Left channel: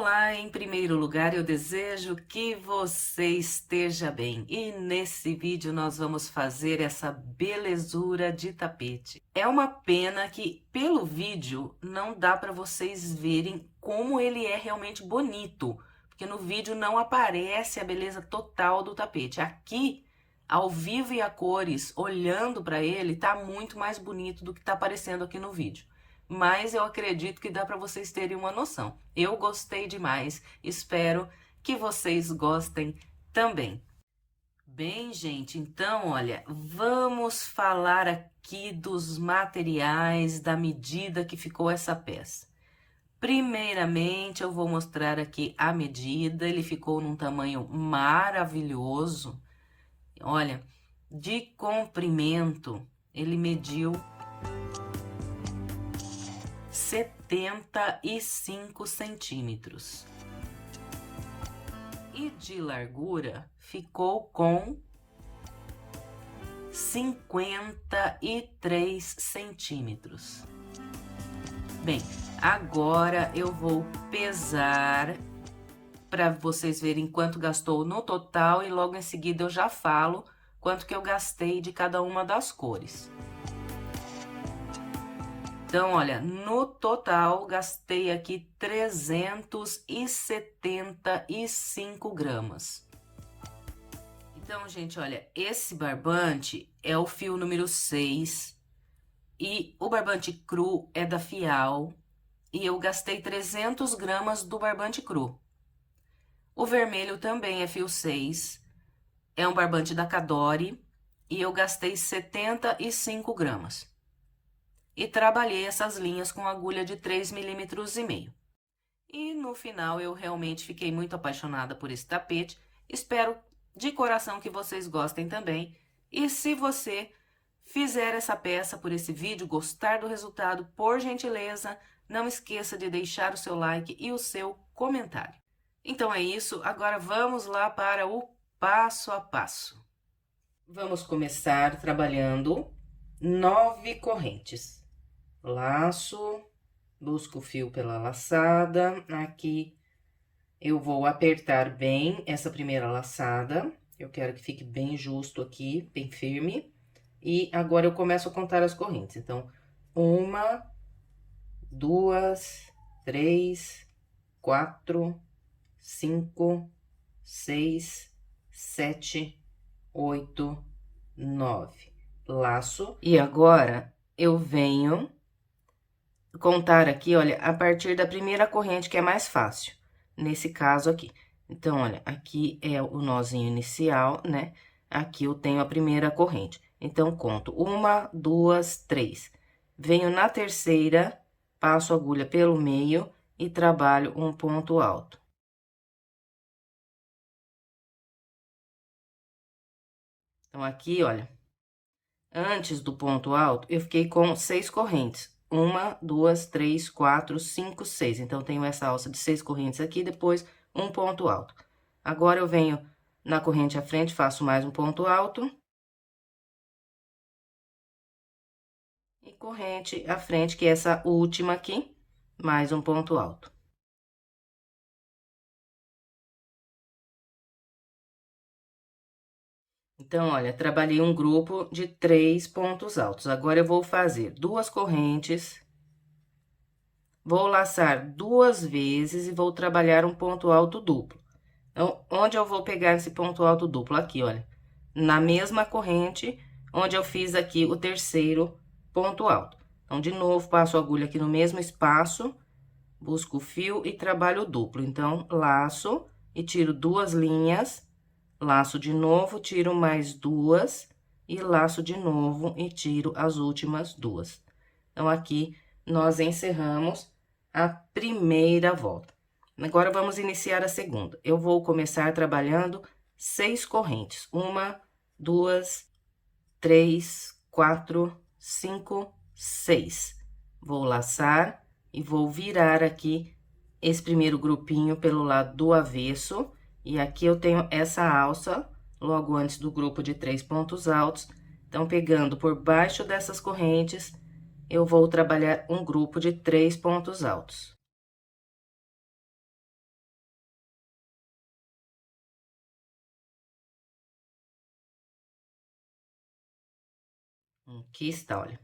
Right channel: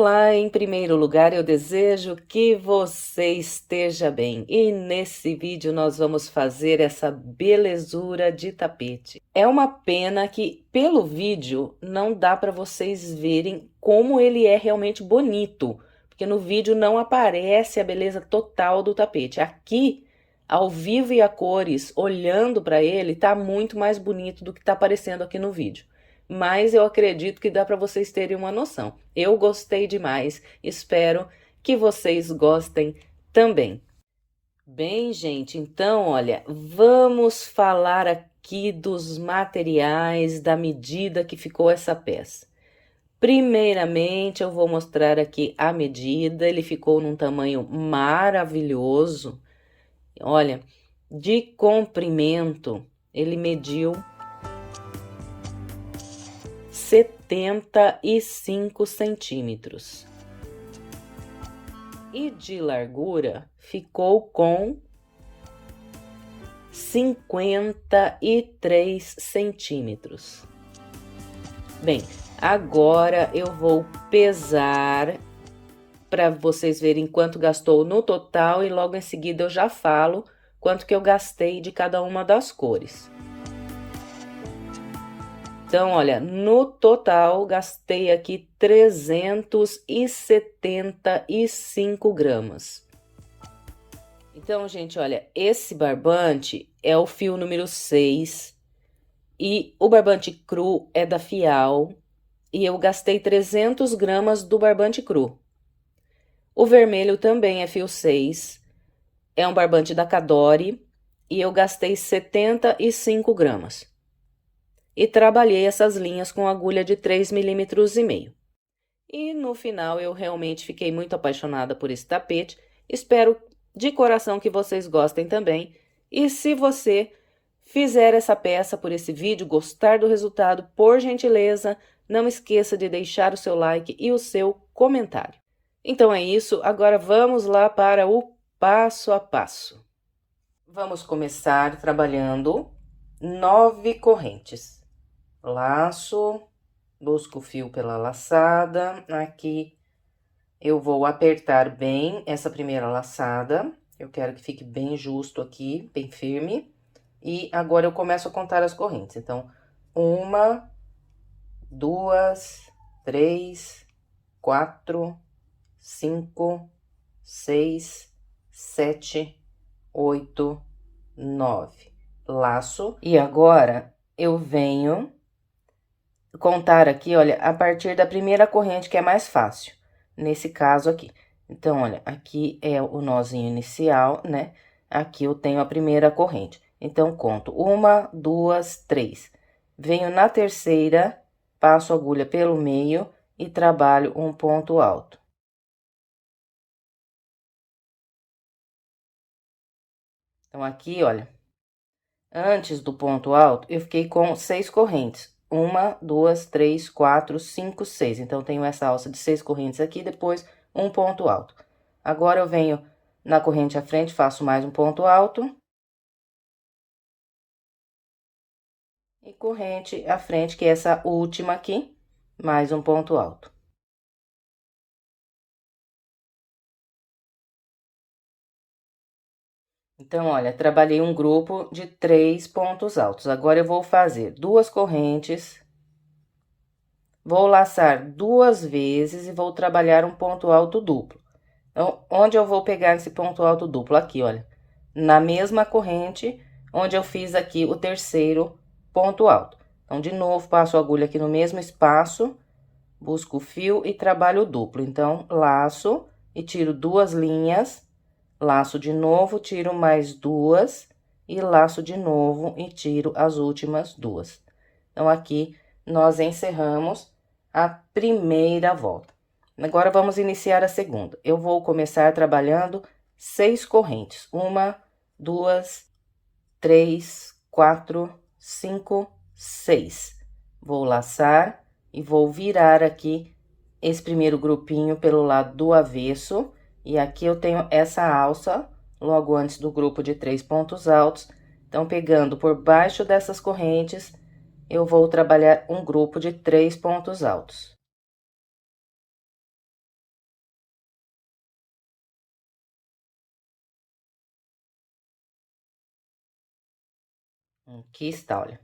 Olá, em primeiro lugar, eu desejo que você esteja bem. E nesse vídeo nós vamos fazer essa belezura de tapete. É uma pena que pelo vídeo não dá para vocês verem como ele é realmente bonito, porque no vídeo não aparece a beleza total do tapete. Aqui, ao vivo e a cores, olhando para ele, tá muito mais bonito do que tá aparecendo aqui no vídeo. Mas eu acredito que dá para vocês terem uma noção. Eu gostei demais, espero que vocês gostem também. Bem, gente, então, olha, vamos falar aqui dos materiais, da medida que ficou essa peça. Primeiramente, eu vou mostrar aqui a medida, ele ficou num tamanho maravilhoso. Olha, de comprimento, ele mediu 75 centímetros. E de largura ficou com 53 centímetros. Bem, agora eu vou pesar para vocês verem quanto gastou no total e logo em seguida eu já falo quanto que eu gastei de cada uma das cores. Então, olha, no total, gastei aqui 375 gramas. Então, gente, olha, esse barbante é o fio número 6 e o barbante cru é da Fial e eu gastei 300 gramas do barbante cru. O vermelho também é fio 6, é um barbante da Cadore e eu gastei 75 gramas. E trabalhei essas linhas com agulha de 3,5 milímetros. E no final eu realmente fiquei muito apaixonada por esse tapete. Espero de coração que vocês gostem também. E se você fizer essa peça por esse vídeo, gostar do resultado, por gentileza, não esqueça de deixar o seu like e o seu comentário. Então é isso, agora vamos lá para o passo a passo. Vamos começar trabalhando 9 correntes. Laço, busco o fio pela laçada, aqui eu vou apertar bem essa primeira laçada, eu quero que fique bem justo aqui, bem firme, e agora eu começo a contar as correntes, então, 1, 2, 3, 4, 5, 6, 7, 8, 9, laço, e agora eu venho contar aqui, olha, a partir da primeira corrente, que é mais fácil, nesse caso aqui. Então, olha, aqui é o nozinho inicial, né? Aqui eu tenho a primeira corrente. Então, conto 1, 2, 3. Venho na terceira, passo a agulha pelo meio e trabalho um ponto alto. Então, aqui, olha, antes do ponto alto, eu fiquei com 6 correntes. 1, 2, 3, 4, 5, 6. Então, tenho essa alça de 6 correntes aqui, depois um ponto alto. Agora, eu venho na corrente à frente, faço mais um ponto alto. E corrente à frente, que é essa última aqui, mais um ponto alto. Então, olha, trabalhei um grupo de 3 pontos altos. Agora, eu vou fazer 2 correntes. Vou laçar 2 vezes e vou trabalhar um ponto alto duplo. Então, onde eu vou pegar esse ponto alto duplo? Aqui, olha, na mesma corrente onde eu fiz aqui o terceiro ponto alto. Então, de novo, passo a agulha aqui no mesmo espaço, busco o fio e trabalho duplo. Então, laço e tiro 2 linhas, laço de novo, tiro mais 2 e laço de novo e tiro as últimas 2. Então, aqui nós encerramos a primeira volta. Agora, vamos iniciar a segunda. Eu vou começar trabalhando 6 correntes. 1, 2, 3, 4, 5, 6. Vou laçar e vou virar aqui esse primeiro grupinho pelo lado do avesso. E aqui eu tenho essa alça logo antes do grupo de 3 pontos altos. Então, pegando por baixo dessas correntes, eu vou trabalhar um grupo de 3 pontos altos. Aqui está, olha,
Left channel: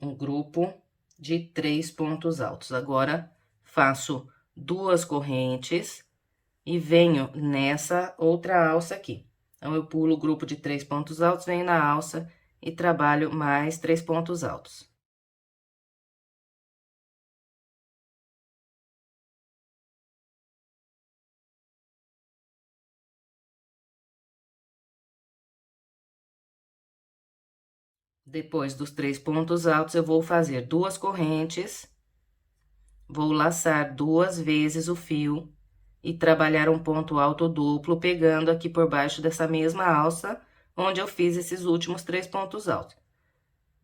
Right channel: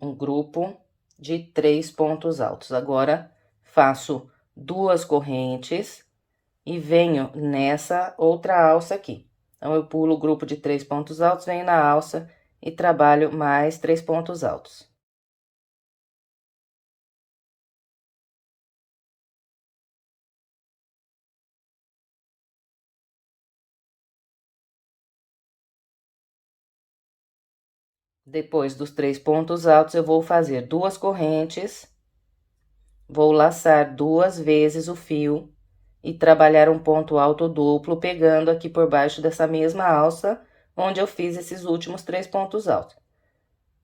um grupo de 3 pontos altos. Agora, faço 2 correntes e venho nessa outra alça aqui. Então, eu pulo o grupo de 3 pontos altos, venho na alça e trabalho mais 3 pontos altos. Depois dos 3 pontos altos, eu vou fazer 2 correntes, vou laçar 2 vezes o fio e trabalhar um ponto alto duplo, pegando aqui por baixo dessa mesma alça, onde eu fiz esses últimos 3 pontos altos.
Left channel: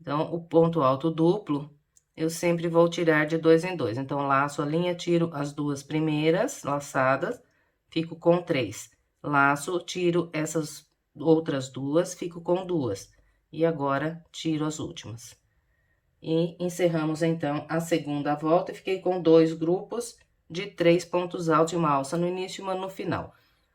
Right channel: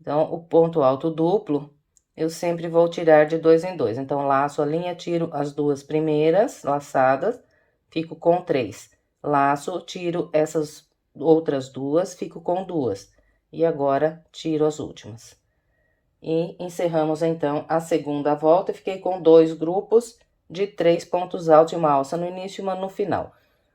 Então, o ponto alto duplo, eu sempre vou tirar de 2 em 2. Então, laço a linha, tiro as 2 primeiras laçadas, fico com 3. Laço, tiro essas outras 2, fico com 2. E agora, tiro as últimas. E encerramos, então, a segunda volta. Fiquei com 2 grupos de 3 pontos altos e uma alça no início e uma no final.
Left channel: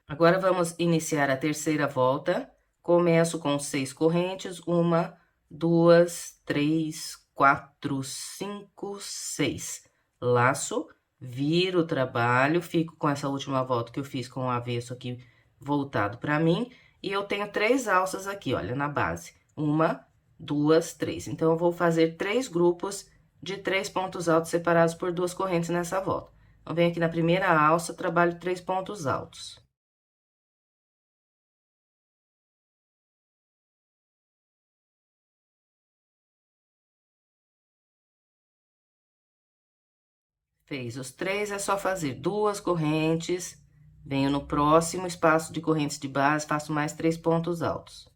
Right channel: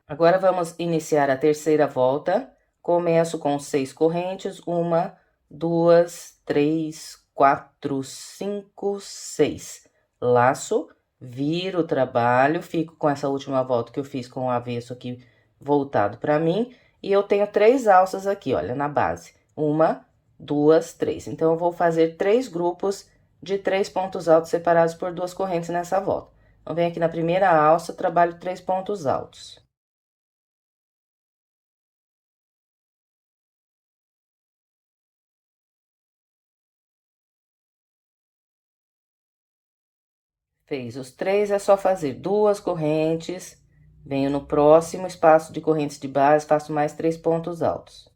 Agora, vamos iniciar a terceira volta. Começo com 6 correntes, 1, 2, 3, 4, 5, 6. Laço, viro o trabalho, fico com essa última volta que eu fiz com o avesso aqui voltado para mim. E eu tenho 3 alças aqui, olha, na base. 1, 2, 3. Então, eu vou fazer 3 grupos de 3 pontos altos separados por 2 correntes nessa volta. Então, venho aqui na primeira alça, trabalho 3 pontos altos. Fez os 3, é só fazer 2 correntes, venho no próximo espaço de correntes de base, faço mais 3 pontos altos.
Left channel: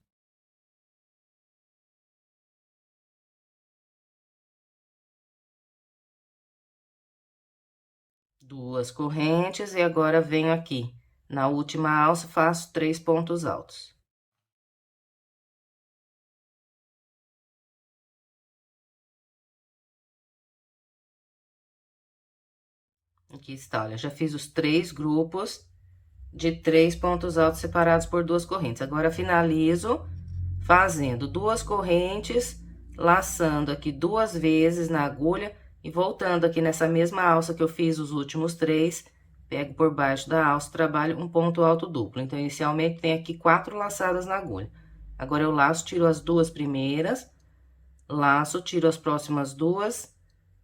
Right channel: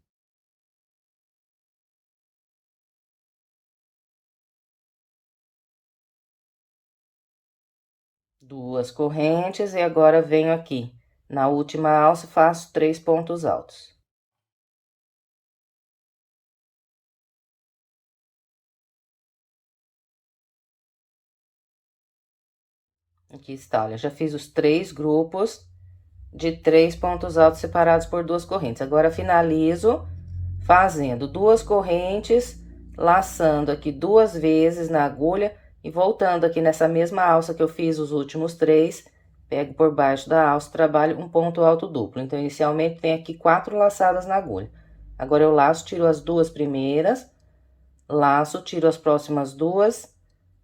Duas correntes e agora venho aqui. Na última alça, faço 3 pontos altos. Aqui está, olha, já fiz os 3 grupos de 3 pontos altos separados por 2 correntes. Agora, finalizo fazendo 2 correntes, laçando aqui 2 vezes na agulha e voltando aqui nessa mesma alça que eu fiz os últimos 3, pego por baixo da alça, trabalho um ponto alto duplo. Então, inicialmente, tem aqui 4 laçadas na agulha. Agora, eu laço, tiro as 2 primeiras, laço, tiro as próximas 2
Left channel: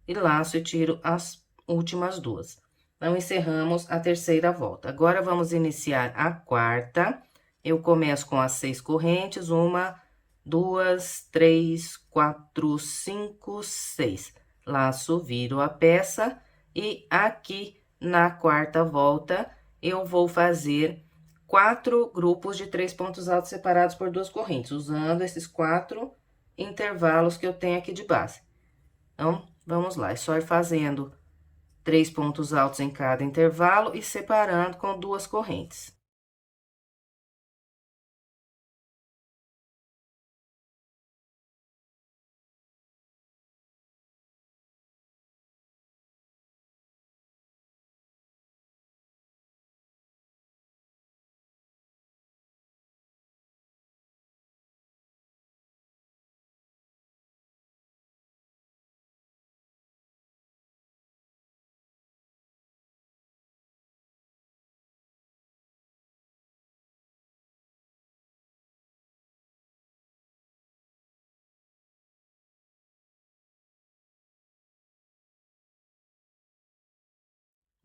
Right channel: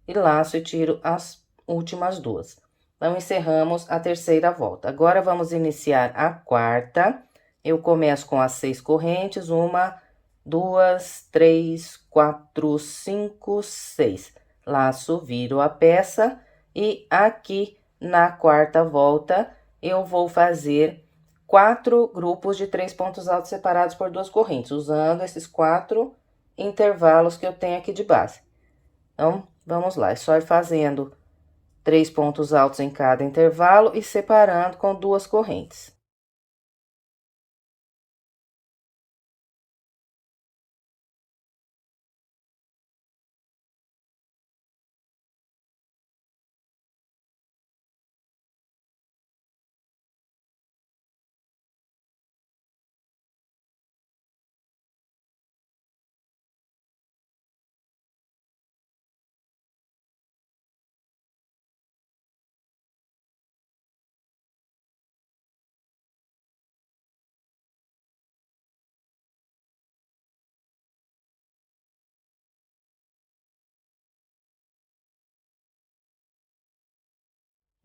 e laço e tiro as últimas 2. Então, encerramos a terceira volta. Agora, vamos iniciar a quarta. Eu começo com as 6 correntes, 1, 2, 3, 4, 5, 6. Laço, viro a peça e aqui na quarta volta, eu vou fazer 4 grupos de 3 pontos altos separados por 2 correntes, usando esses 4 intervalos que eu tenho aqui de base. Então, vamos lá, é só ir fazendo 3 pontos altos em cada intervalo e separando com 2 correntes.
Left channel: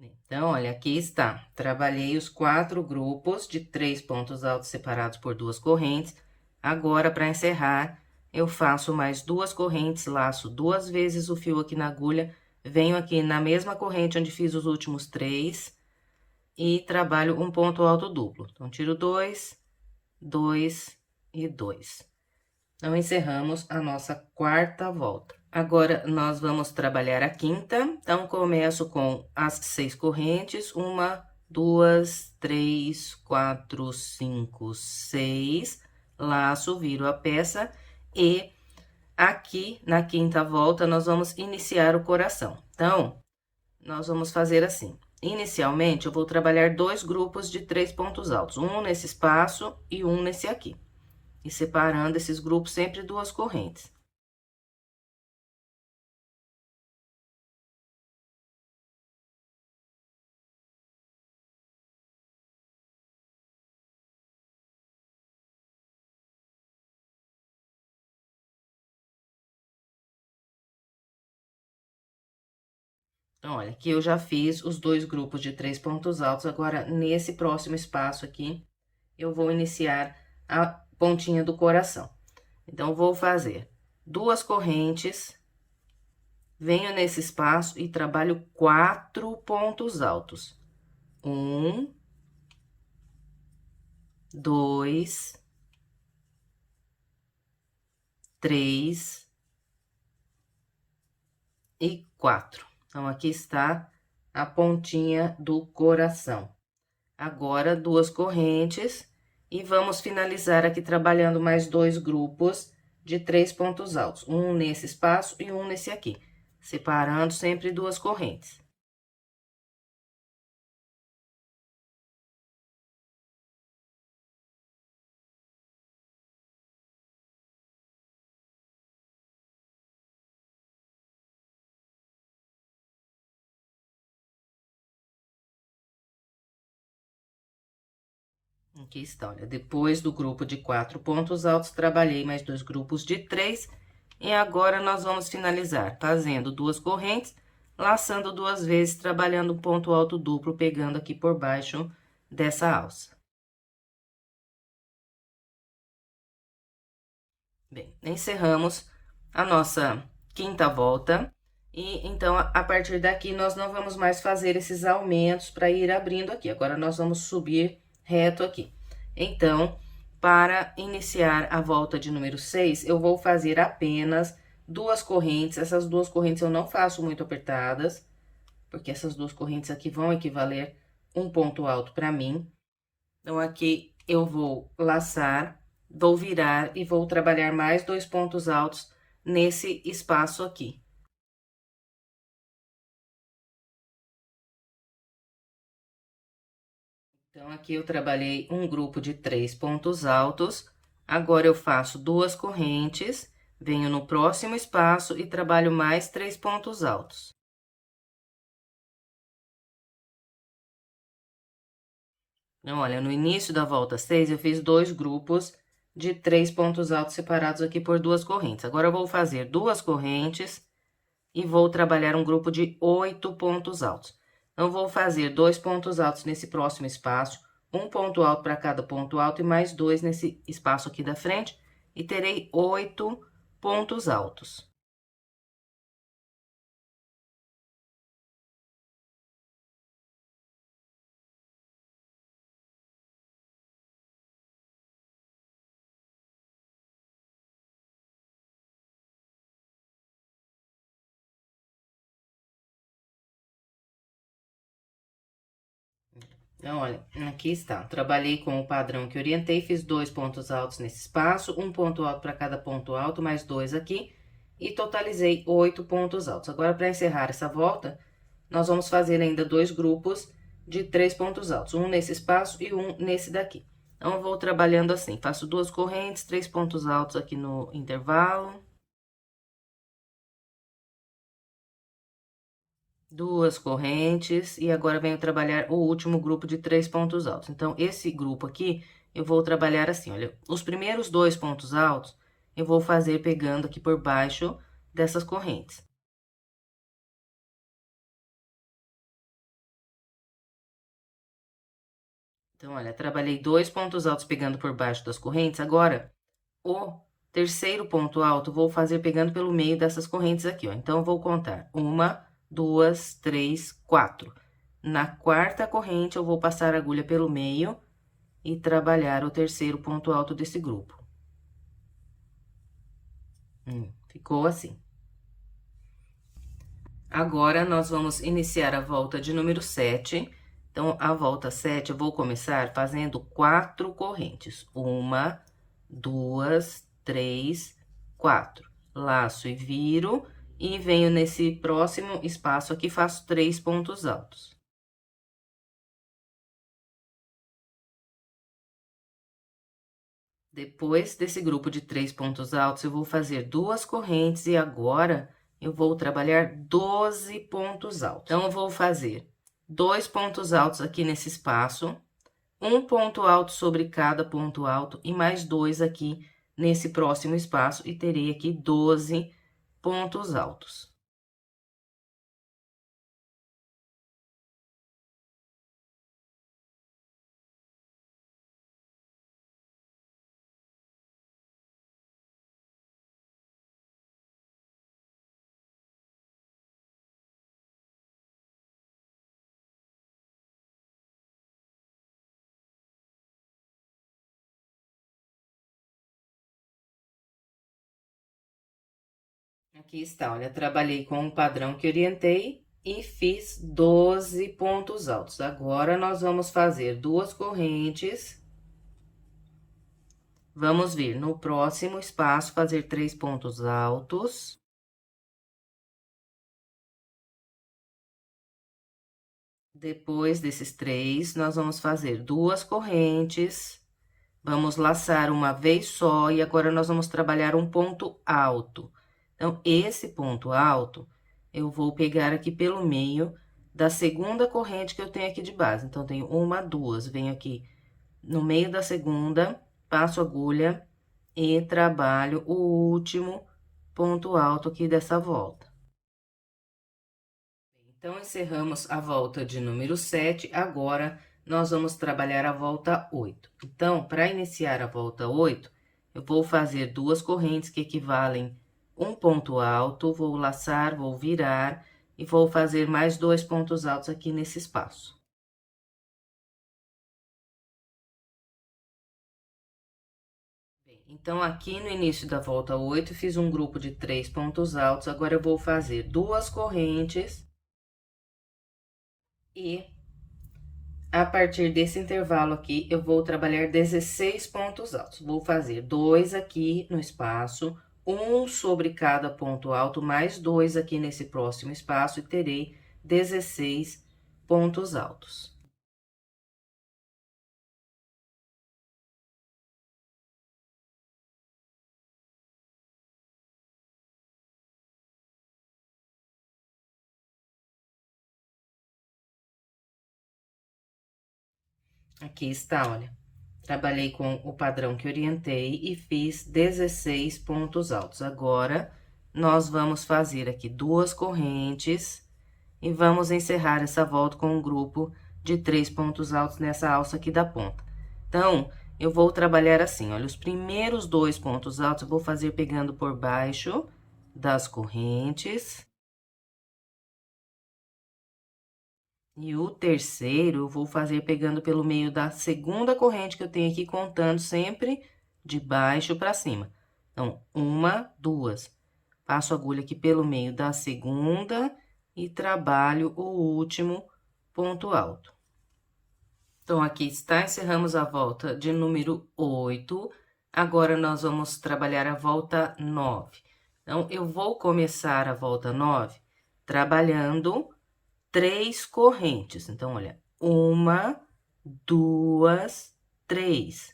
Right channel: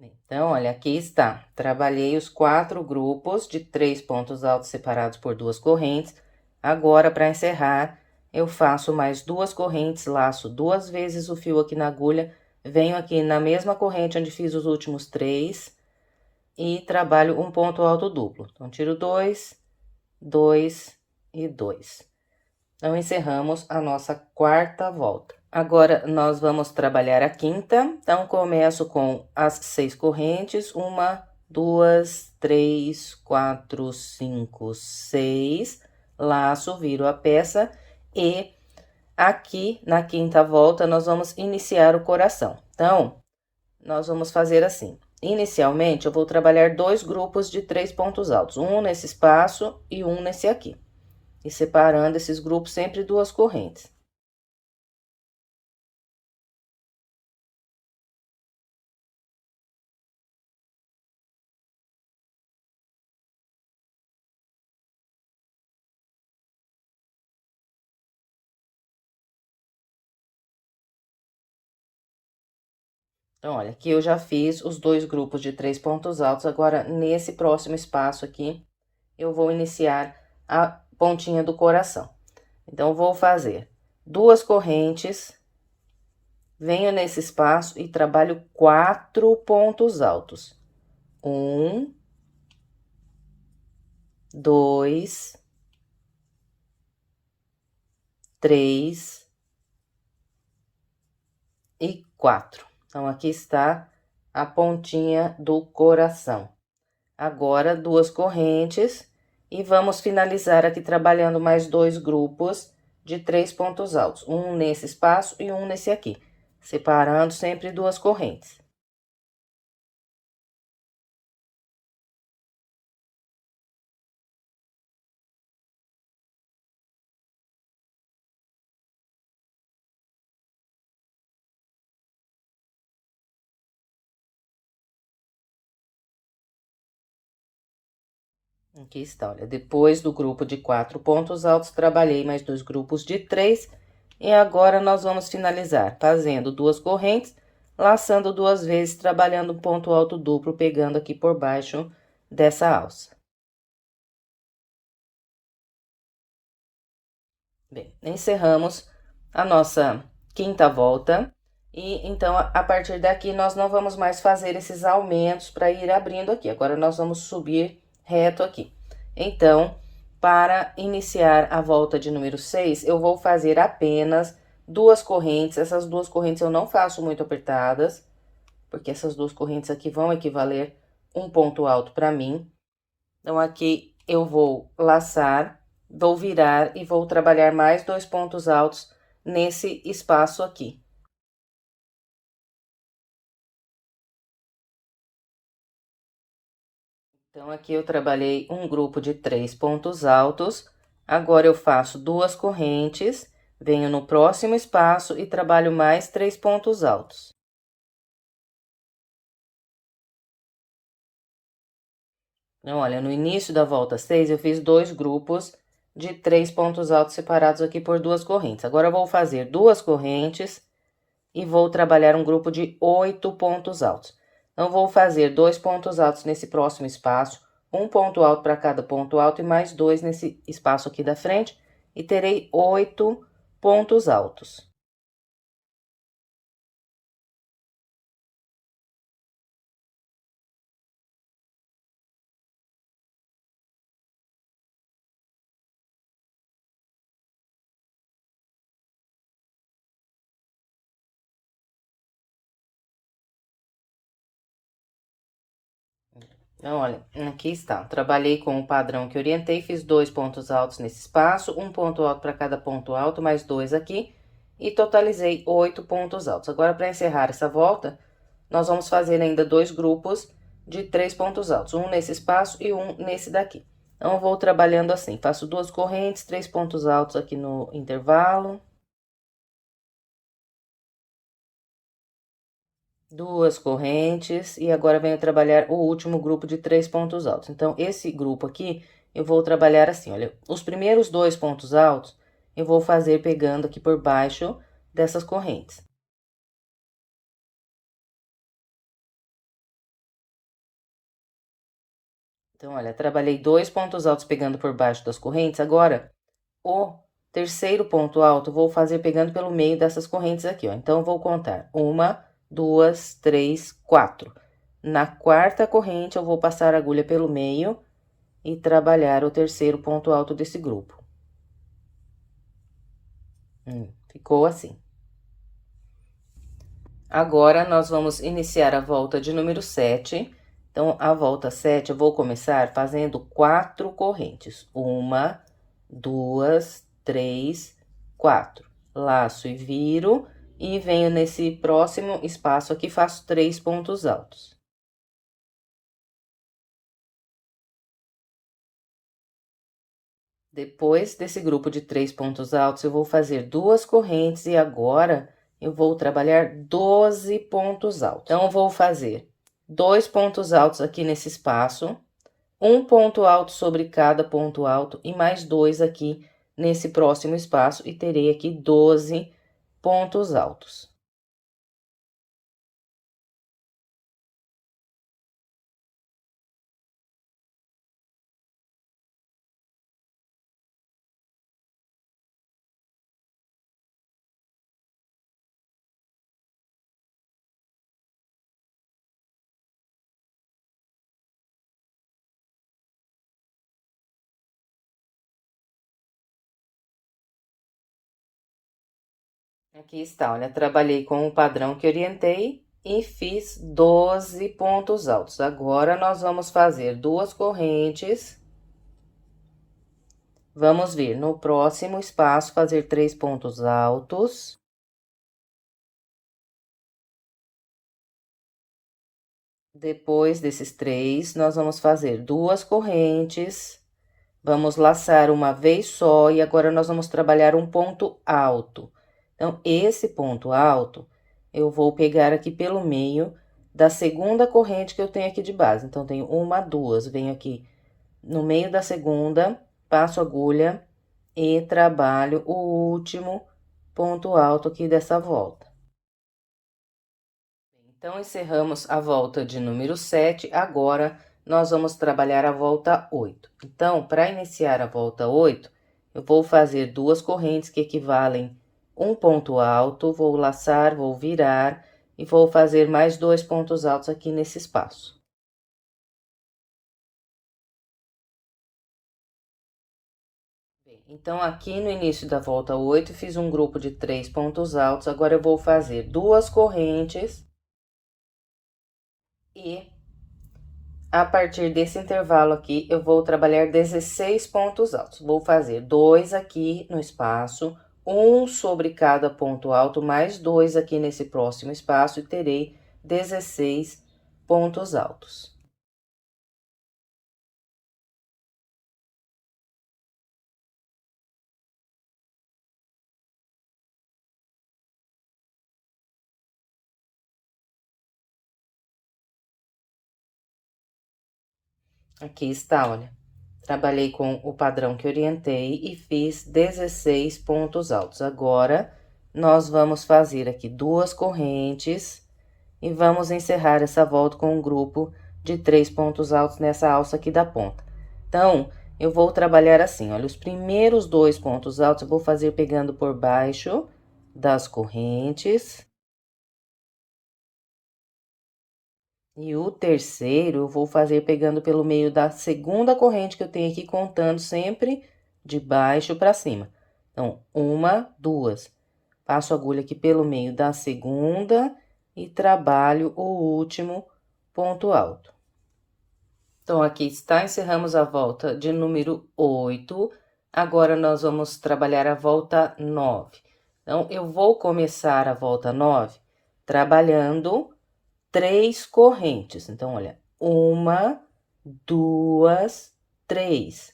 Então, olha, aqui está. Trabalhei os 4 grupos de 3 pontos altos separados por 2 correntes. Agora, para encerrar, eu faço mais 2 correntes, laço 2 vezes o fio aqui na agulha, venho aqui na mesma corrente onde fiz os últimos 3 e trabalho um ponto alto duplo. Então, tiro 2, 2 e 2. Então, encerramos a nossa quarta volta. Agora, nós vamos trabalhar a quinta. Então, começo com as 6 correntes. 1, 2, 3, 4, 5, 6. Laço, viro a peça. E aqui, na quinta volta, nós vamos iniciar o coração. Então, nós vamos fazer assim. Inicialmente, eu vou trabalhar 2 grupos de 3 pontos altos. Um nesse espaço e um nesse aqui. e separando esses grupos sempre duas correntes. Então, olha, aqui eu já fiz os dois grupos de 3 pontos altos, agora nesse próximo espaço aqui, eu vou iniciar a pontinha do coração. Então, vou fazer duas correntes, venho nesse espaço e trabalho 4 pontos altos. 1, 2, 3 e 4. Então, aqui está a pontinha do coração. Agora, duas correntes e vamos finalizar aqui trabalhando mais dois grupos de 3 pontos altos. Um nesse espaço e um nesse aqui, separando sempre duas correntes. Aqui está, olha, depois do grupo de 4 pontos altos, trabalhei mais dois grupos de 3. E agora, nós vamos finalizar fazendo duas correntes, laçando duas vezes, trabalhando um ponto alto duplo, pegando aqui por baixo dessa alça. Bem, encerramos a nossa quinta volta. E, então, a partir daqui, nós não vamos mais fazer esses aumentos para ir abrindo aqui. Agora, nós vamos subir reto aqui. Então, para iniciar a volta de número 6, eu vou fazer apenas duas correntes. Essas duas correntes eu não faço muito apertadas, porque essas duas correntes aqui vão equivaler um ponto alto para mim. Então, aqui eu vou laçar, vou virar e vou trabalhar mais dois pontos altos nesse espaço aqui. Então, aqui eu trabalhei um grupo de 3 pontos altos. Agora, eu faço duas correntes, venho no próximo espaço e trabalho mais 3 pontos altos. Então, olha, no início da volta 6, eu fiz dois grupos de 3 pontos altos separados aqui por duas correntes. Agora, eu vou fazer duas correntes e vou trabalhar um grupo de 8 pontos altos. Então, vou fazer dois pontos altos nesse próximo espaço, um ponto alto para cada ponto alto e mais dois nesse espaço aqui da frente, e terei 8 pontos altos. Então, olha, aqui está. Trabalhei com o padrão que orientei, fiz dois pontos altos nesse espaço, um ponto alto para cada ponto alto, mais dois aqui, e totalizei 8 pontos altos. Agora, para encerrar essa volta, nós vamos fazer ainda dois grupos de 3 pontos altos, um nesse espaço e um nesse daqui. Então, eu vou trabalhando assim, faço duas correntes, 3 pontos altos aqui no intervalo. Duas correntes, e agora venho trabalhar o último grupo de 3 pontos altos. Então, esse grupo aqui, eu vou trabalhar assim, olha, os primeiros dois pontos altos, eu vou fazer pegando aqui por baixo dessas correntes. Então, olha, trabalhei dois pontos altos pegando por baixo das correntes, agora, o terceiro ponto alto, vou fazer pegando pelo meio dessas correntes aqui, ó. Então, eu vou contar uma, duas, três, 4. Na quarta corrente, eu vou passar a agulha pelo meio e trabalhar o terceiro ponto alto desse grupo. Ficou assim. Agora, nós vamos iniciar a volta de número 7. Então, a volta 7, eu vou começar fazendo 4 correntes. 1, 2, 3, 4. Laço e viro, e venho nesse próximo espaço aqui, faço 3 pontos altos. Depois desse grupo de 3 pontos altos, eu vou fazer 2 correntes e agora eu vou trabalhar 12 pontos altos. Então, eu vou fazer 2 pontos altos aqui nesse espaço, um ponto alto sobre cada ponto alto e mais 2 aqui nesse próximo espaço e terei aqui 12 pontos altos. Aqui está, olha, trabalhei com o padrão que orientei e fiz 12 pontos altos. Agora, nós vamos fazer 2 correntes. Vamos vir no próximo espaço, fazer 3 pontos altos. Depois desses 3, nós vamos fazer 2 correntes. Vamos laçar uma vez só e agora nós vamos trabalhar um ponto alto. Então, esse ponto alto, eu vou pegar aqui pelo meio da segunda corrente que eu tenho aqui de base. Então, tenho uma, duas, venho aqui no meio da segunda, passo a agulha e trabalho o último ponto alto aqui dessa volta. Então, encerramos a volta de número 7, agora nós vamos trabalhar a volta 8. Então, para iniciar a volta 8, eu vou fazer 2 correntes que equivalem um ponto alto, vou laçar, vou virar e vou fazer mais 2 pontos altos aqui nesse espaço. Bem, então, aqui no início da volta 8, fiz um grupo de 3 pontos altos, agora eu vou fazer 2 correntes e a partir desse intervalo aqui, eu vou trabalhar 16 pontos altos. Vou fazer 2 aqui no espaço, um sobre cada ponto alto, mais 2 aqui nesse próximo espaço e terei 16 pontos altos. Aqui está, olha. Trabalhei com o padrão que orientei e fiz 16 pontos altos. Agora, nós vamos fazer aqui 2 correntes e vamos encerrar essa volta com um grupo de 3 pontos altos nessa alça aqui da ponta. Então, eu vou trabalhar assim, olha, os primeiros 2 pontos altos eu vou fazer pegando por baixo das correntes. E o terceiro, eu vou fazer pegando pelo meio da segunda corrente que eu tenho aqui, contando sempre de baixo para cima. Então, uma, duas. Passo a agulha aqui pelo meio da segunda e trabalho o último ponto alto. Então, aqui está, encerramos a volta de número 8. Agora, nós vamos trabalhar a volta 9. Então, eu vou começar a volta 9 trabalhando 3 correntes. Então, olha, uma, duas, três.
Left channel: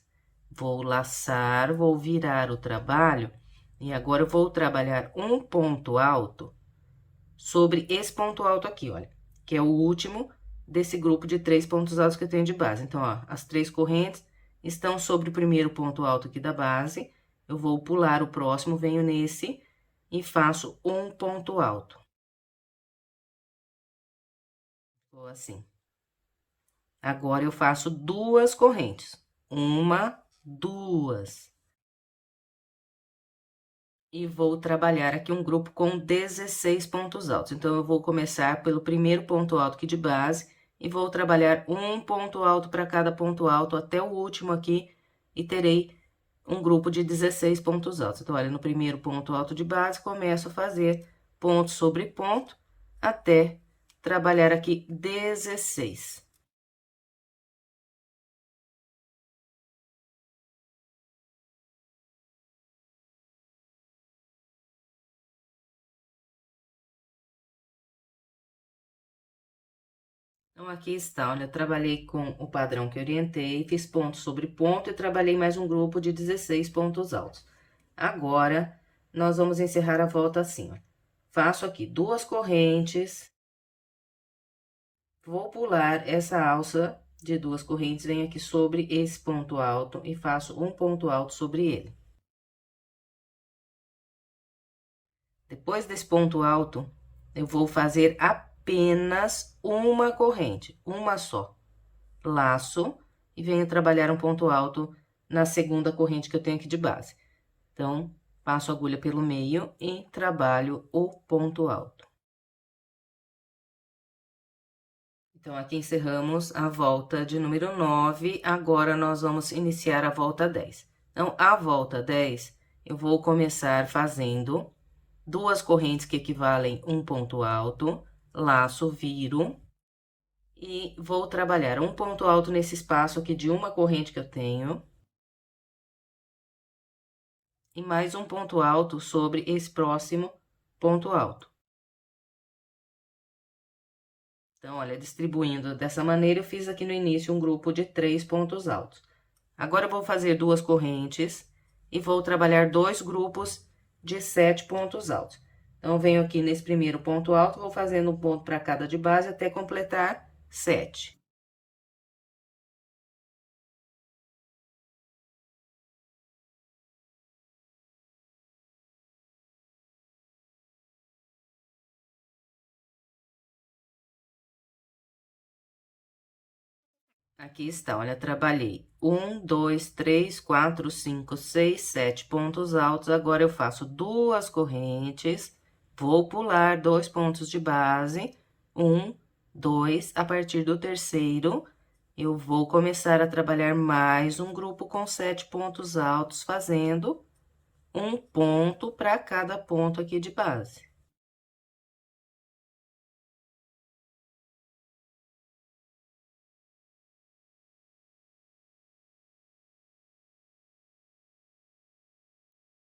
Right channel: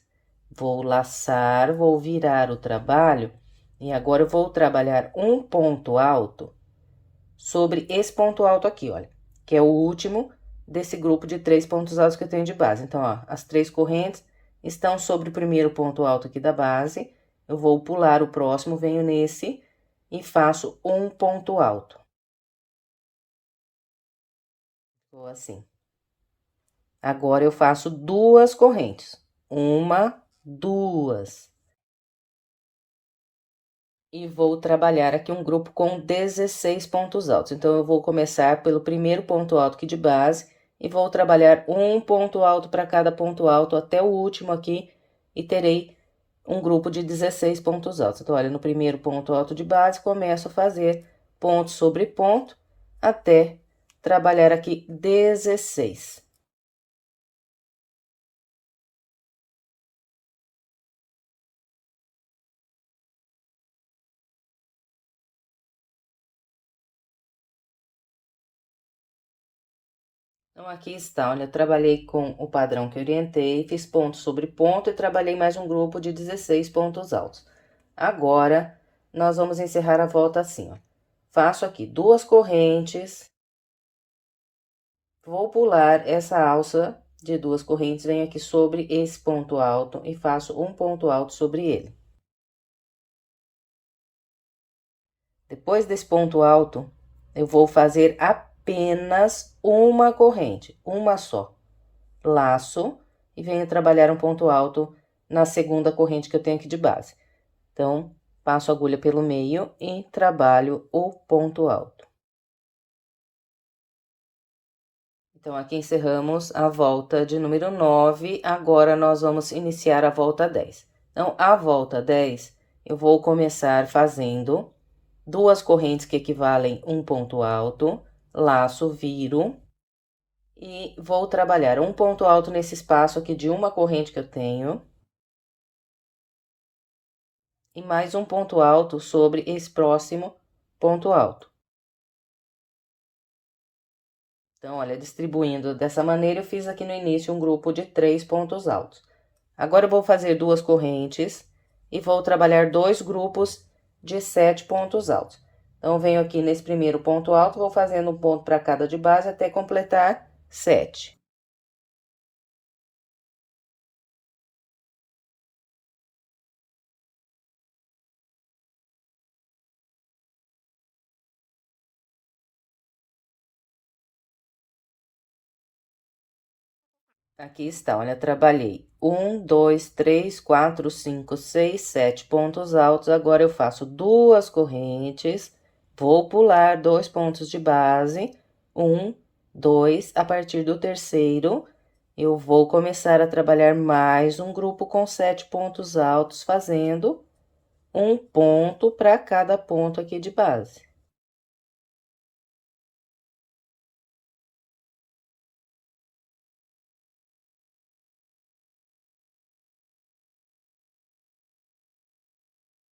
Vou laçar, vou virar o trabalho e agora eu vou trabalhar um ponto alto sobre esse ponto alto aqui, olha, que é o último desse grupo de 3 pontos altos que eu tenho de base. Então, ó, as 3 correntes estão sobre o primeiro ponto alto aqui da base. Eu vou pular o próximo, venho nesse e faço um ponto alto. Ficou assim. Agora, eu faço 2 correntes. Uma, duas. E vou trabalhar aqui um grupo com 16 pontos altos. Então, eu vou começar pelo primeiro ponto alto aqui de base e vou trabalhar um ponto alto para cada ponto alto até o último aqui e terei um grupo de 16 pontos altos. Então, olha, no primeiro ponto alto de base, começo a fazer ponto sobre ponto até trabalhar aqui 16. Então, aqui está, olha, trabalhei com o padrão que orientei, fiz ponto sobre ponto e trabalhei mais um grupo de 16 pontos altos. Agora, nós vamos encerrar a volta assim, ó. Faço aqui 2 correntes, vou pular essa alça de 2 correntes, venho aqui sobre esse ponto alto e faço um ponto alto sobre ele. Depois desse ponto alto, eu vou fazer apenas uma corrente, uma só. Laço e venho trabalhar um ponto alto na segunda corrente que eu tenho aqui de base. Então, passo a agulha pelo meio e trabalho o ponto alto. Então, aqui encerramos a volta de número 9, agora nós vamos iniciar a volta 10. Então, a volta 10, eu vou começar fazendo 2 correntes que equivalem um ponto alto, laço, viro, e vou trabalhar um ponto alto nesse espaço aqui de uma corrente que eu tenho. E mais um ponto alto sobre esse próximo ponto alto. Então, olha, distribuindo dessa maneira, eu fiz aqui no início um grupo de 3 pontos altos. Agora, eu vou fazer 2 correntes e vou trabalhar 2 grupos de 7 pontos altos. Então, venho aqui nesse primeiro ponto alto, vou fazendo um ponto para cada de base até completar 7. Aqui está, olha, trabalhei 1, 2, 3, 4, 5, 6, 7 pontos altos. Agora, eu faço 2 correntes, vou pular 2 pontos de base, 1, 2, a partir do terceiro, eu vou começar a trabalhar mais um grupo com 7 pontos altos, fazendo um ponto para cada ponto aqui de base.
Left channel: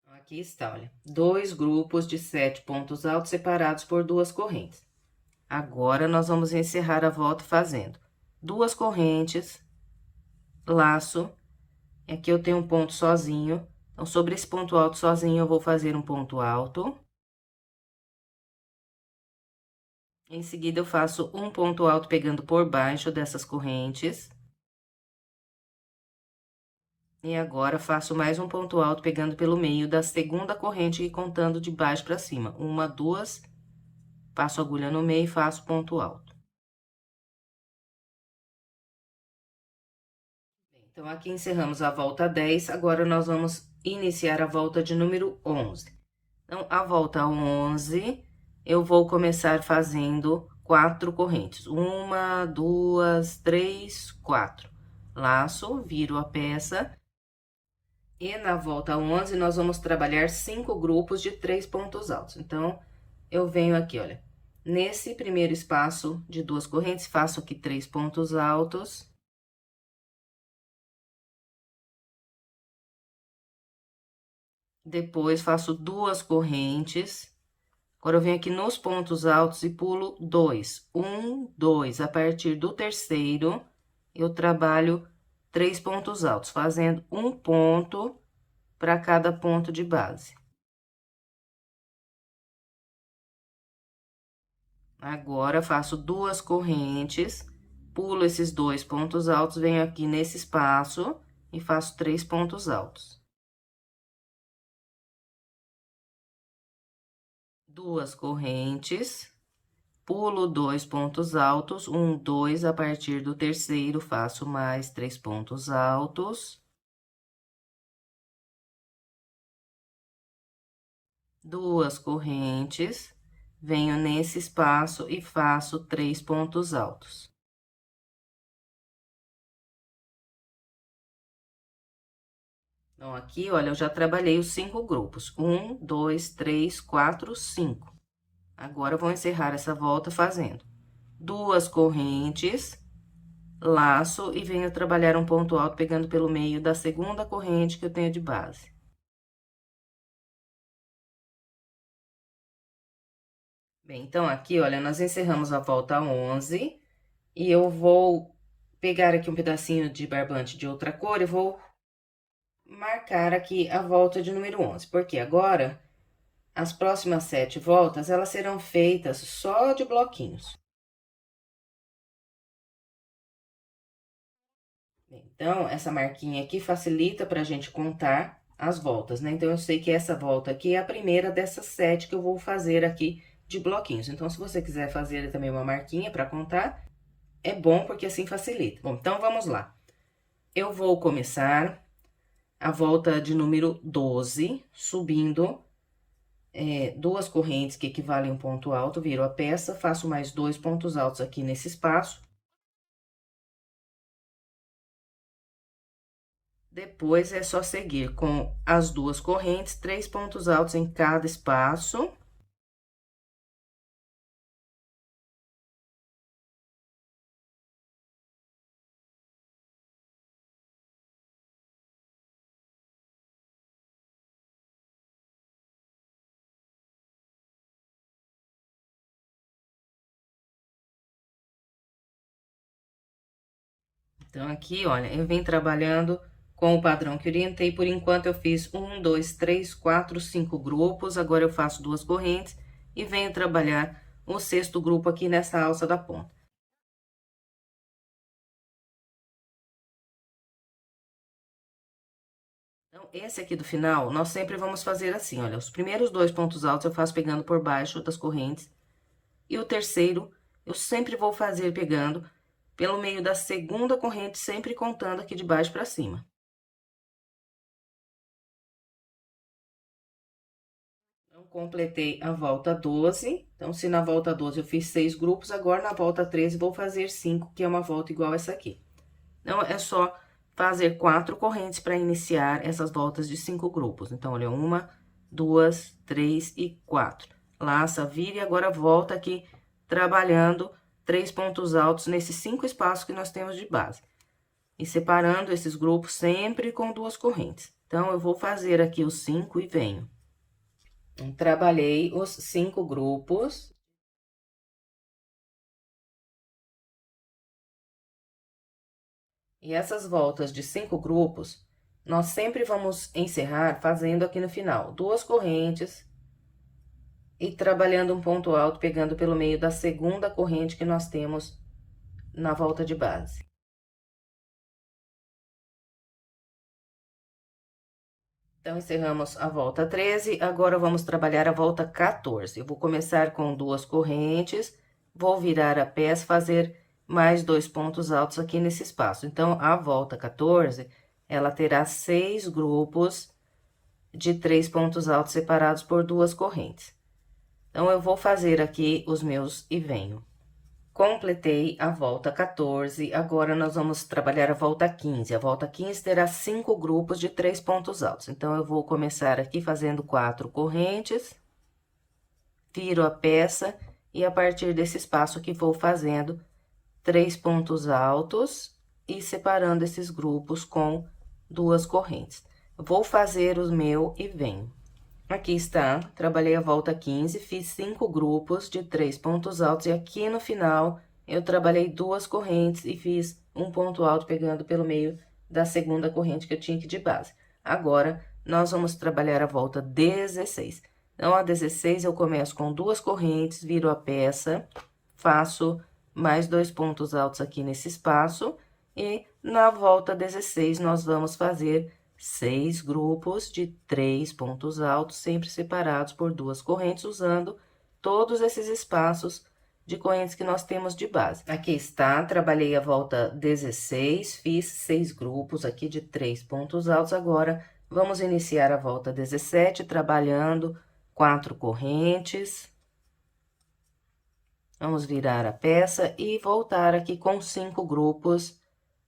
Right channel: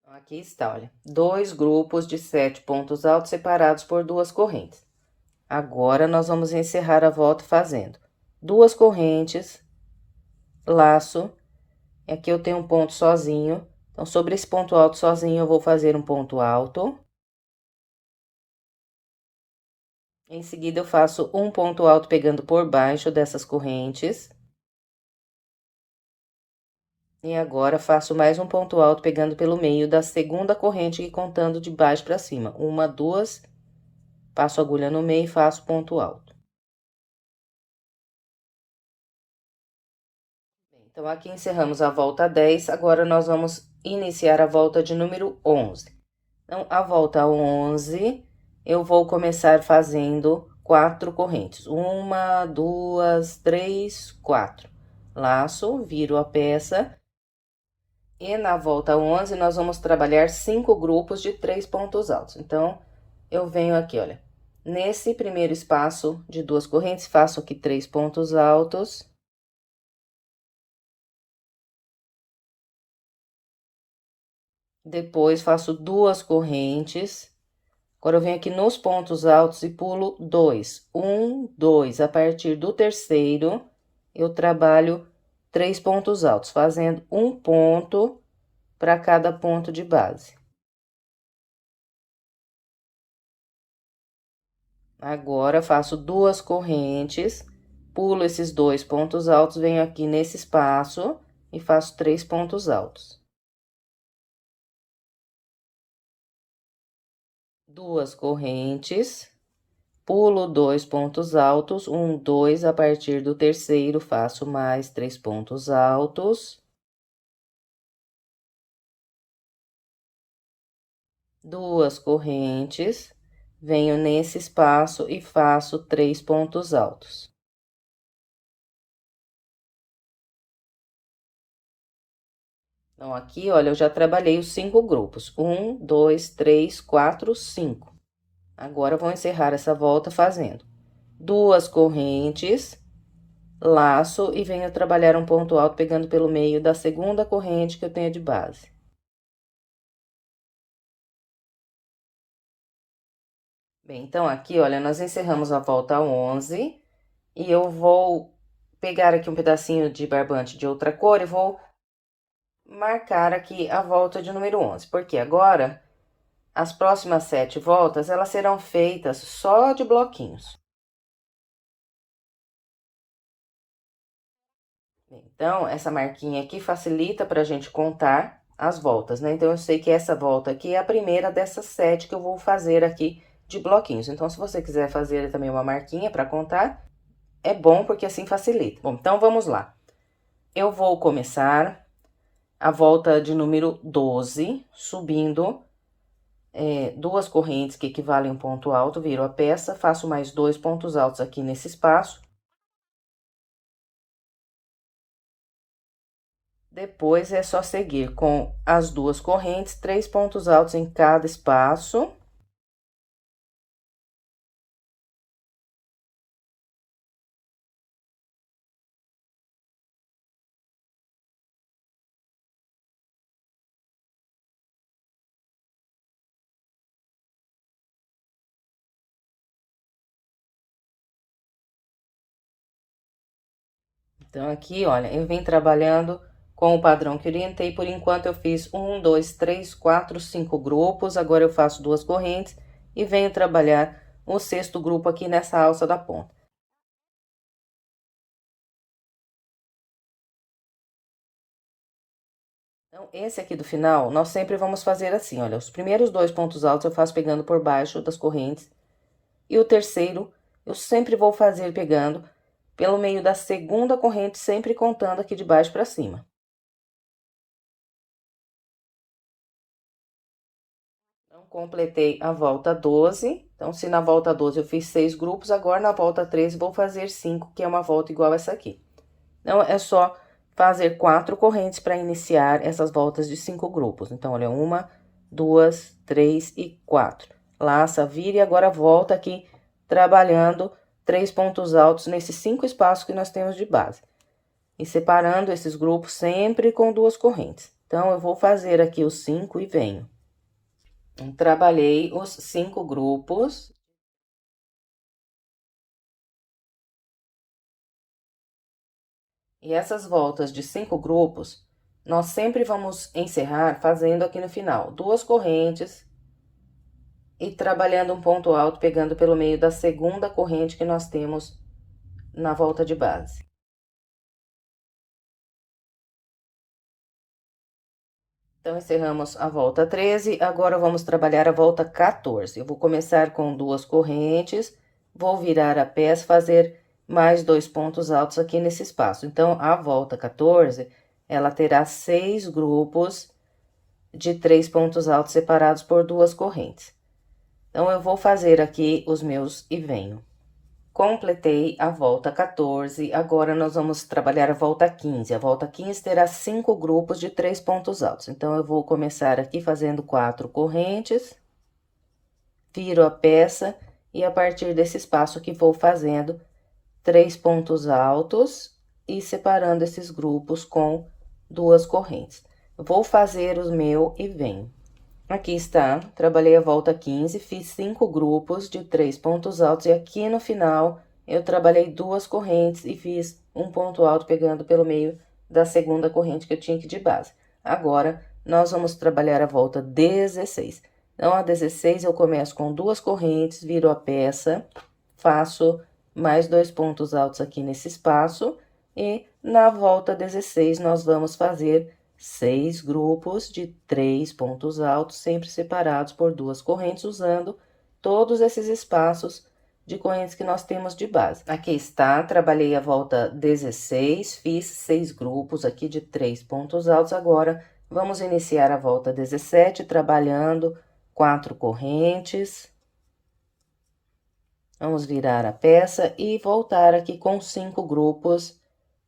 Aqui está, olha, 2 grupos de 7 pontos altos separados por 2 correntes. Agora, nós vamos encerrar a volta fazendo 2 correntes, laço, e aqui eu tenho um ponto sozinho. Então, sobre esse ponto alto sozinho, eu vou fazer um ponto alto. Em seguida, eu faço um ponto alto pegando por baixo dessas correntes. E agora, faço mais um ponto alto pegando pelo meio da segunda corrente e contando de baixo para cima. 1, 2, passo a agulha no meio e faço ponto alto. Então, aqui encerramos a volta 10, agora nós vamos iniciar a volta de número 11. Então, a volta 11, eu vou começar fazendo 4 correntes. 1, 2, 3, 4. Laço, viro a peça. E na volta 11, nós vamos trabalhar 5 grupos de 3 pontos altos. Então, eu venho aqui, olha, nesse primeiro espaço de 2 correntes, faço aqui 3 pontos altos. Depois, faço 2 correntes. Agora, eu venho aqui nos pontos altos e pulo 2. 1, 2. A partir do terceiro, eu trabalho 3 pontos altos, fazendo um ponto para cada ponto de base. Agora, faço 2 correntes, pulo esses 2 pontos altos, venho aqui nesse espaço e faço 3 pontos altos. 2 correntes, pulo 2 pontos altos, 1, 2, a partir do terceiro, faço mais 3 pontos altos. 2 correntes, venho nesse espaço e faço 3 pontos altos. Então, aqui, olha, eu já trabalhei os 5 grupos. 1, 2, 3, 4, 5. Agora, eu vou encerrar essa volta fazendo 2 correntes, laço e venho trabalhar um ponto alto pegando pelo meio da segunda corrente que eu tenho de base. Bem, então, aqui, olha, nós encerramos a volta 11. E eu vou pegar aqui um pedacinho de barbante de outra cor e vou marcar aqui a volta de número 11, porque agora as próximas 7 voltas, elas serão feitas só de bloquinhos. Então, essa marquinha aqui facilita para a gente contar as voltas, né? Então, eu sei que essa volta aqui é a primeira dessas 7 que eu vou fazer aqui de bloquinhos. Então, se você quiser fazer também uma marquinha para contar, é bom porque assim facilita. Bom, então vamos lá. Eu vou começar a volta de número 12, subindo duas correntes que equivalem a um ponto alto, viro a peça, faço mais 2 pontos altos aqui nesse espaço. Depois, é só seguir com as duas correntes, 3 pontos altos em cada espaço. Então, aqui, olha, eu venho trabalhando com o padrão que orientei. Por enquanto, eu fiz 1, 2, 3, 4, 5 grupos. Agora, eu faço duas correntes e venho trabalhar o sexto grupo aqui nessa alça da ponta. Então, esse aqui do final, nós sempre vamos fazer assim, olha, os primeiros 2 pontos altos eu faço pegando por baixo das correntes, e o terceiro eu sempre vou fazer pegando pelo meio da segunda corrente, sempre contando aqui de baixo para cima. Então, completei a volta 12. Então, se na volta 12 eu fiz 6 grupos, agora na volta 13 vou fazer 5, que é uma volta igual essa aqui. Então, é só fazer 4 correntes para iniciar essas voltas de 5 grupos. Então, olha, 1, 2, 3 e 4. Laça, vira e agora volta aqui trabalhando 3 pontos altos nesses 5 espaços que nós temos de base. E separando esses grupos sempre com duas correntes. Então, eu vou fazer aqui os 5 e venho. Trabalhei os 5 grupos. E essas voltas de 5 grupos, nós sempre vamos encerrar fazendo aqui no final duas correntes e trabalhando um ponto alto, pegando pelo meio da segunda corrente que nós temos na volta de base. Então, encerramos a volta 13, agora vamos trabalhar a volta 14. Eu vou começar com duas correntes, vou virar a peça, fazer mais 2 pontos altos aqui nesse espaço. Então, a volta 14, ela terá 6 grupos de 3 pontos altos separados por duas correntes. Então, eu vou fazer aqui os meus e venho. Completei a volta 14, agora nós vamos trabalhar a volta 15. A volta 15 terá 5 grupos de 3 pontos altos. Então, eu vou começar aqui fazendo 4 correntes, viro a peça e a partir desse espaço aqui vou fazendo 3 pontos altos e separando esses grupos com duas correntes. Eu vou fazer o meu e venho. Aqui está, trabalhei a volta 15, fiz 5 grupos de 3 pontos altos e aqui no final eu trabalhei duas correntes e fiz um ponto alto pegando pelo meio da segunda corrente que eu tinha aqui de base. Agora, nós vamos trabalhar a volta 16. Então, a 16 eu começo com duas correntes, viro a peça, faço mais 2 pontos altos aqui nesse espaço e na volta 16 nós vamos fazer 6 grupos de 3 pontos altos, sempre separados por duas correntes, usando todos esses espaços de correntes que nós temos de base. Aqui está, trabalhei a volta 16, fiz 6 grupos aqui de 3 pontos altos. Agora, vamos iniciar a volta 17, trabalhando 4 correntes. Vamos virar a peça e voltar aqui com 5 grupos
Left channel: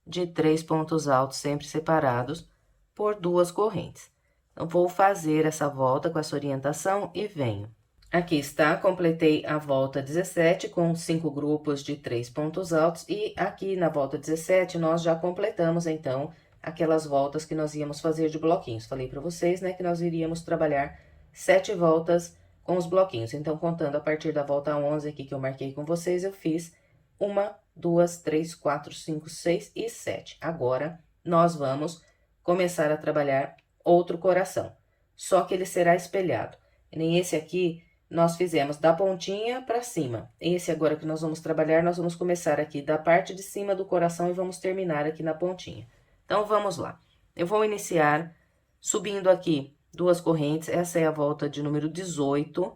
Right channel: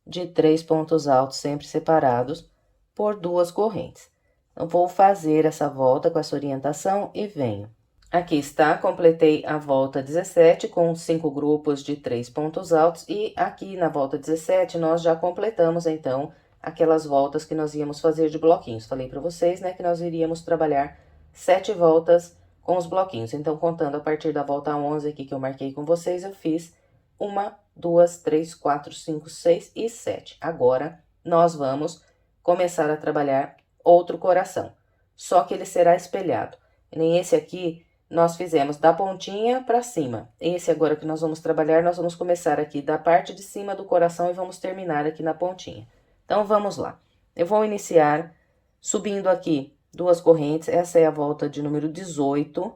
de 3 pontos altos, sempre separados por duas correntes. Então, vou fazer essa volta com essa orientação e venho. Aqui está, completei a volta 17 com 5 grupos de 3 pontos altos e aqui na volta 17 nós já completamos, então, aquelas voltas que nós íamos fazer de bloquinhos. Falei para vocês, né, que nós iríamos trabalhar 7 voltas com os bloquinhos. Então, contando a partir da volta 11 aqui que eu marquei com vocês, eu fiz 1, 2, 3, 4, 5, 6 e 7. Agora, nós vamos começar a trabalhar outro coração, só que ele será espelhado. Nem esse aqui, nós fizemos da pontinha para cima. Esse agora que nós vamos trabalhar, nós vamos começar aqui da parte de cima do coração e vamos terminar aqui na pontinha. Então, vamos lá. Eu vou iniciar subindo aqui 2 correntes, essa é a volta de número 18,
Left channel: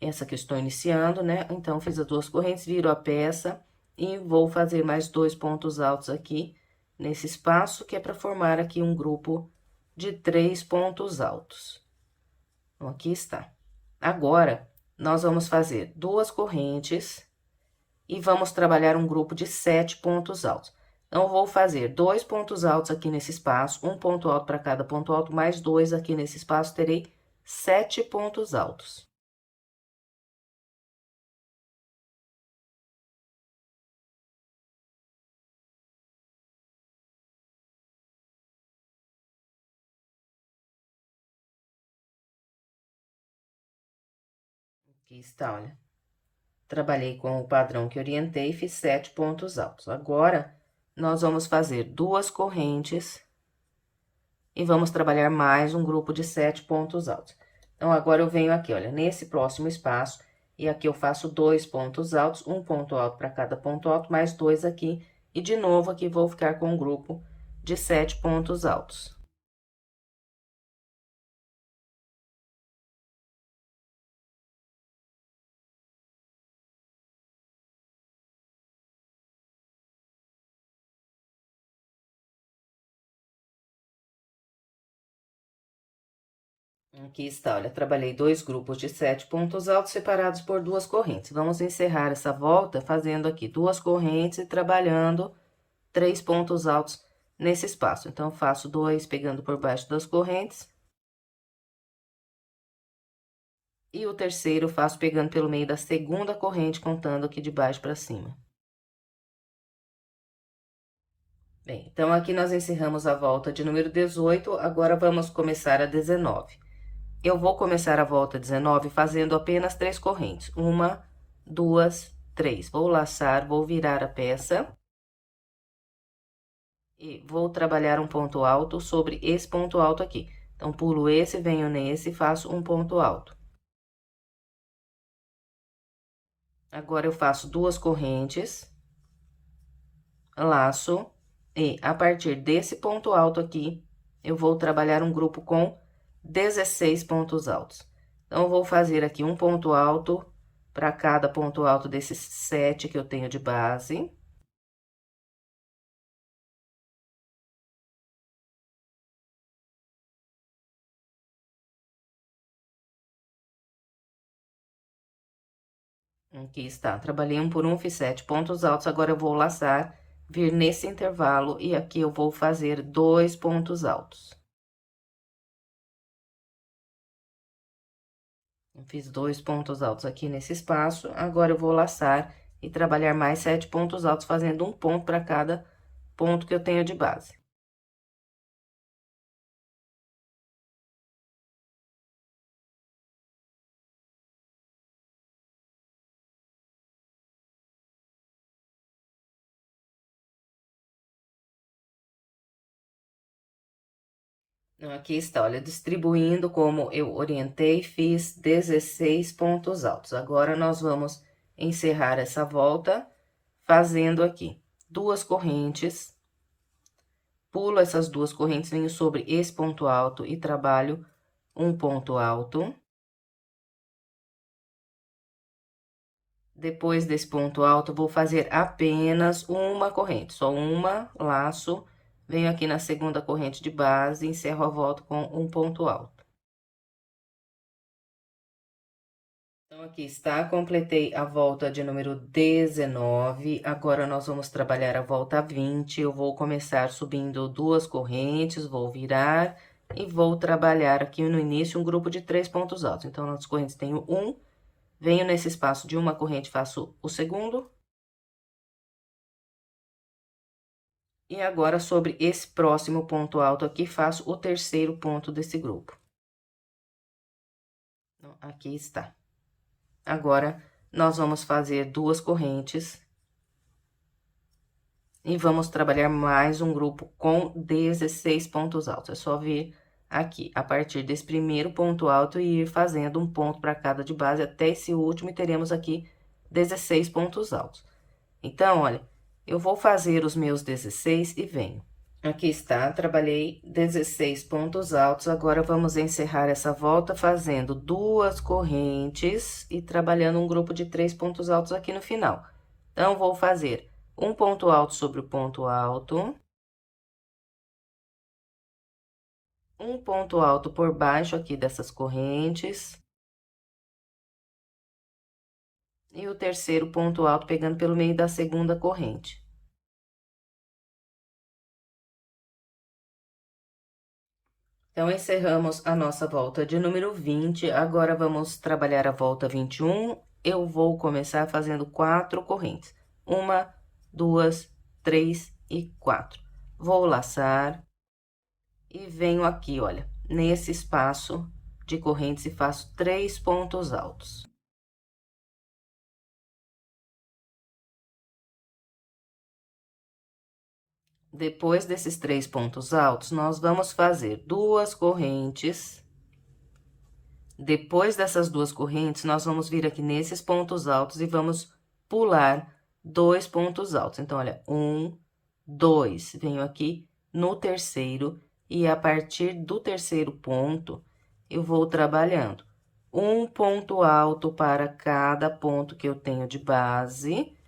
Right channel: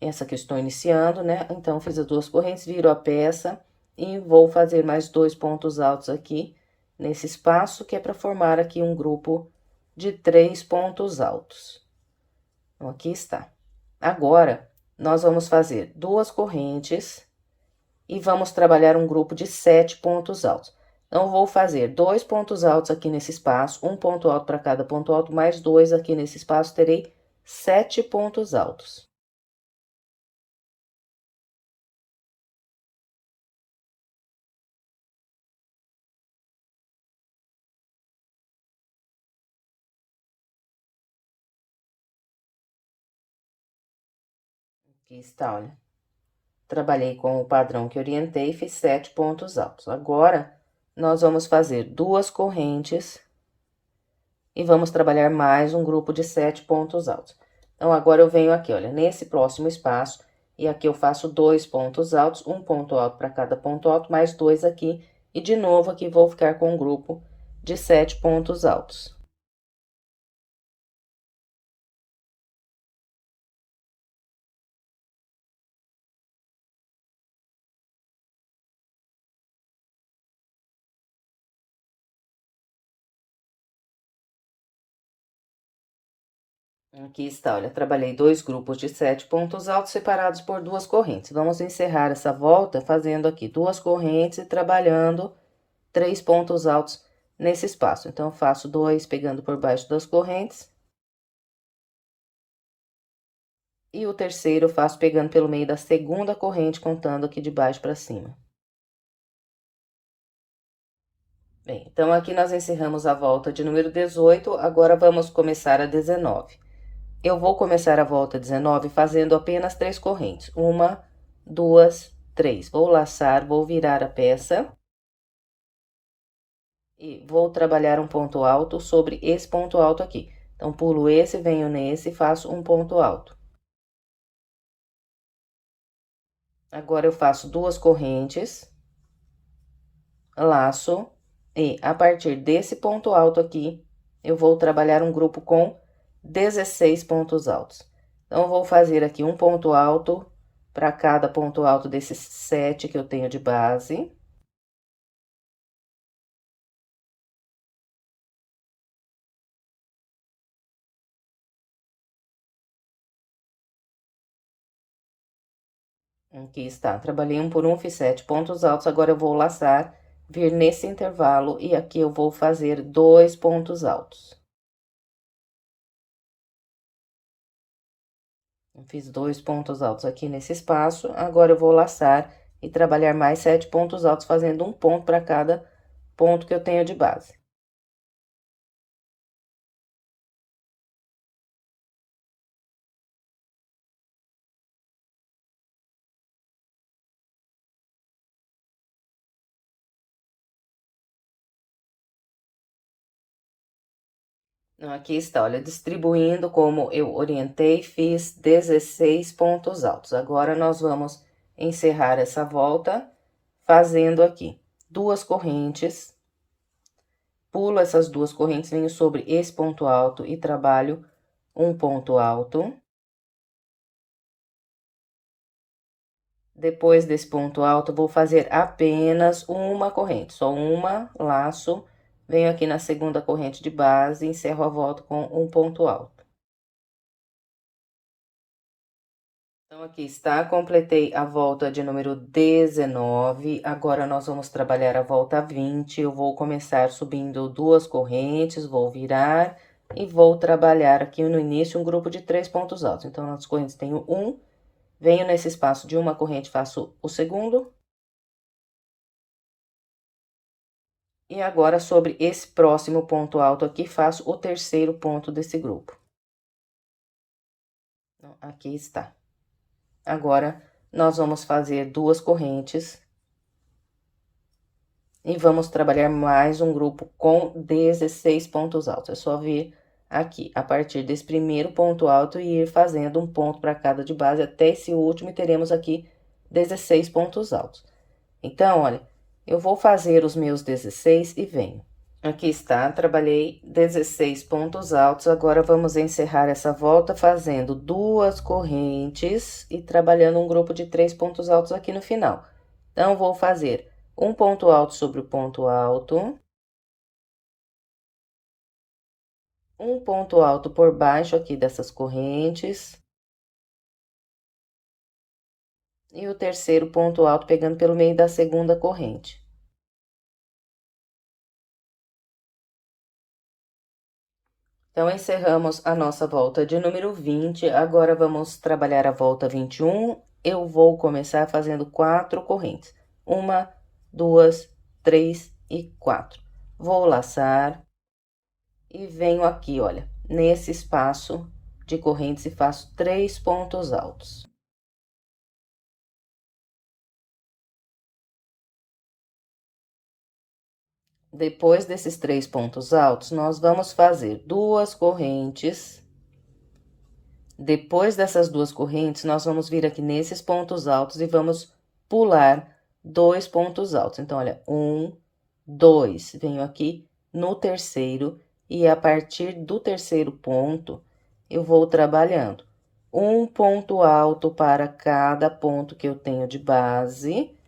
essa que eu estou iniciando, né? Então, fiz as 2 correntes, viro a peça e vou fazer mais 2 pontos altos aqui nesse espaço, que é para formar aqui um grupo de 3 pontos altos. Então, aqui está. Agora, nós vamos fazer 2 correntes e vamos trabalhar um grupo de 7 pontos altos. Então, vou fazer 2 pontos altos aqui nesse espaço, um ponto alto para cada ponto alto, mais 2 aqui nesse espaço, terei 7 pontos altos. Aqui está, olha. Trabalhei com o padrão que orientei e fiz 7 pontos altos. Agora, nós vamos fazer 2 correntes e vamos trabalhar mais um grupo de 7 pontos altos. Então, agora eu venho aqui, olha, nesse próximo espaço, e aqui eu faço 2 pontos altos, um ponto alto para cada ponto alto, mais 2 aqui, e de novo aqui vou ficar com um grupo de 7 pontos altos. Aqui está, olha, trabalhei 2 grupos de 7 pontos altos separados por 2 correntes. Vamos encerrar essa volta fazendo aqui 2 correntes e trabalhando 3 pontos altos nesse espaço. Então, eu faço 2 pegando por baixo das correntes. E o terceiro eu faço pegando pelo meio da segunda corrente, contando aqui de baixo para cima. Bem, então, aqui nós encerramos a volta de número 18, agora vamos começar a 19. Eu vou começar a volta 19 fazendo apenas 3 correntes. 1, 2, 3. Vou laçar, vou virar a peça. E vou trabalhar um ponto alto sobre esse ponto alto aqui. Então, pulo esse, venho nesse e faço um ponto alto. Agora, eu faço 2 correntes, laço, e a partir desse ponto alto aqui, eu vou trabalhar um grupo com 16 pontos altos. Então, eu vou fazer aqui um ponto alto para cada ponto alto desses 7 que eu tenho de base. Aqui está, trabalhei um por um, fiz 7 pontos altos, agora eu vou laçar, vir nesse intervalo e aqui eu vou fazer 2 pontos altos. Eu fiz 2 pontos altos aqui nesse espaço, agora eu vou laçar e trabalhar mais 7 pontos altos, fazendo um ponto para cada ponto que eu tenho de base. Aqui está, olha, distribuindo como eu orientei, fiz 16 pontos altos. Agora, nós vamos encerrar essa volta fazendo aqui 2 correntes. Pulo essas 2 correntes, venho sobre esse ponto alto e trabalho um ponto alto. Depois desse ponto alto, vou fazer apenas uma corrente, só uma, laço, venho aqui na segunda corrente de base, encerro a volta com um ponto alto. Então, aqui está, completei a volta de número 19, agora nós vamos trabalhar a volta 20, eu vou começar subindo 2 correntes, vou virar e vou trabalhar aqui no início um grupo de 3 pontos altos. Então, nas correntes tenho 1, venho nesse espaço de uma corrente, faço o segundo. E agora, sobre esse próximo ponto alto aqui, faço o terceiro ponto desse grupo. Então, aqui está. Agora, nós vamos fazer 2 correntes. E vamos trabalhar mais um grupo com 16 pontos altos. É só vir aqui, a partir desse primeiro ponto alto e ir fazendo um ponto para cada de base até esse último e teremos aqui 16 pontos altos. Então, olha, eu vou fazer os meus 16 e venho. Aqui está, trabalhei 16 pontos altos. Agora, vamos encerrar essa volta fazendo 2 correntes e trabalhando um grupo de 3 pontos altos aqui no final. Então, vou fazer um ponto alto sobre o ponto alto, um ponto alto por baixo aqui dessas correntes, e o terceiro ponto alto pegando pelo meio da segunda corrente. Então, encerramos a nossa volta de número 20, agora vamos trabalhar a volta 21. Eu vou começar fazendo 4 correntes. 1, 2, 3 e 4. Vou laçar e venho aqui, olha, nesse espaço de correntes e faço 3 pontos altos. Depois desses 3 pontos altos, nós vamos fazer 2 correntes. Depois dessas 2 correntes, nós vamos vir aqui nesses pontos altos e vamos pular 2 pontos altos. Então, olha, 1, 2, venho aqui no terceiro e a partir do terceiro ponto, eu vou trabalhando um ponto alto para cada ponto que eu tenho de base,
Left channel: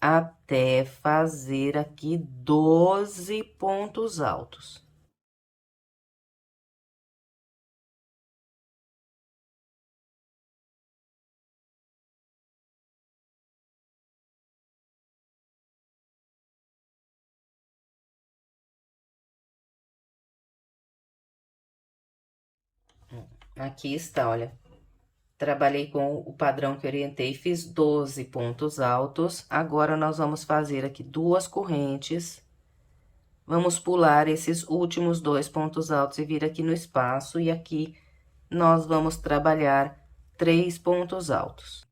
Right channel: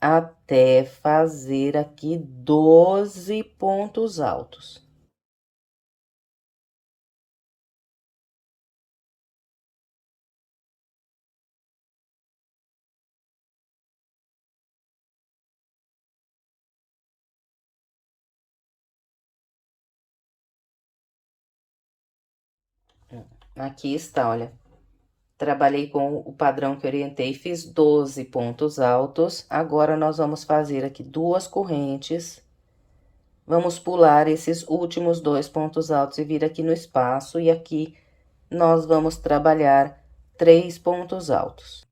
até fazer aqui 12 pontos altos. Aqui está, olha. Trabalhei com o padrão que orientei, fiz 12 pontos altos. Agora, nós vamos fazer aqui 2 correntes. Vamos pular esses últimos 2 pontos altos e vir aqui no espaço. E aqui, nós vamos trabalhar 3 pontos altos.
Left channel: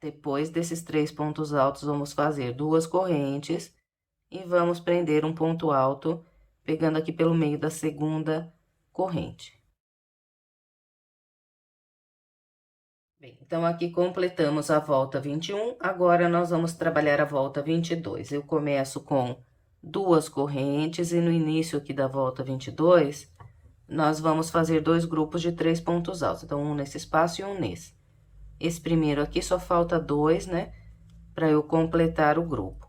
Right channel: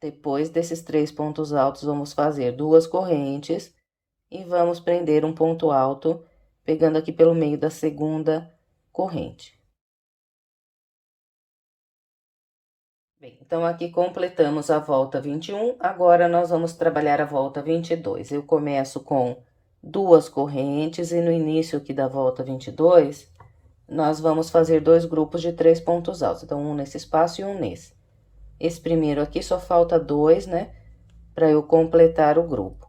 Depois desses 3 pontos altos, vamos fazer 2 correntes. E vamos prender um ponto alto, pegando aqui pelo meio da segunda corrente. Bem, então, aqui completamos a volta 21, agora nós vamos trabalhar a volta 22. Eu começo com 2 correntes e no início aqui da volta 22, nós vamos fazer 2 grupos de 3 pontos altos. Então, um nesse espaço e um nesse. Esse primeiro aqui só falta 2, né, para eu completar o grupo.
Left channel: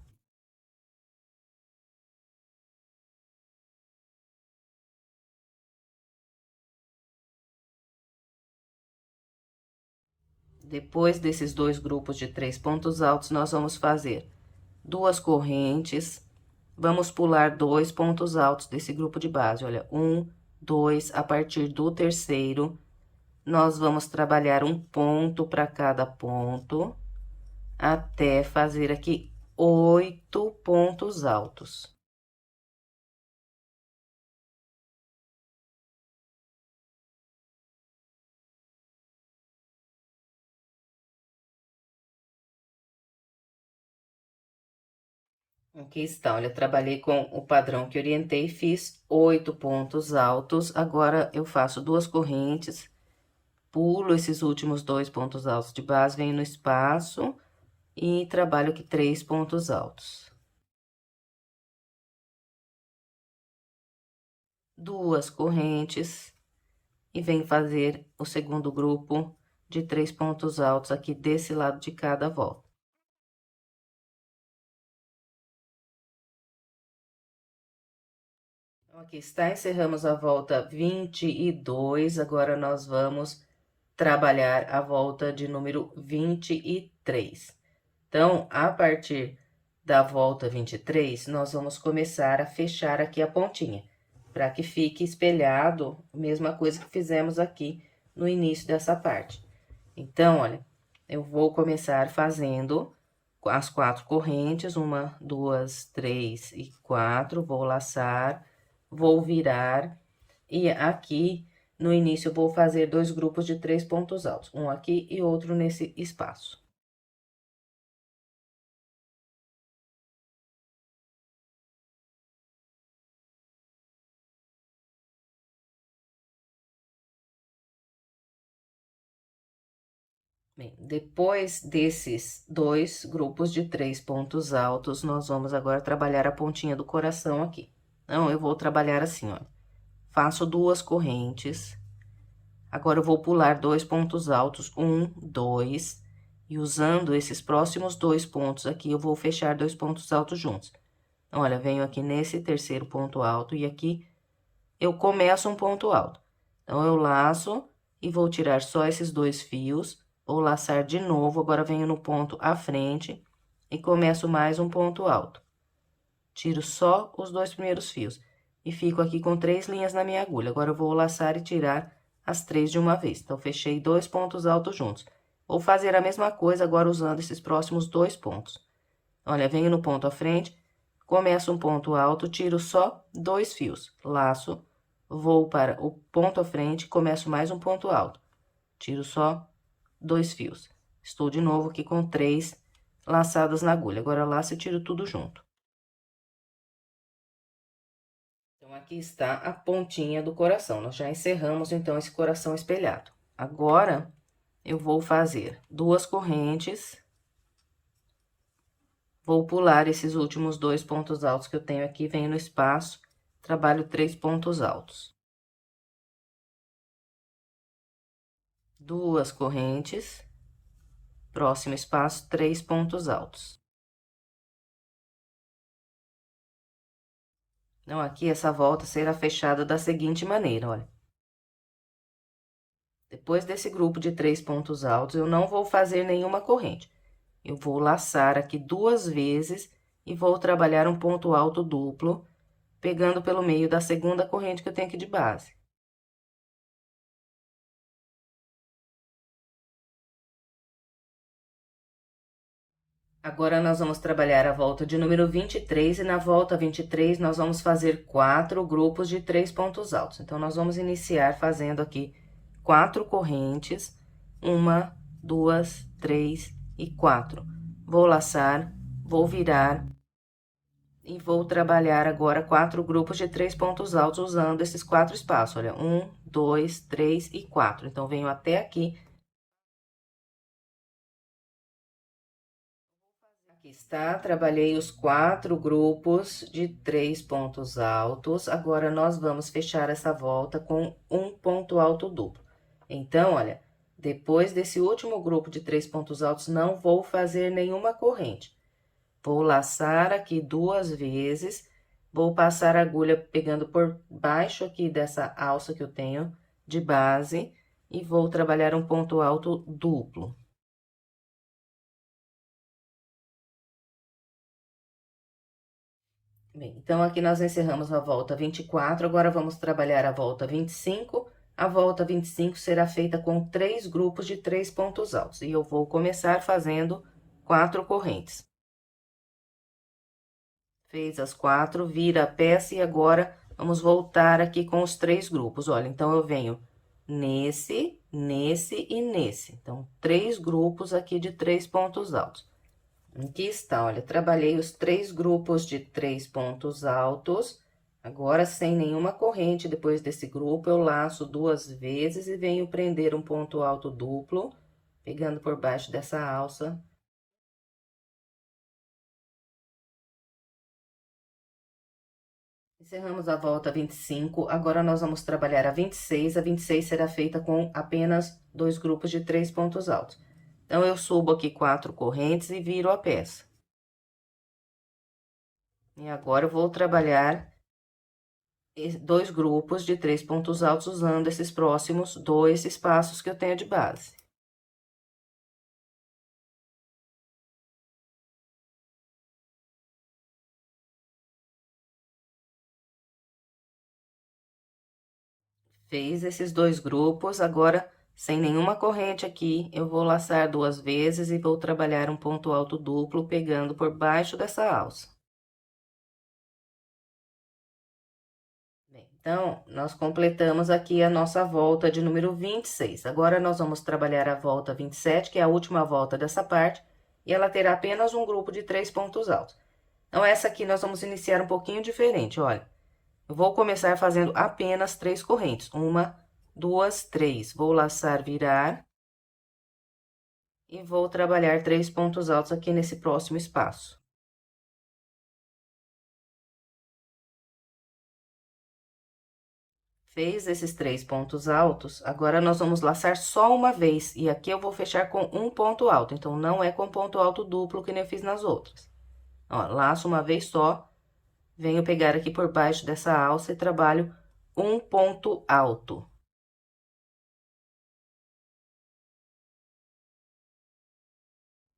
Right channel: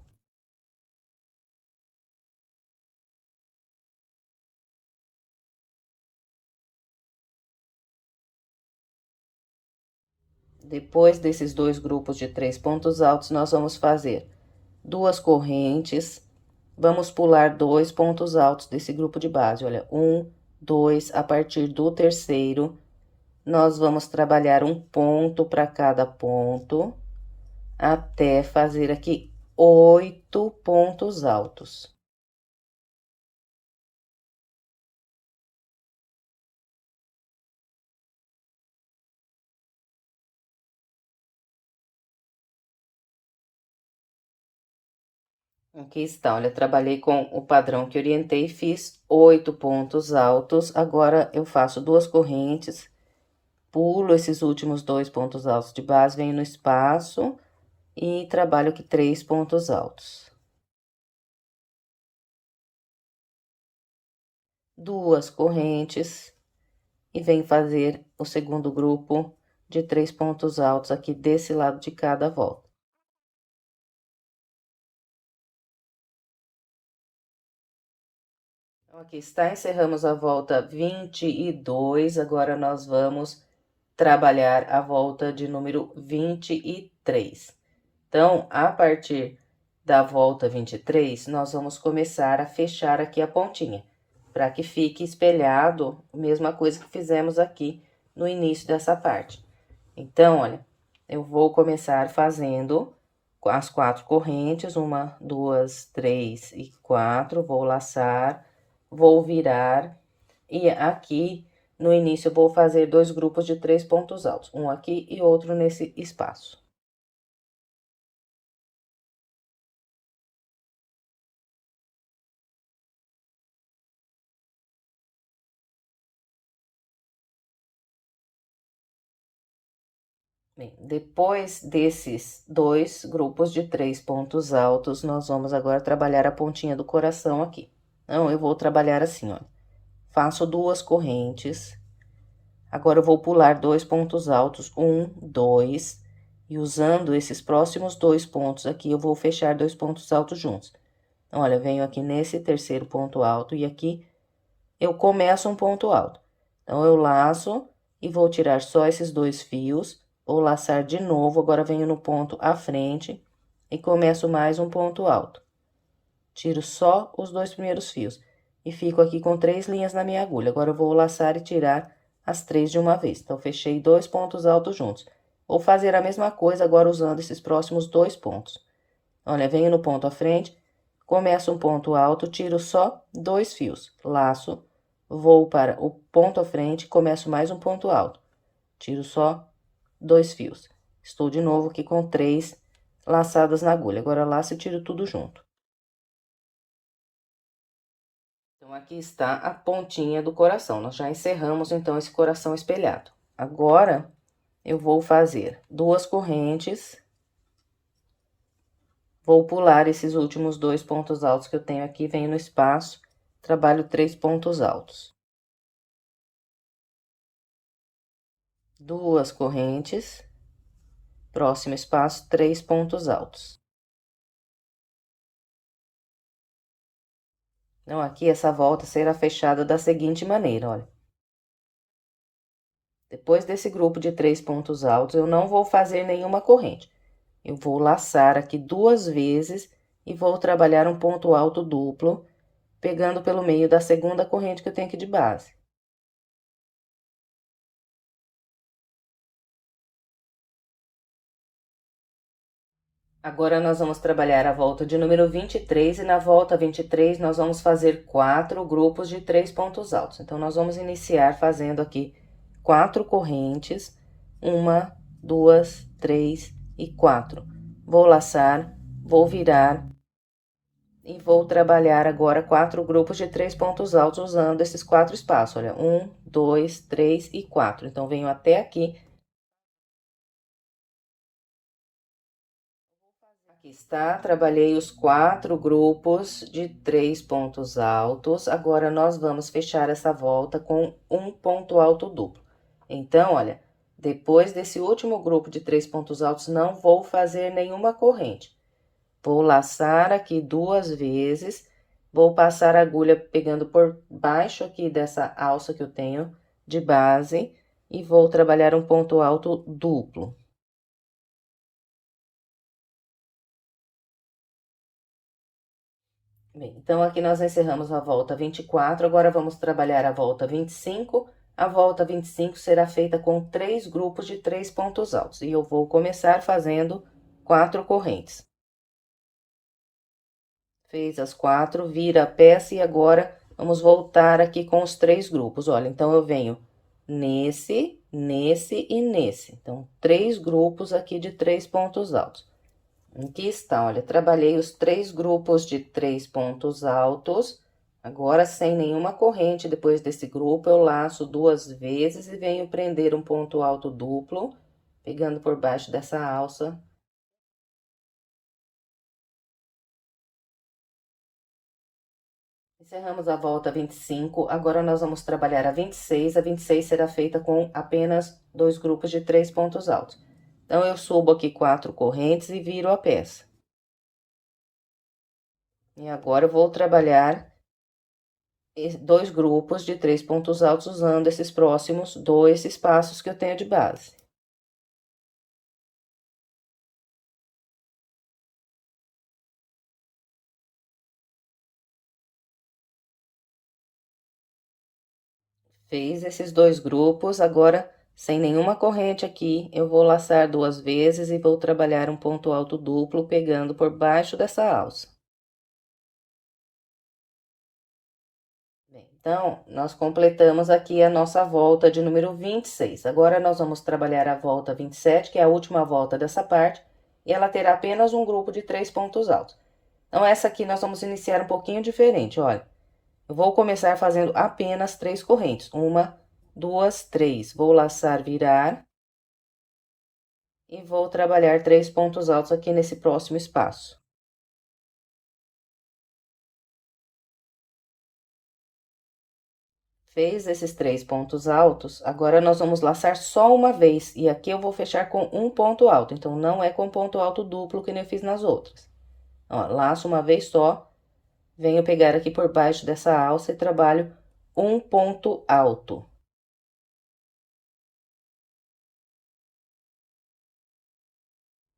Depois desses 2 grupos de 3 pontos altos, nós vamos fazer 2 correntes, vamos pular 2 pontos altos desse grupo de base, olha, 1, 2, a partir do terceiro, nós vamos trabalhar um ponto para cada ponto, até fazer aqui 8 pontos altos. Aqui está, olha, trabalhei com o padrão que orientei, fiz 8 pontos altos. Agora, eu faço 2 correntes, pulo esses últimos 2 pontos altos de base, venho no espaço e trabalho aqui 3 pontos altos. 2 correntes e venho fazer o segundo grupo de 3 pontos altos aqui desse lado de cada volta. Então, aqui está, encerramos a volta 22, agora nós vamos trabalhar a volta de número 23. Então, a partir da volta 23, nós vamos começar a fechar aqui a pontinha, para que fique espelhado a mesma coisa que fizemos aqui no início dessa parte. Então, olha, eu vou começar fazendo as 4 correntes, 1, 2, 3 e 4, vou laçar, vou virar, e aqui no início eu vou fazer 2 grupos de 3 pontos altos, um aqui e outro nesse espaço. Bem, depois desses dois grupos de 3 pontos altos, nós vamos agora trabalhar a pontinha do coração aqui. Então, eu vou trabalhar assim, ó. Faço 2 correntes. Agora, eu vou pular 2 pontos altos, 1, 2, e usando esses próximos 2 pontos aqui, eu vou fechar 2 pontos altos juntos. Então, olha, venho aqui nesse terceiro ponto alto e aqui eu começo um ponto alto. Então, eu laço e vou tirar só esses 2 fios, vou laçar de novo, agora venho no ponto à frente e começo mais um ponto alto. Tiro só os 2 primeiros fios e fico aqui com 3 linhas na minha agulha. Agora, eu vou laçar e tirar as 3 de uma vez. Então, fechei 2 pontos altos juntos. Vou fazer a mesma coisa agora usando esses próximos 2 pontos. Olha, venho no ponto à frente, começo um ponto alto, tiro só 2 fios, laço, vou para o ponto à frente, começo mais um ponto alto, tiro só 2 fios. Estou de novo aqui com 3 laçadas na agulha. Agora, laço e tiro tudo junto. Então, aqui está a pontinha do coração. Nós já encerramos, então, esse coração espelhado. Agora, eu vou fazer 2 correntes. Vou pular esses últimos 2 pontos altos que eu tenho aqui, venho no espaço, trabalho 3 pontos altos. 2 correntes, próximo espaço, 3 pontos altos. Então, aqui essa volta será fechada da seguinte maneira, olha. Depois desse grupo de 3 pontos altos, eu não vou fazer nenhuma corrente. Eu vou laçar aqui 2 vezes e vou trabalhar um ponto alto duplo, pegando pelo meio da segunda corrente que eu tenho aqui de base. Agora, nós vamos trabalhar a volta de número 23 e na volta 23 nós vamos fazer 4 grupos de 3 pontos altos. Então, nós vamos iniciar fazendo aqui 4 correntes, 1, 2, 3 e 4. Vou laçar, vou virar e vou trabalhar agora 4 grupos de 3 pontos altos usando esses 4 espaços. Olha, 1, 2, 3 e 4. Então, venho até aqui. Aqui está, trabalhei os 4 grupos de 3 pontos altos. Agora, nós vamos fechar essa volta com um ponto alto duplo. Então, olha, depois desse último grupo de 3 pontos altos, não vou fazer nenhuma corrente. Vou laçar aqui 2 vezes, vou passar a agulha pegando por baixo aqui dessa alça que eu tenho de base e vou trabalhar um ponto alto duplo. Bem, então, aqui nós encerramos a volta 24, agora vamos trabalhar a volta 25. A volta 25 será feita com 3 grupos de 3 pontos altos. E eu vou começar fazendo 4 correntes. Fez as 4, vira a peça e agora vamos voltar aqui com os 3 grupos. Olha, então, eu venho nesse, nesse e nesse. Então, 3 grupos aqui de 3 pontos altos. Aqui está, olha, trabalhei os 3 grupos de 3 pontos altos. Agora, sem nenhuma corrente, depois desse grupo, eu laço 2 vezes e venho prender um ponto alto duplo, pegando por baixo dessa alça. Encerramos a volta 25, agora nós vamos trabalhar a 26. A 26 será feita com apenas 2 grupos de 3 pontos altos. Então, eu subo aqui 4 correntes e viro a peça. E agora, eu vou trabalhar 2 grupos de 3 pontos altos usando esses próximos 2 espaços que eu tenho de base. Fez esses 2 grupos, agora, sem nenhuma corrente aqui, eu vou laçar 2 vezes e vou trabalhar um ponto alto duplo pegando por baixo dessa alça. Bem, então, nós completamos aqui a nossa volta de número 26. Agora, nós vamos trabalhar a volta 27, que é a última volta dessa parte, e ela terá apenas um grupo de 3 pontos altos. Então, essa aqui nós vamos iniciar um pouquinho diferente, olha. Eu vou começar fazendo apenas 3 correntes. 1, 2, 3. Vou laçar, virar. E vou trabalhar 3 pontos altos aqui nesse próximo espaço. Fez esses 3 pontos altos, agora nós vamos laçar só uma vez, e aqui eu vou fechar com um ponto alto, então não é com ponto alto duplo que nem eu fiz nas outras. Ó, laço uma vez só, venho pegar aqui por baixo dessa alça e trabalho um ponto alto.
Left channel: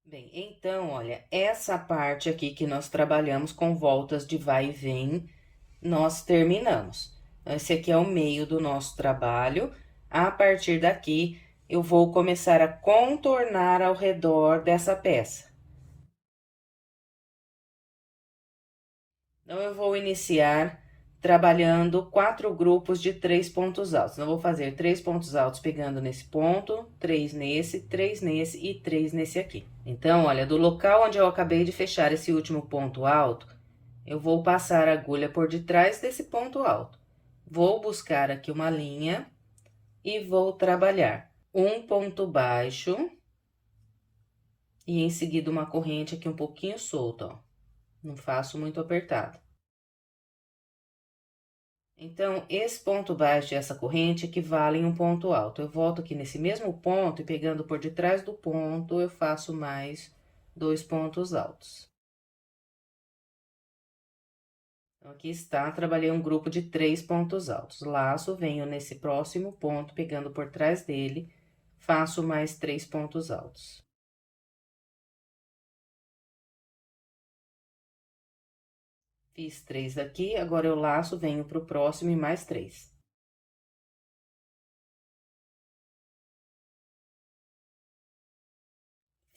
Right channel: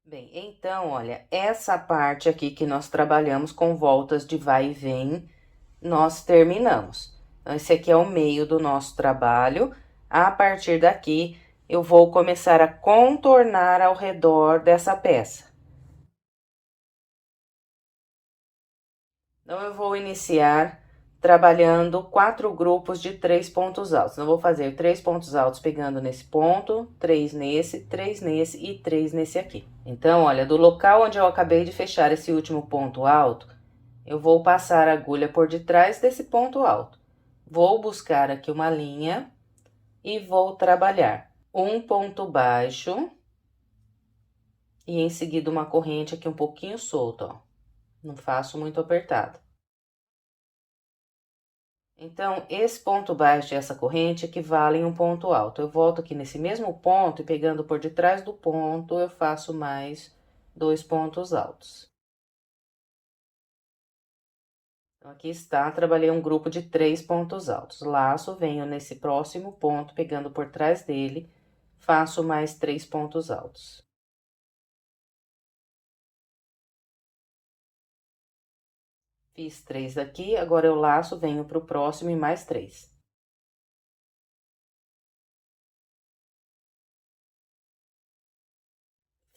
Bem, então, olha, essa parte aqui que nós trabalhamos com voltas de vai e vem, nós terminamos. Então, esse aqui é o meio do nosso trabalho. A partir daqui, eu vou começar a contornar ao redor dessa peça. Então, eu vou iniciar trabalhando 4 grupos de 3 pontos altos. Então, eu vou fazer 3 pontos altos pegando nesse ponto, 3 nesse e 3 nesse aqui. Então, olha, do local onde eu acabei de fechar esse último ponto alto, eu vou passar a agulha por detrás desse ponto alto. Vou buscar aqui uma linha e vou trabalhar um ponto baixo e em seguida uma corrente aqui um pouquinho solta, ó. Não faço muito apertado. Então, esse ponto baixo e essa corrente equivalem a um ponto alto. Eu volto aqui nesse mesmo ponto e pegando por detrás do ponto, eu faço mais 2 pontos altos. Então, aqui está, trabalhei um grupo de 3 pontos altos. Laço, venho nesse próximo ponto, pegando por trás dele, faço mais 3 pontos altos. Fiz 3 aqui, agora eu laço, venho pro próximo e mais 3.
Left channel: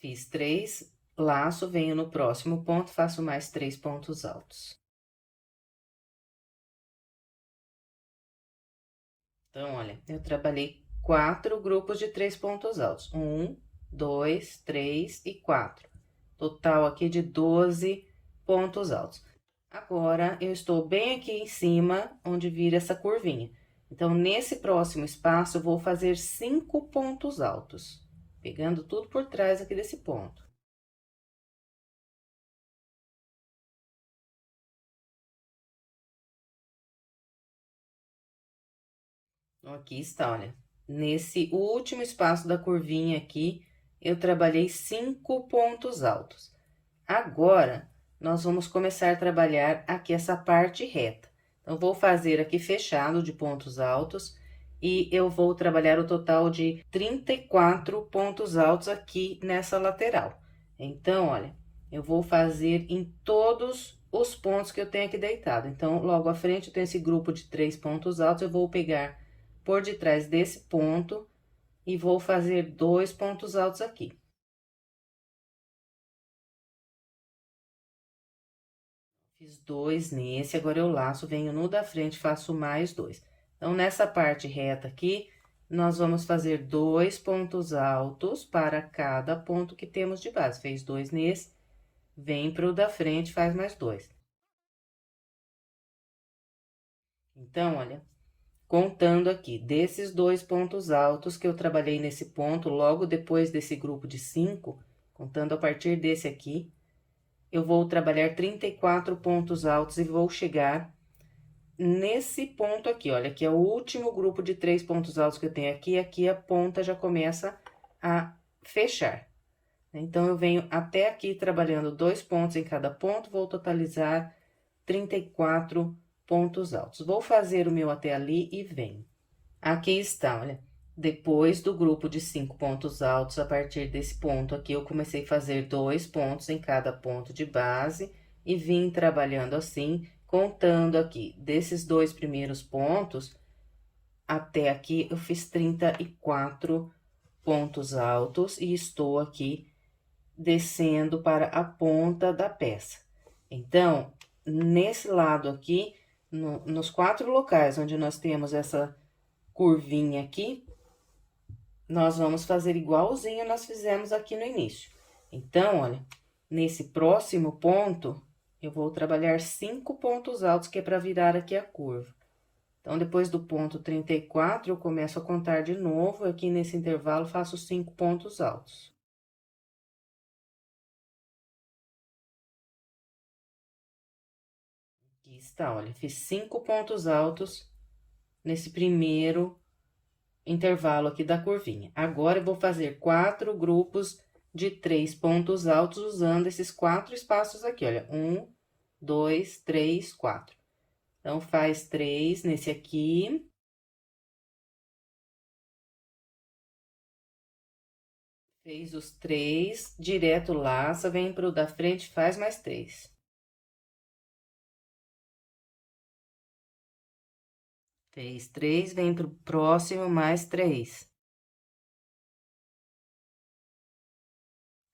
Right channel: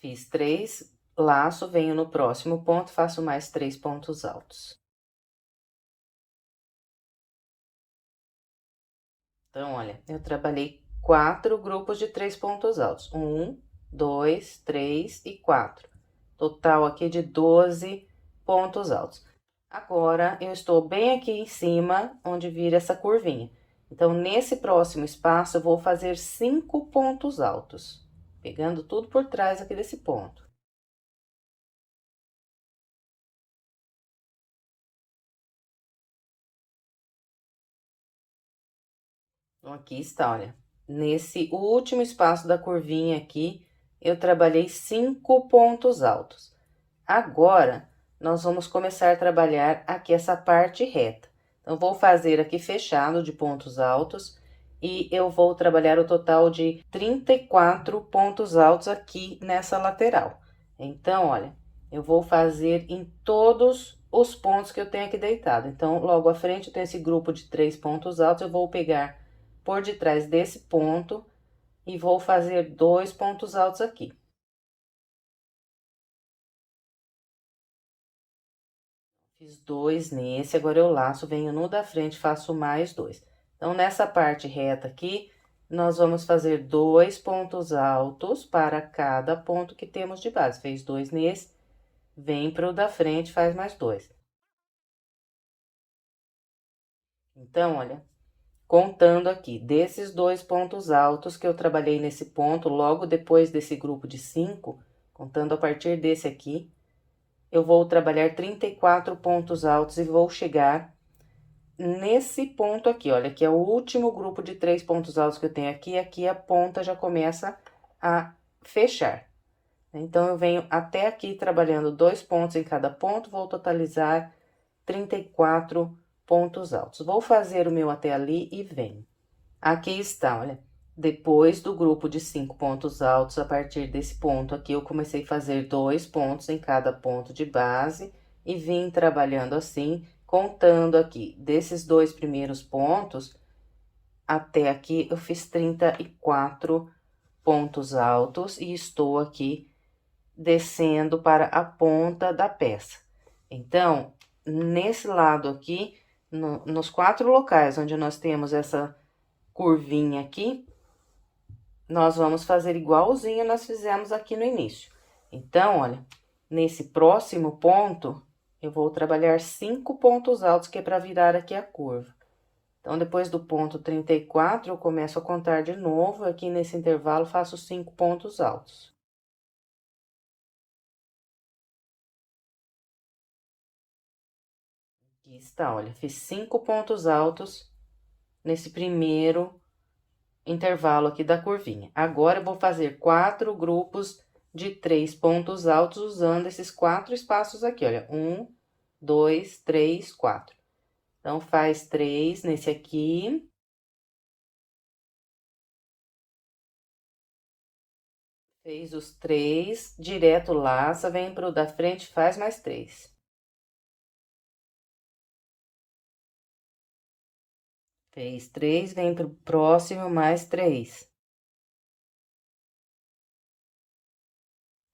Fiz 3, laço, venho no próximo ponto, faço mais 3 pontos altos. Então, olha, eu trabalhei 4 grupos de 3 pontos altos. 1, 2, 3 e 4. Total aqui de 12 pontos altos. Agora, eu estou bem aqui em cima, onde vira essa curvinha. Então, nesse próximo espaço, eu vou fazer 5 pontos altos, pegando tudo por trás aqui desse ponto. Então, aqui está, olha. Nesse último espaço da curvinha aqui, eu trabalhei 5 pontos altos. Agora, nós vamos começar a trabalhar aqui essa parte reta. Então, vou fazer aqui fechado de pontos altos e eu vou trabalhar o total de 34 pontos altos aqui nessa lateral. Então, olha, eu vou fazer em todos os pontos que eu tenho aqui deitado. Então, logo à frente, eu tenho esse grupo de 3 pontos altos, eu vou pegar por detrás desse ponto e vou fazer 2 pontos altos aqui. Fiz 2 nesse, agora eu laço, venho no da frente, faço mais 2. Então, nessa parte reta aqui, nós vamos fazer 2 pontos altos para cada ponto que temos de base. Fez 2 nesse, vem pro da frente, faz mais 2. Então, olha, contando aqui, desses 2 pontos altos que eu trabalhei nesse ponto, logo depois desse grupo de 5, contando a partir desse aqui, eu vou trabalhar 34 pontos altos e vou chegar nesse ponto aqui, olha, que é o último grupo de 3 pontos altos que eu tenho aqui, aqui a ponta já começa a fechar. Então, eu venho até aqui trabalhando 2 pontos em cada ponto, vou totalizar 34 pontos altos. Vou fazer o meu até ali e venho. Aqui está, olha, depois do grupo de 5 pontos altos, a partir desse ponto aqui, eu comecei a fazer 2 pontos em cada ponto de base e vim trabalhando assim, contando aqui, desses 2 primeiros pontos, até aqui eu fiz 34 pontos altos e estou aqui descendo para a ponta da peça. Então, nesse lado aqui, nos 4 locais onde nós temos essa curvinha aqui, nós vamos fazer igualzinho nós fizemos aqui no início. Então, olha, nesse próximo ponto, eu vou trabalhar 5 pontos altos, que é para virar aqui a curva. Então, depois do ponto 34, eu começo a contar de novo, aqui nesse intervalo, faço 5 pontos altos. Aqui está, olha, fiz 5 pontos altos nesse primeiro intervalo aqui da curvinha. Agora, eu vou fazer 4 grupos de 3 pontos altos usando esses 4 espaços aqui, olha. 1, 2, 3, 4. Então, faz 3 nesse aqui. Fez os 3, direto laça, vem pro da frente, faz mais 3. Fez 3, vem pro próximo, mais 3.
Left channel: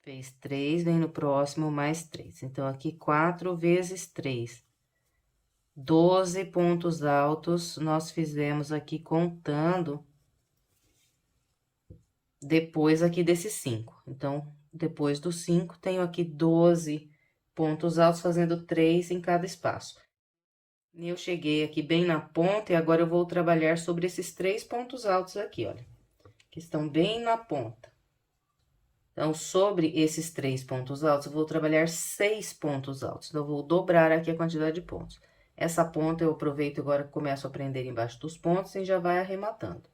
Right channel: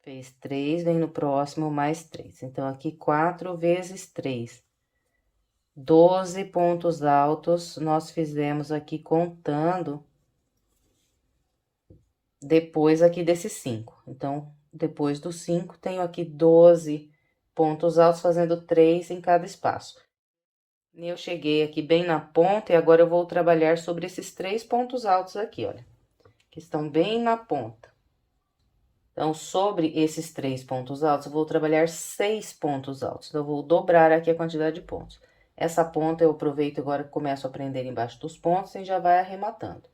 Fez 3, vem no próximo, mais 3. Então, aqui, 4 vezes 3. 12 pontos altos, nós fizemos aqui contando depois aqui desses 5. Então, depois dos 5, tenho aqui 12 pontos altos, fazendo 3 em cada espaço. Eu cheguei aqui bem na ponta e agora eu vou trabalhar sobre esses 3 pontos altos aqui, olha, que estão bem na ponta. Então, sobre esses 3 pontos altos, eu vou trabalhar 6 pontos altos. Então, eu vou dobrar aqui a quantidade de pontos. Essa ponta eu aproveito agora que começo a prender embaixo dos pontos e já vai arrematando.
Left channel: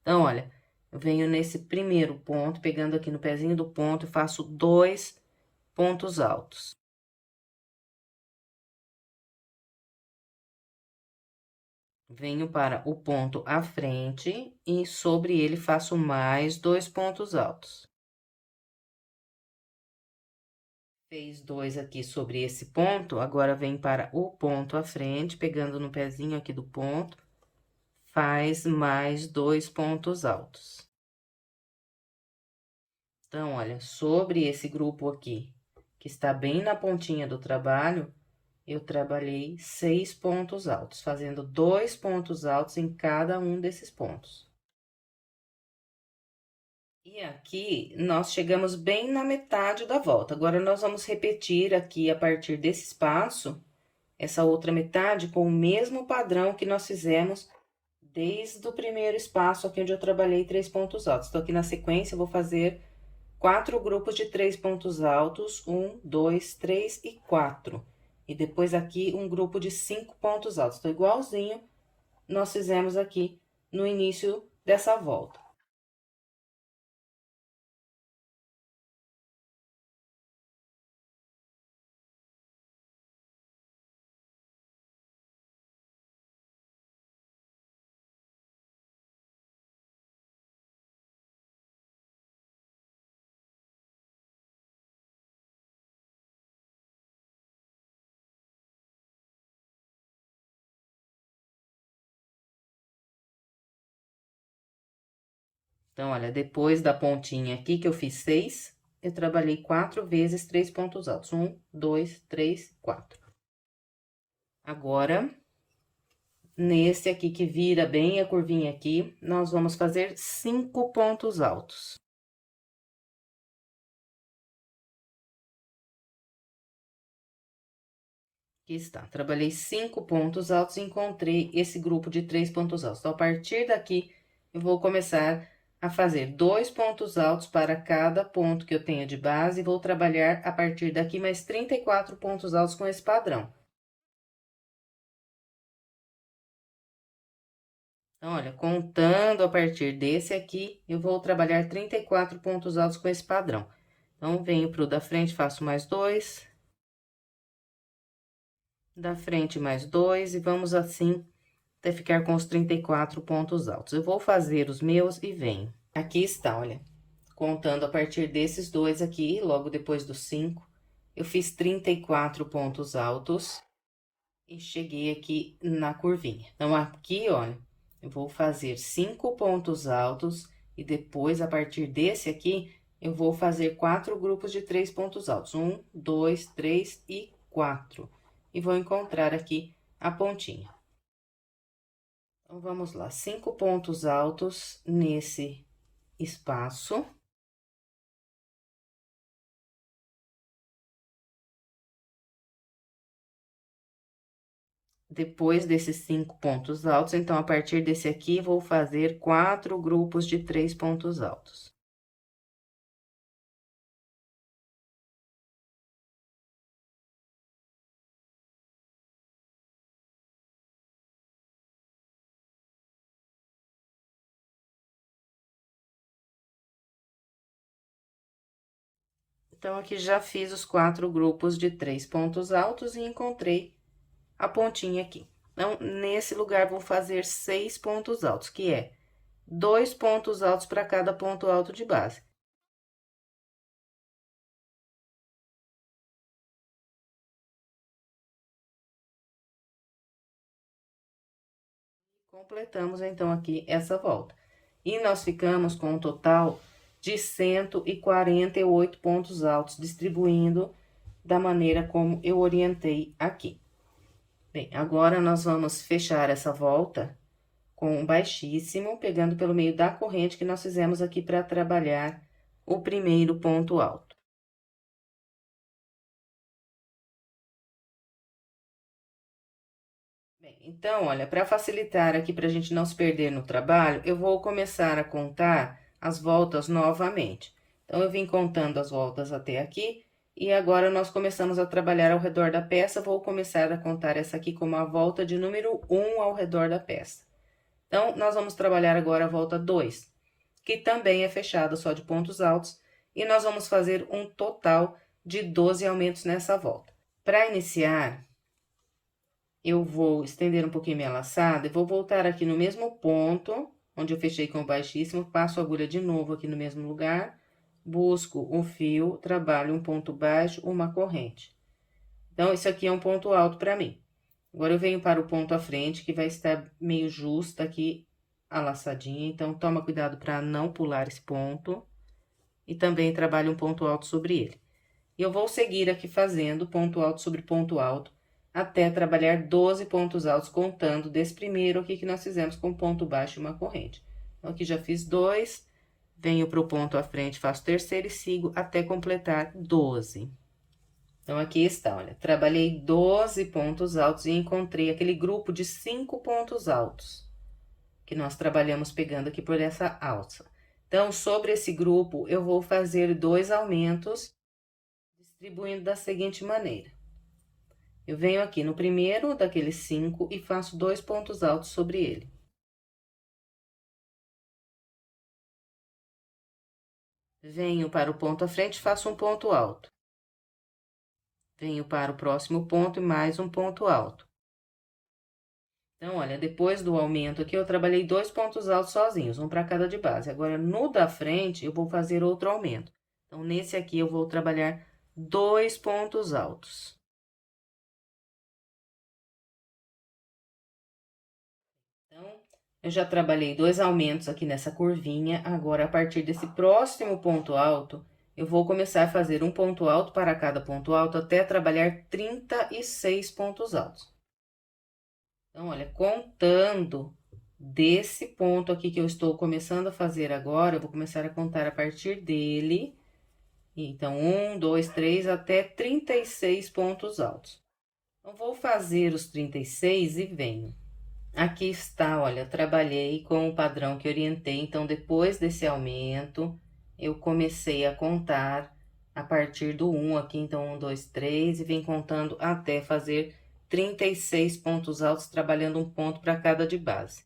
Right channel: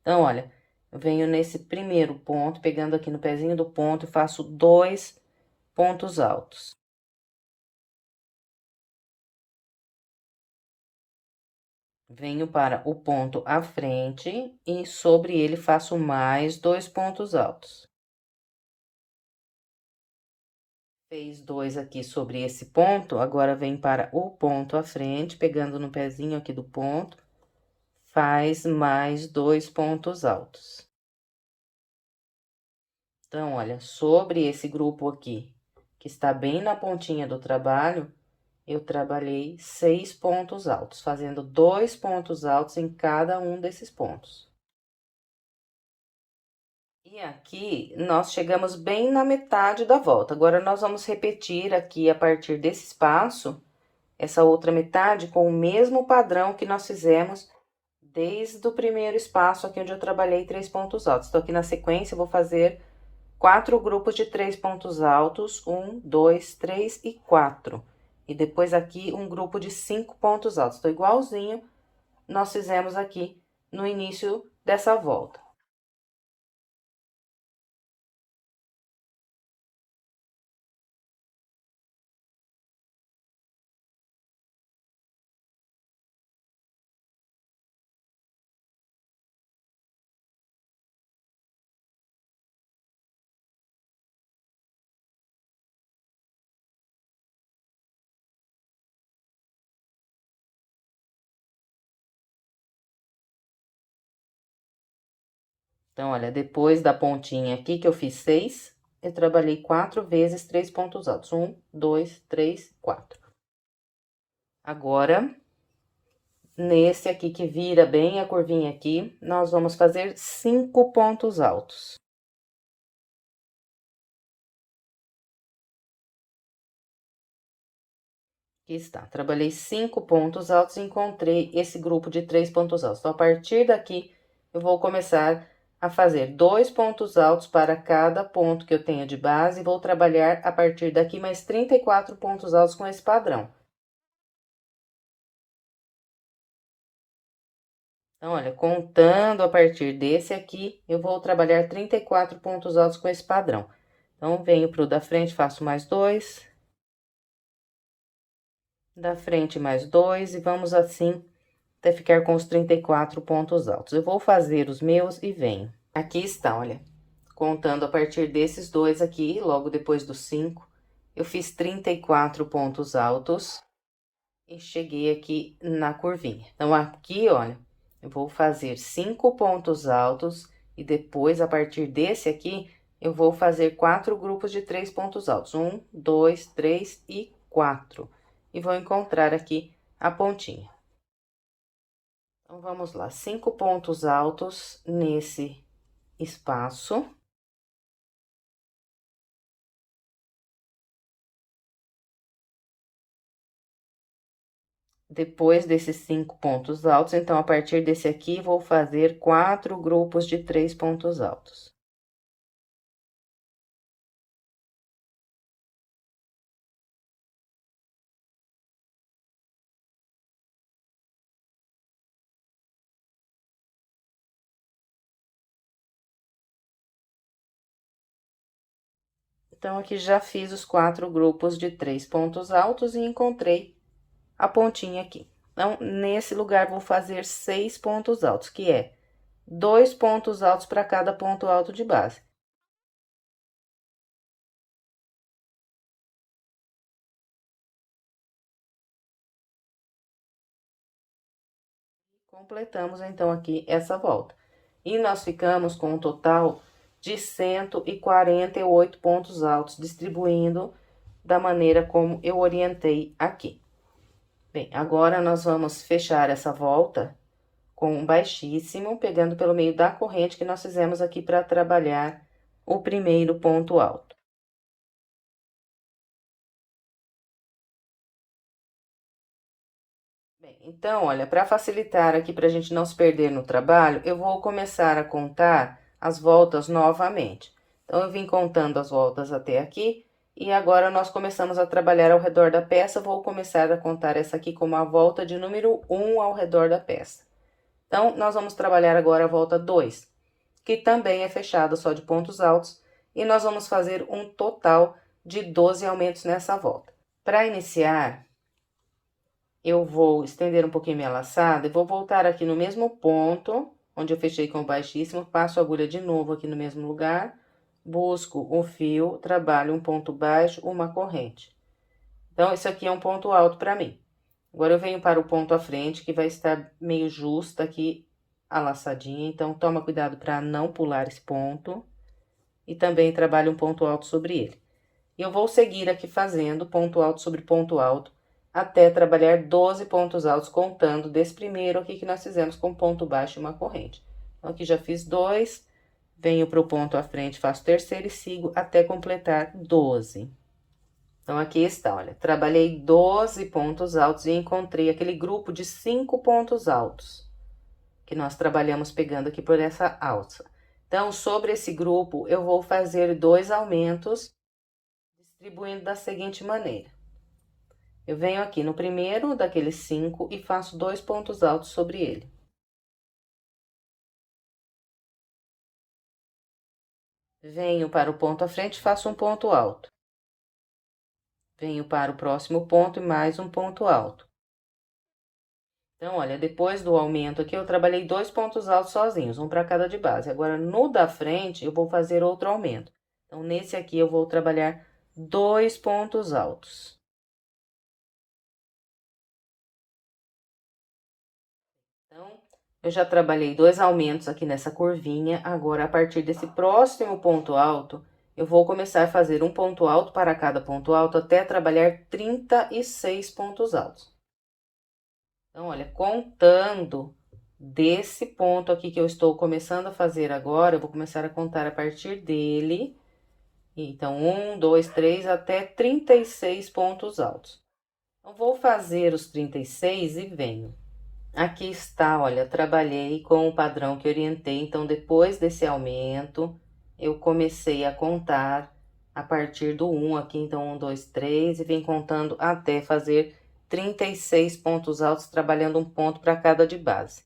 Então, olha, eu venho nesse primeiro ponto, pegando aqui no pezinho do ponto, e faço 2 pontos altos. Venho para o ponto à frente e sobre ele faço mais 2 pontos altos. Fez 2 aqui sobre esse ponto, agora vem para o ponto à frente, pegando no pezinho aqui do ponto, faz mais 2 pontos altos. Então, olha, sobre esse grupo aqui, que está bem na pontinha do trabalho, eu trabalhei 6 pontos altos, fazendo 2 pontos altos em cada um desses pontos. E aqui, nós chegamos bem na metade da volta. Agora, nós vamos repetir aqui, a partir desse espaço, essa outra metade com o mesmo padrão que nós fizemos desde o primeiro espaço aqui, onde eu trabalhei 3 pontos altos. Então, aqui na sequência, eu vou fazer 4 grupos de 3 pontos altos, 1, 2, 3 e 4. E depois aqui, um grupo de 5 pontos altos. Então, igualzinho nós fizemos aqui no início dessa volta. Então, olha, depois da pontinha aqui que eu fiz 6, eu trabalhei 4 vezes 3 pontos altos. 1, 2, 3, 4. Agora, nesse aqui que vira bem a curvinha aqui, nós vamos fazer 5 pontos altos. Aqui está, trabalhei 5 pontos altos e encontrei esse grupo de 3 pontos altos. Então, a partir daqui, eu vou começar a fazer 2 pontos altos para cada ponto que eu tenho de base e vou trabalhar a partir daqui mais 34 pontos altos com esse padrão. Então, olha, contando a partir desse aqui, eu vou trabalhar 34 pontos altos com esse padrão. Então, venho pro da frente, faço mais 2. Da frente, mais 2, e vamos assim até ficar com os 34 pontos altos. Eu vou fazer os meus e venho. Aqui está, olha, contando a partir desses dois aqui, logo depois dos 5, eu fiz 34 pontos altos e cheguei aqui na curvinha. Então, aqui, olha, eu vou fazer 5 pontos altos e depois, a partir desse aqui, eu vou fazer 4 grupos de 3 pontos altos. 1, 2, 3 e 4. E vou encontrar aqui a pontinha. Então, vamos lá, 5 pontos altos nesse espaço. Depois desses 5 pontos altos, então, a partir desse aqui, vou fazer 4 grupos de 3 pontos altos. Então, aqui já fiz os 4 grupos de 3 pontos altos e encontrei a pontinha aqui. Então, nesse lugar, vou fazer 6 pontos altos, que é 2 pontos altos para cada ponto alto de base. Completamos, então, aqui essa volta. E nós ficamos com um total de 148 pontos altos, distribuindo da maneira como eu orientei aqui. Bem, agora nós vamos fechar essa volta com um baixíssimo, pegando pelo meio da corrente que nós fizemos aqui para trabalhar o primeiro ponto alto. Bem, então, olha, para facilitar aqui, para a gente não se perder no trabalho, eu vou começar a contar as voltas novamente. Então, eu vim contando as voltas até aqui, e agora nós começamos a trabalhar ao redor da peça. Vou começar a contar essa aqui como a volta de número 1 ao redor da peça. Então, nós vamos trabalhar agora a volta 2, que também é fechada só de pontos altos, e nós vamos fazer um total de 12 aumentos nessa volta. Para iniciar, eu vou estender um pouquinho minha laçada e vou voltar aqui no mesmo ponto, onde eu fechei com o baixíssimo, passo a agulha de novo aqui no mesmo lugar, busco o fio, trabalho um ponto baixo, uma corrente. Então, esse aqui é um ponto alto para mim. Agora, eu venho para o ponto à frente, que vai estar meio justa aqui a laçadinha, então, toma cuidado para não pular esse ponto. E também trabalho um ponto alto sobre ele. E eu vou seguir aqui fazendo ponto alto sobre ponto alto, até trabalhar 12 pontos altos, contando desse primeiro aqui que nós fizemos com ponto baixo e uma corrente. Então, aqui já fiz 2, venho para o ponto à frente, faço terceiro e sigo até completar 12. Então, aqui está, olha, trabalhei 12 pontos altos e encontrei aquele grupo de 5 pontos altos, que nós trabalhamos pegando aqui por essa alça. Então, sobre esse grupo, eu vou fazer 2 aumentos, distribuindo da seguinte maneira. Eu venho aqui no primeiro daqueles 5 e faço 2 pontos altos sobre ele. Venho para o ponto à frente, faço um ponto alto. Venho para o próximo ponto e mais um ponto alto. Então, olha, depois do aumento aqui, eu trabalhei 2 pontos altos sozinhos, um para cada de base. Agora, no da frente, eu vou fazer outro aumento. Então, nesse aqui, eu vou trabalhar 2 pontos altos. Então, eu já trabalhei 2 aumentos aqui nessa curvinha. Agora, a partir desse próximo ponto alto, eu vou começar a fazer um ponto alto para cada ponto alto até trabalhar 36 pontos altos. Então, olha, contando desse ponto aqui que eu estou começando a fazer agora, eu vou começar a contar a partir dele. Então, 1, 2, 3, até 36 pontos altos. Então, vou fazer os 36 e venho. Aqui está, olha, trabalhei com o padrão que orientei, então, depois desse aumento, eu comecei a contar a partir do 1 aqui, então, 1, 2, 3, e vem contando até fazer 36 pontos altos, trabalhando um ponto para cada de base.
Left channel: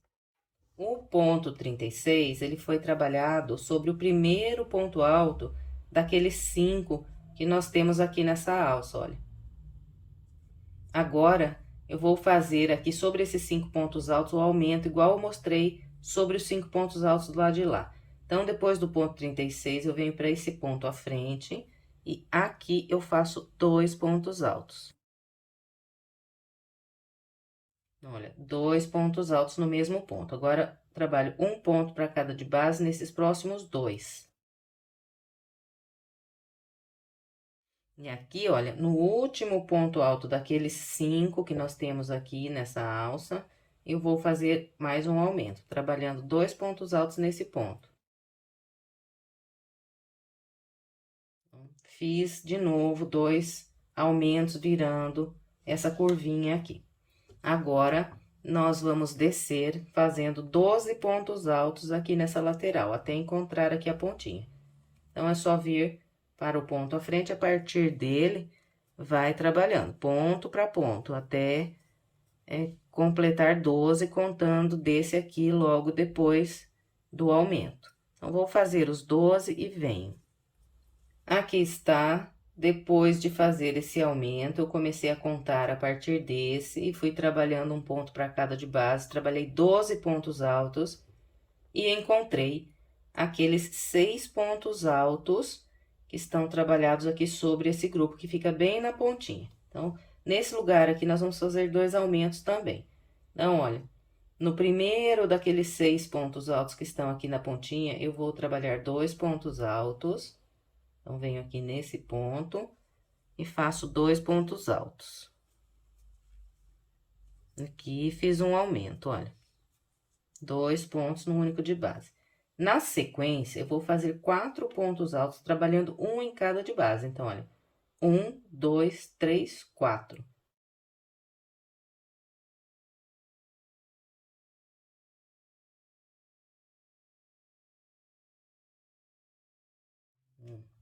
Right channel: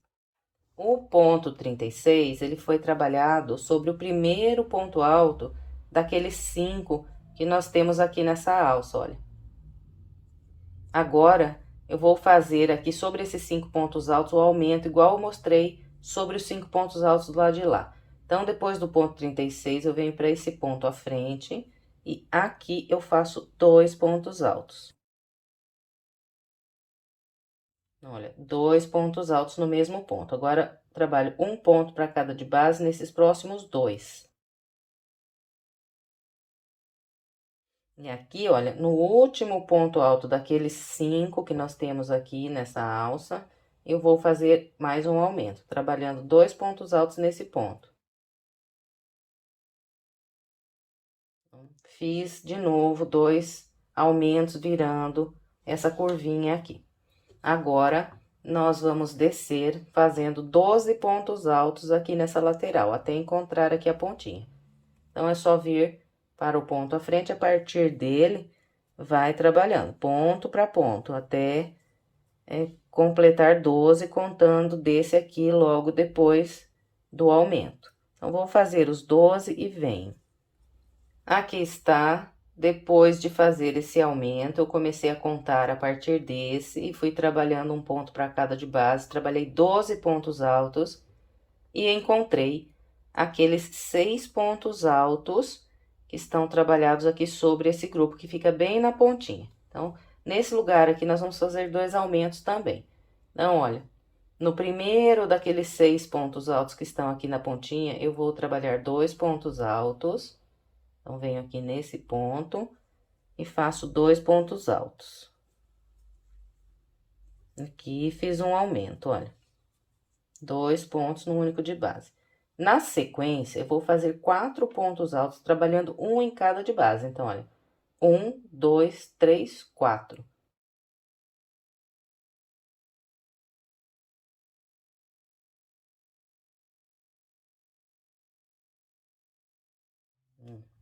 O ponto 36, ele foi trabalhado sobre o primeiro ponto alto daqueles 5 que nós temos aqui nessa alça, olha. Agora, eu vou fazer aqui sobre esses 5 pontos altos o aumento, igual eu mostrei sobre os 5 pontos altos do lado de lá. Então, depois do ponto 36, eu venho para esse ponto à frente e aqui eu faço 2 pontos altos. Olha, 2 pontos altos no mesmo ponto. Agora, trabalho um ponto para cada de base nesses próximos 2. E aqui, olha, no último ponto alto daqueles 5 que nós temos aqui nessa alça, eu vou fazer mais um aumento, trabalhando 2 pontos altos nesse ponto. Fiz de novo 2 aumentos virando essa curvinha aqui. Agora, nós vamos descer fazendo 12 pontos altos aqui nessa lateral, até encontrar aqui a pontinha. Então, é só vir para o ponto à frente, a partir dele, vai trabalhando ponto para ponto, até completar 12, contando desse aqui logo depois do aumento. Então, vou fazer os 12 e venho. Aqui está, depois de fazer esse aumento, eu comecei a contar a partir desse e fui trabalhando um ponto para cada de base, trabalhei 12 pontos altos e encontrei aqueles 6 pontos altos que estão trabalhados aqui sobre esse grupo, que fica bem na pontinha. Então, nesse lugar aqui, nós vamos fazer 2 aumentos também. Então, olha, no primeiro daqueles 6 pontos altos que estão aqui na pontinha, eu vou trabalhar 2 pontos altos. Então, venho aqui nesse ponto e faço 2 pontos altos. Aqui, fiz um aumento, olha. 2 pontos no único de base. Na sequência, eu vou fazer 4 pontos altos, trabalhando um em cada de base. Então, olha, 1, 2, 3, 4.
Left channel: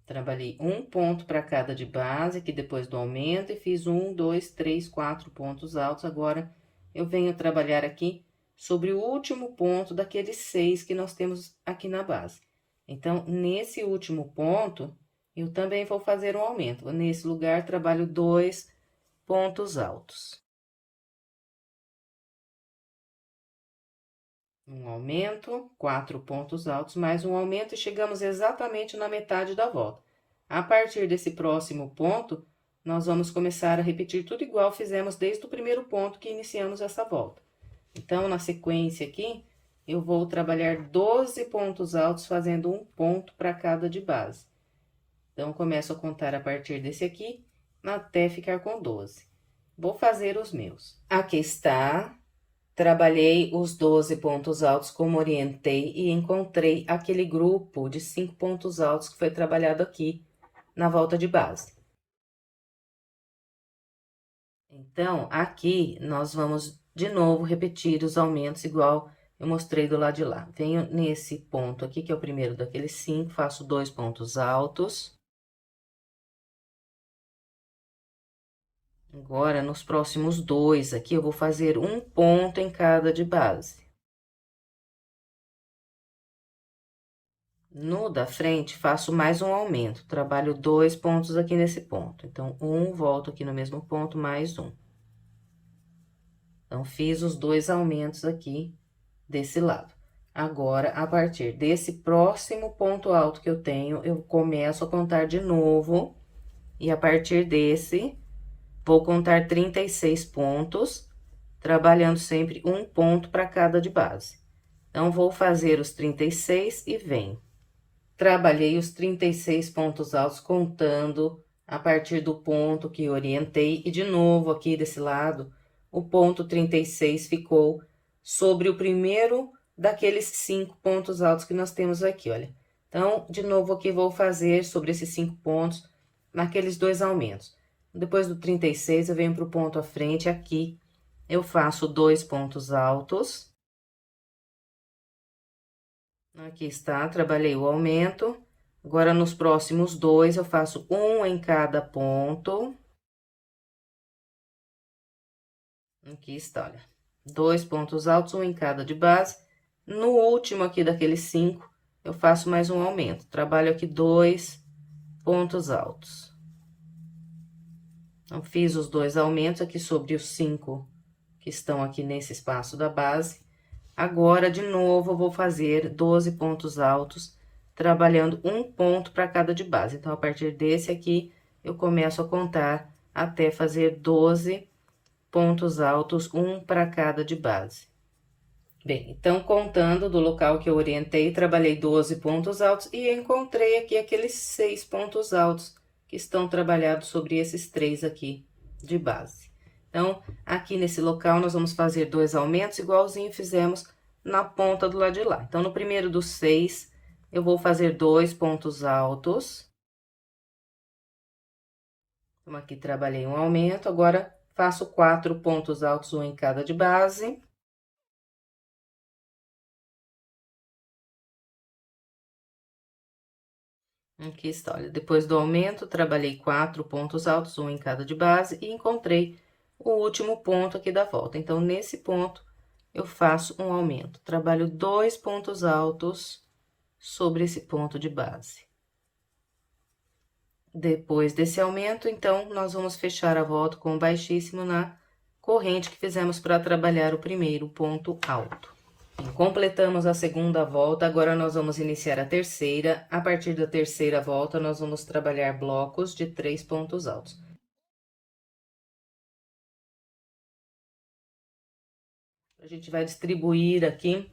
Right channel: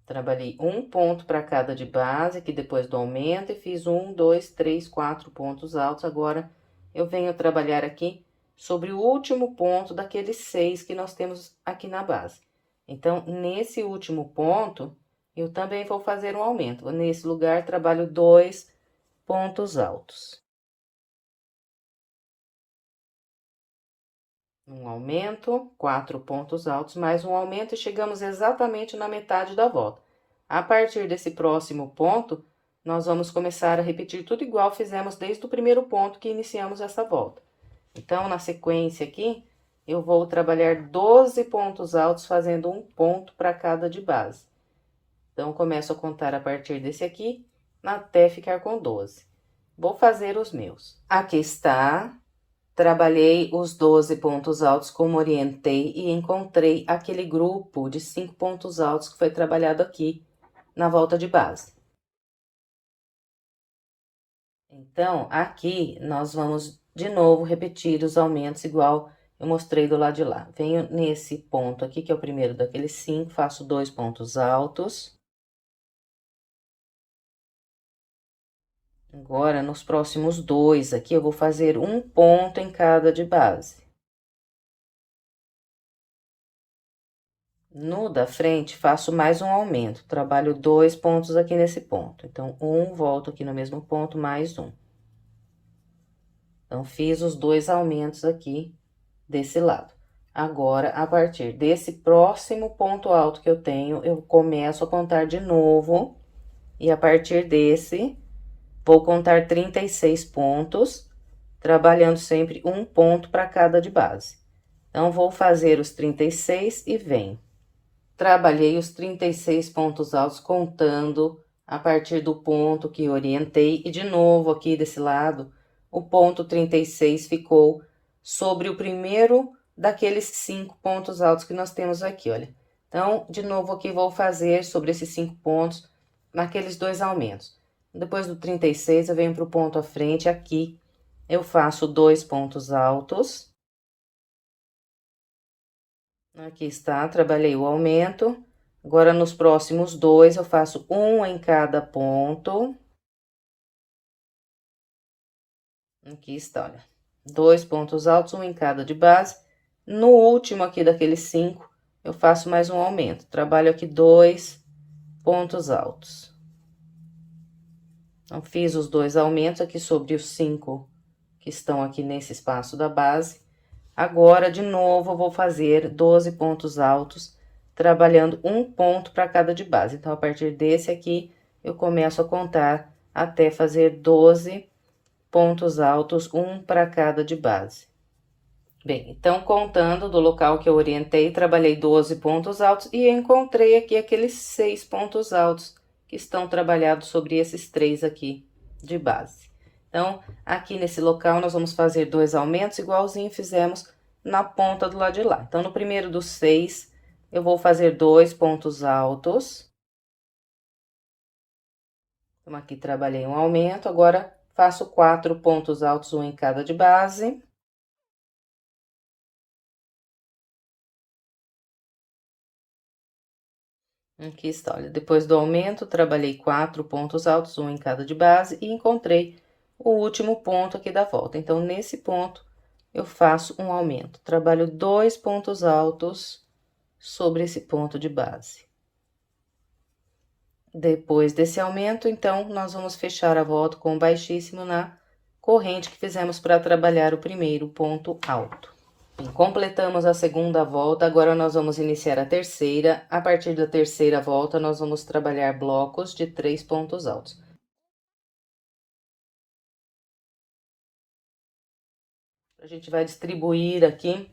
Trabalhei um ponto para cada de base, aqui depois do aumento, e fiz 1, 2, 3, 4 pontos altos. Agora, eu venho trabalhar aqui sobre o último ponto daqueles 6 que nós temos aqui na base. Então, nesse último ponto, eu também vou fazer um aumento. Nesse lugar, trabalho 2 pontos altos. Um aumento, 4 pontos altos, mais um aumento, e chegamos exatamente na metade da volta. A partir desse próximo ponto, nós vamos começar a repetir tudo igual fizemos desde o primeiro ponto que iniciamos essa volta. Então, na sequência aqui, eu vou trabalhar 12 pontos altos, fazendo um ponto para cada de base. Então, começo a contar a partir desse aqui, até ficar com 12. Vou fazer os meus. Aqui está. Trabalhei os 12 pontos altos como orientei e encontrei aquele grupo de 5 pontos altos que foi trabalhado aqui na volta de base. Então, aqui nós vamos de novo repetir os aumentos igual eu mostrei do lado de lá. Venho nesse ponto aqui, que é o primeiro daqueles 5, faço 2 pontos altos. Agora, nos próximos 2 aqui, eu vou fazer um ponto em cada de base. No da frente, faço mais um aumento, trabalho 2 pontos aqui nesse ponto. Então, volto aqui no mesmo ponto, mais um. Então, fiz os 2 aumentos aqui desse lado. Agora, a partir desse próximo ponto alto que eu tenho, eu começo a contar de novo. E a partir desse, vou contar 36 pontos, trabalhando sempre um ponto para cada de base. Então, vou fazer os 36 e venho. Trabalhei os 36 pontos altos, contando a partir do ponto que orientei, e de novo aqui desse lado, o ponto 36 ficou sobre o primeiro daqueles 5 pontos altos que nós temos aqui, olha. Então, de novo aqui, vou fazer sobre esses 5 pontos, naqueles 2 aumentos. Depois do 36, eu venho para o ponto à frente, aqui, eu faço 2 pontos altos. Aqui está, trabalhei o aumento. Agora, nos próximos 2, eu faço um em cada ponto. Aqui está, olha. 2 pontos altos, um em cada de base. No último aqui daqueles 5, eu faço mais um aumento. Trabalho aqui 2 pontos altos. Então, fiz os 2 aumentos aqui sobre os 5 que estão aqui nesse espaço da base. Agora, de novo, eu vou fazer 12 pontos altos, trabalhando um ponto para cada de base. Então, a partir desse aqui, eu começo a contar até fazer 12 pontos altos, um para cada de base. Bem, então, contando do local que eu orientei, trabalhei 12 pontos altos e encontrei aqui aqueles 6 pontos altos que estão trabalhados sobre esses 3 aqui de base. Então, aqui nesse local, nós vamos fazer 2 aumentos, igualzinho fizemos na ponta do lado de lá. Então, no primeiro dos 6, eu vou fazer 2 pontos altos. Então, aqui trabalhei um aumento, agora faço 4 pontos altos, um em cada de base. Aqui está, olha, depois do aumento, trabalhei 4 pontos altos, um em cada de base, e encontrei o último ponto aqui da volta. Então, nesse ponto, eu faço um aumento. Trabalho 2 pontos altos sobre esse ponto de base. Depois desse aumento, então, nós vamos fechar a volta com o baixíssimo na corrente que fizemos para trabalhar o primeiro ponto alto. Bem, completamos a segunda volta, agora nós vamos iniciar a terceira. A partir da terceira volta, nós vamos trabalhar blocos de 3 pontos altos. A gente vai distribuir aqui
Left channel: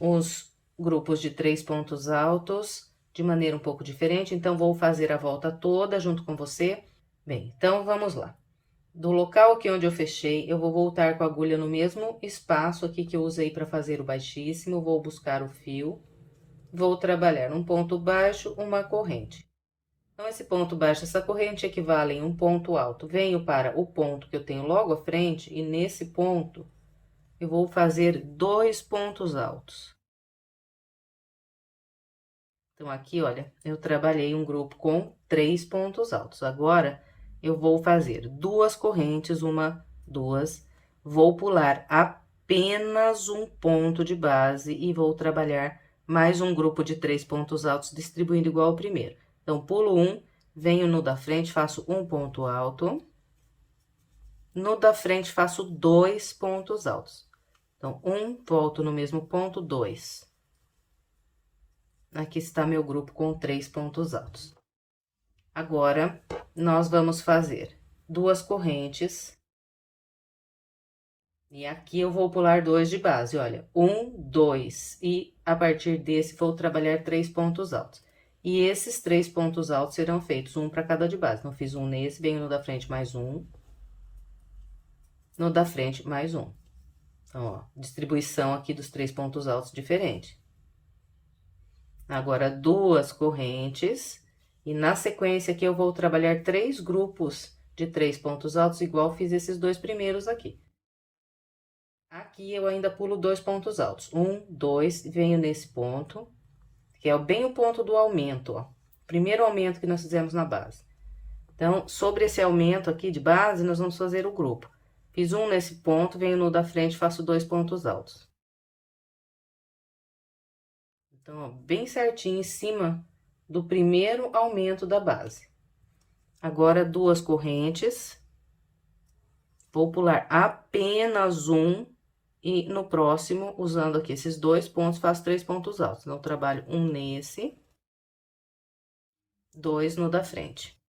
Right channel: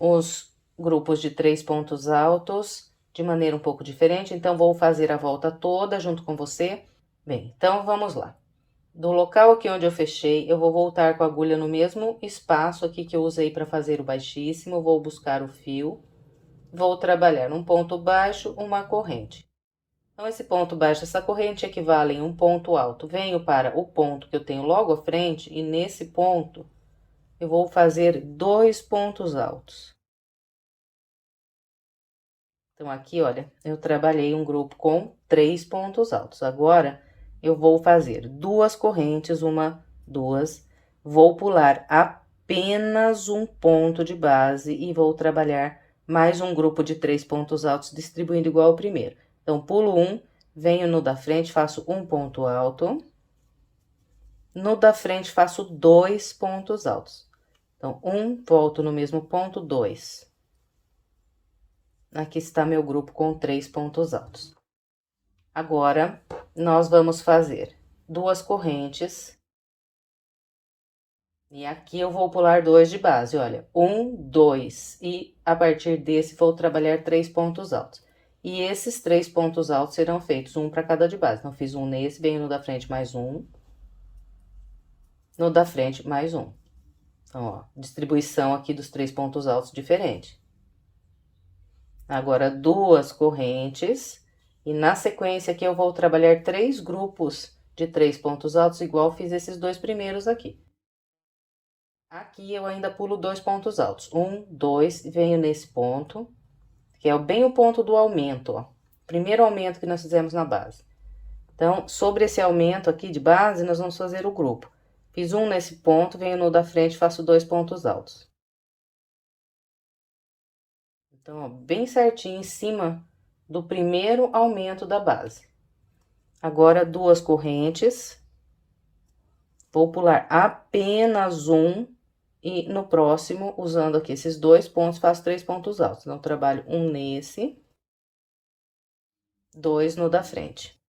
os grupos de 3 pontos altos de maneira um pouco diferente, então, vou fazer a volta toda junto com você. Bem, então, vamos lá. Do local aqui onde eu fechei, eu vou voltar com a agulha no mesmo espaço aqui que eu usei para fazer o baixíssimo, vou buscar o fio, vou trabalhar um ponto baixo, uma corrente. Então, esse ponto baixo, essa corrente equivalem a um ponto alto. Venho para o ponto que eu tenho logo à frente e nesse ponto eu vou fazer 2 pontos altos. Então, aqui, olha, eu trabalhei um grupo com 3 pontos altos. Agora, eu vou fazer 2 correntes, 1, 2, vou pular apenas um ponto de base e vou trabalhar mais um grupo de 3 pontos altos, distribuindo igual ao primeiro. Então, pulo 1, venho no da frente, faço um ponto alto. No da frente, faço 2 pontos altos. Então, 1, volto no mesmo ponto, 2. Aqui está meu grupo com 3 pontos altos. Agora, nós vamos fazer 2 correntes. E aqui eu vou pular 2 de base, olha, 1, 2. E a partir desse, vou trabalhar 3 pontos altos. E esses 3 pontos altos serão feitos um para cada de base. Então, fiz um nesse, venho no da frente mais um. No da frente mais um. Então, ó, distribuição aqui dos 3 pontos altos diferente. Agora, 2 correntes, e na sequência aqui eu vou trabalhar 3 grupos de 3 pontos altos, igual fiz esses 2 primeiros aqui. Aqui eu ainda pulo 2 pontos altos, 1, 2, venho nesse ponto, que é bem o ponto do aumento, ó. Primeiro aumento que nós fizemos na base. Então, sobre esse aumento aqui de base, nós vamos fazer o grupo. Fiz um nesse ponto, venho no da frente, faço 2 pontos altos. Então, ó, bem certinho em cima do primeiro aumento da base. Agora, 2 correntes. Vou pular apenas um e no próximo, usando aqui esses 2 pontos, faço 3 pontos altos. Então, trabalho um nesse, 2 no da frente.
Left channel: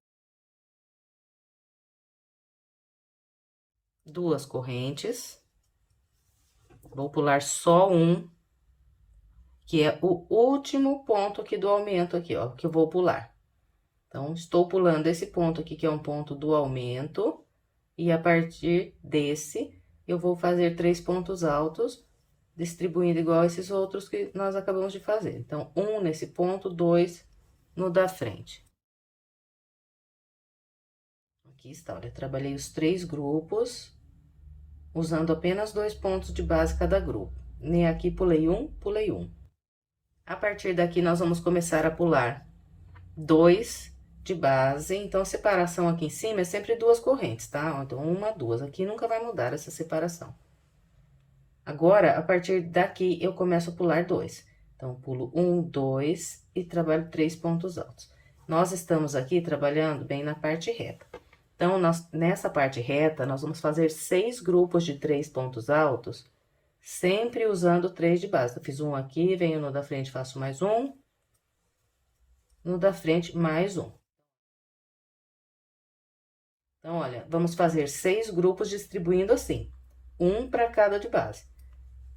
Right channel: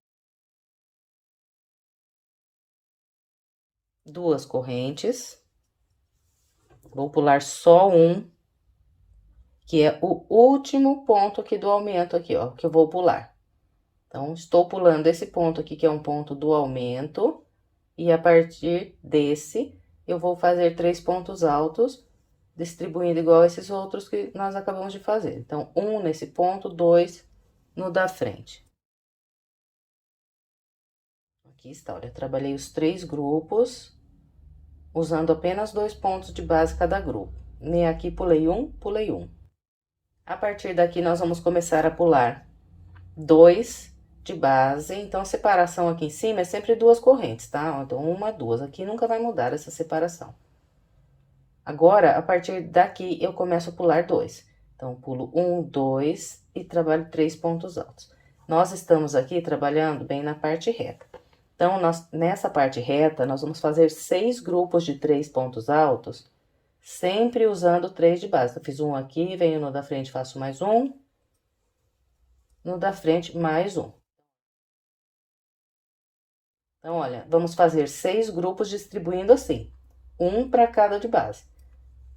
2 correntes. Vou pular só um, que é o último ponto aqui do aumento aqui, ó, que eu vou pular. Então, estou pulando esse ponto aqui, que é um ponto do aumento, e a partir desse, eu vou fazer 3 pontos altos, distribuindo igual esses outros que nós acabamos de fazer. Então, um nesse ponto, 2 no da frente. Aqui está, olha, trabalhei os 3 grupos, usando apenas 2 pontos de base cada grupo. Nem aqui pulei um, pulei um. A partir daqui, nós vamos começar a pular 2 de base. Então, a separação aqui em cima é sempre 2 correntes, tá? Então, 1, 2. Aqui nunca vai mudar essa separação. Agora, a partir daqui, eu começo a pular 2. Então, pulo 1, 2 e trabalho 3 pontos altos. Nós estamos aqui trabalhando bem na parte reta. Então, nessa parte reta, nós vamos fazer 6 grupos de 3 pontos altos, sempre usando 3 de base. Eu fiz um aqui, venho no da frente, faço mais um. No da frente, mais um. Então, olha, vamos fazer 6 grupos distribuindo assim, um para cada de base.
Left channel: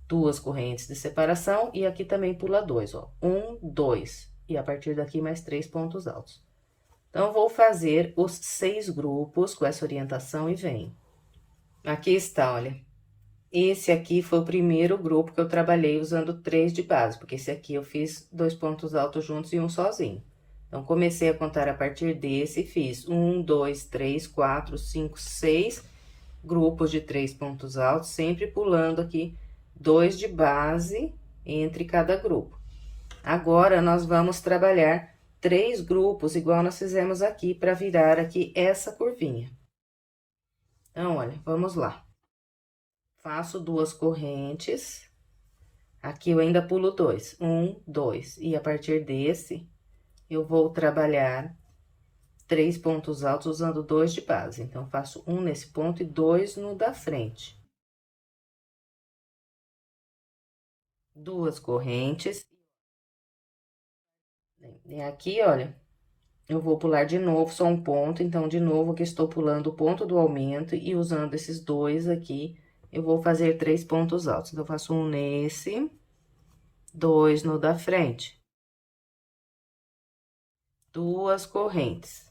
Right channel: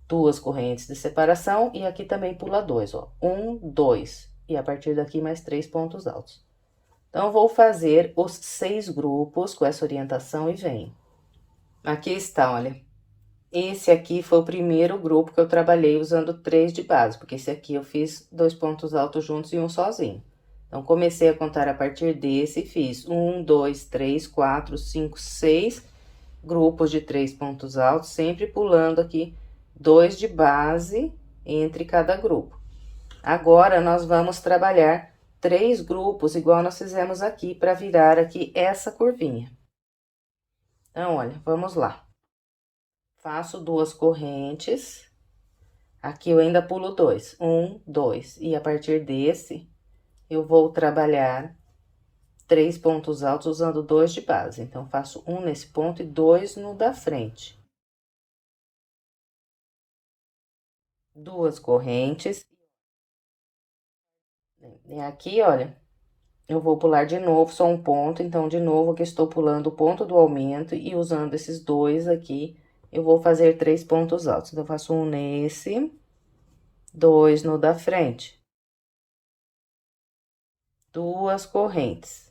2 correntes de separação e aqui também pula 2, ó. 1, 2. E a partir daqui, mais 3 pontos altos. Então, eu vou fazer os 6 grupos com essa orientação e venho. Aqui está, olha. Esse aqui foi o primeiro grupo que eu trabalhei usando 3 de base, porque esse aqui eu fiz 2 pontos altos juntos e um sozinho. Então, comecei a contar a partir desse e fiz 1, 2, 3, 4, 5, 6 grupos de 3 pontos altos, sempre pulando aqui 2 de base entre cada grupo. Agora, nós vamos trabalhar 3 grupos, igual nós fizemos aqui, para virar aqui essa curvinha. Então, olha, vamos lá. Faço 2 correntes. Aqui eu ainda pulo 2. 1, 2. E a partir desse, eu vou trabalhar 3 pontos altos usando 2 de base. Então, faço um nesse ponto e 2 no da frente. 2 correntes. E aqui, olha, eu vou pular de novo só um ponto, então, de novo, aqui estou pulando o ponto do aumento e usando esses 2 aqui, eu vou fazer 3 pontos altos. Então, faço um nesse, 2 no da frente. 2 correntes.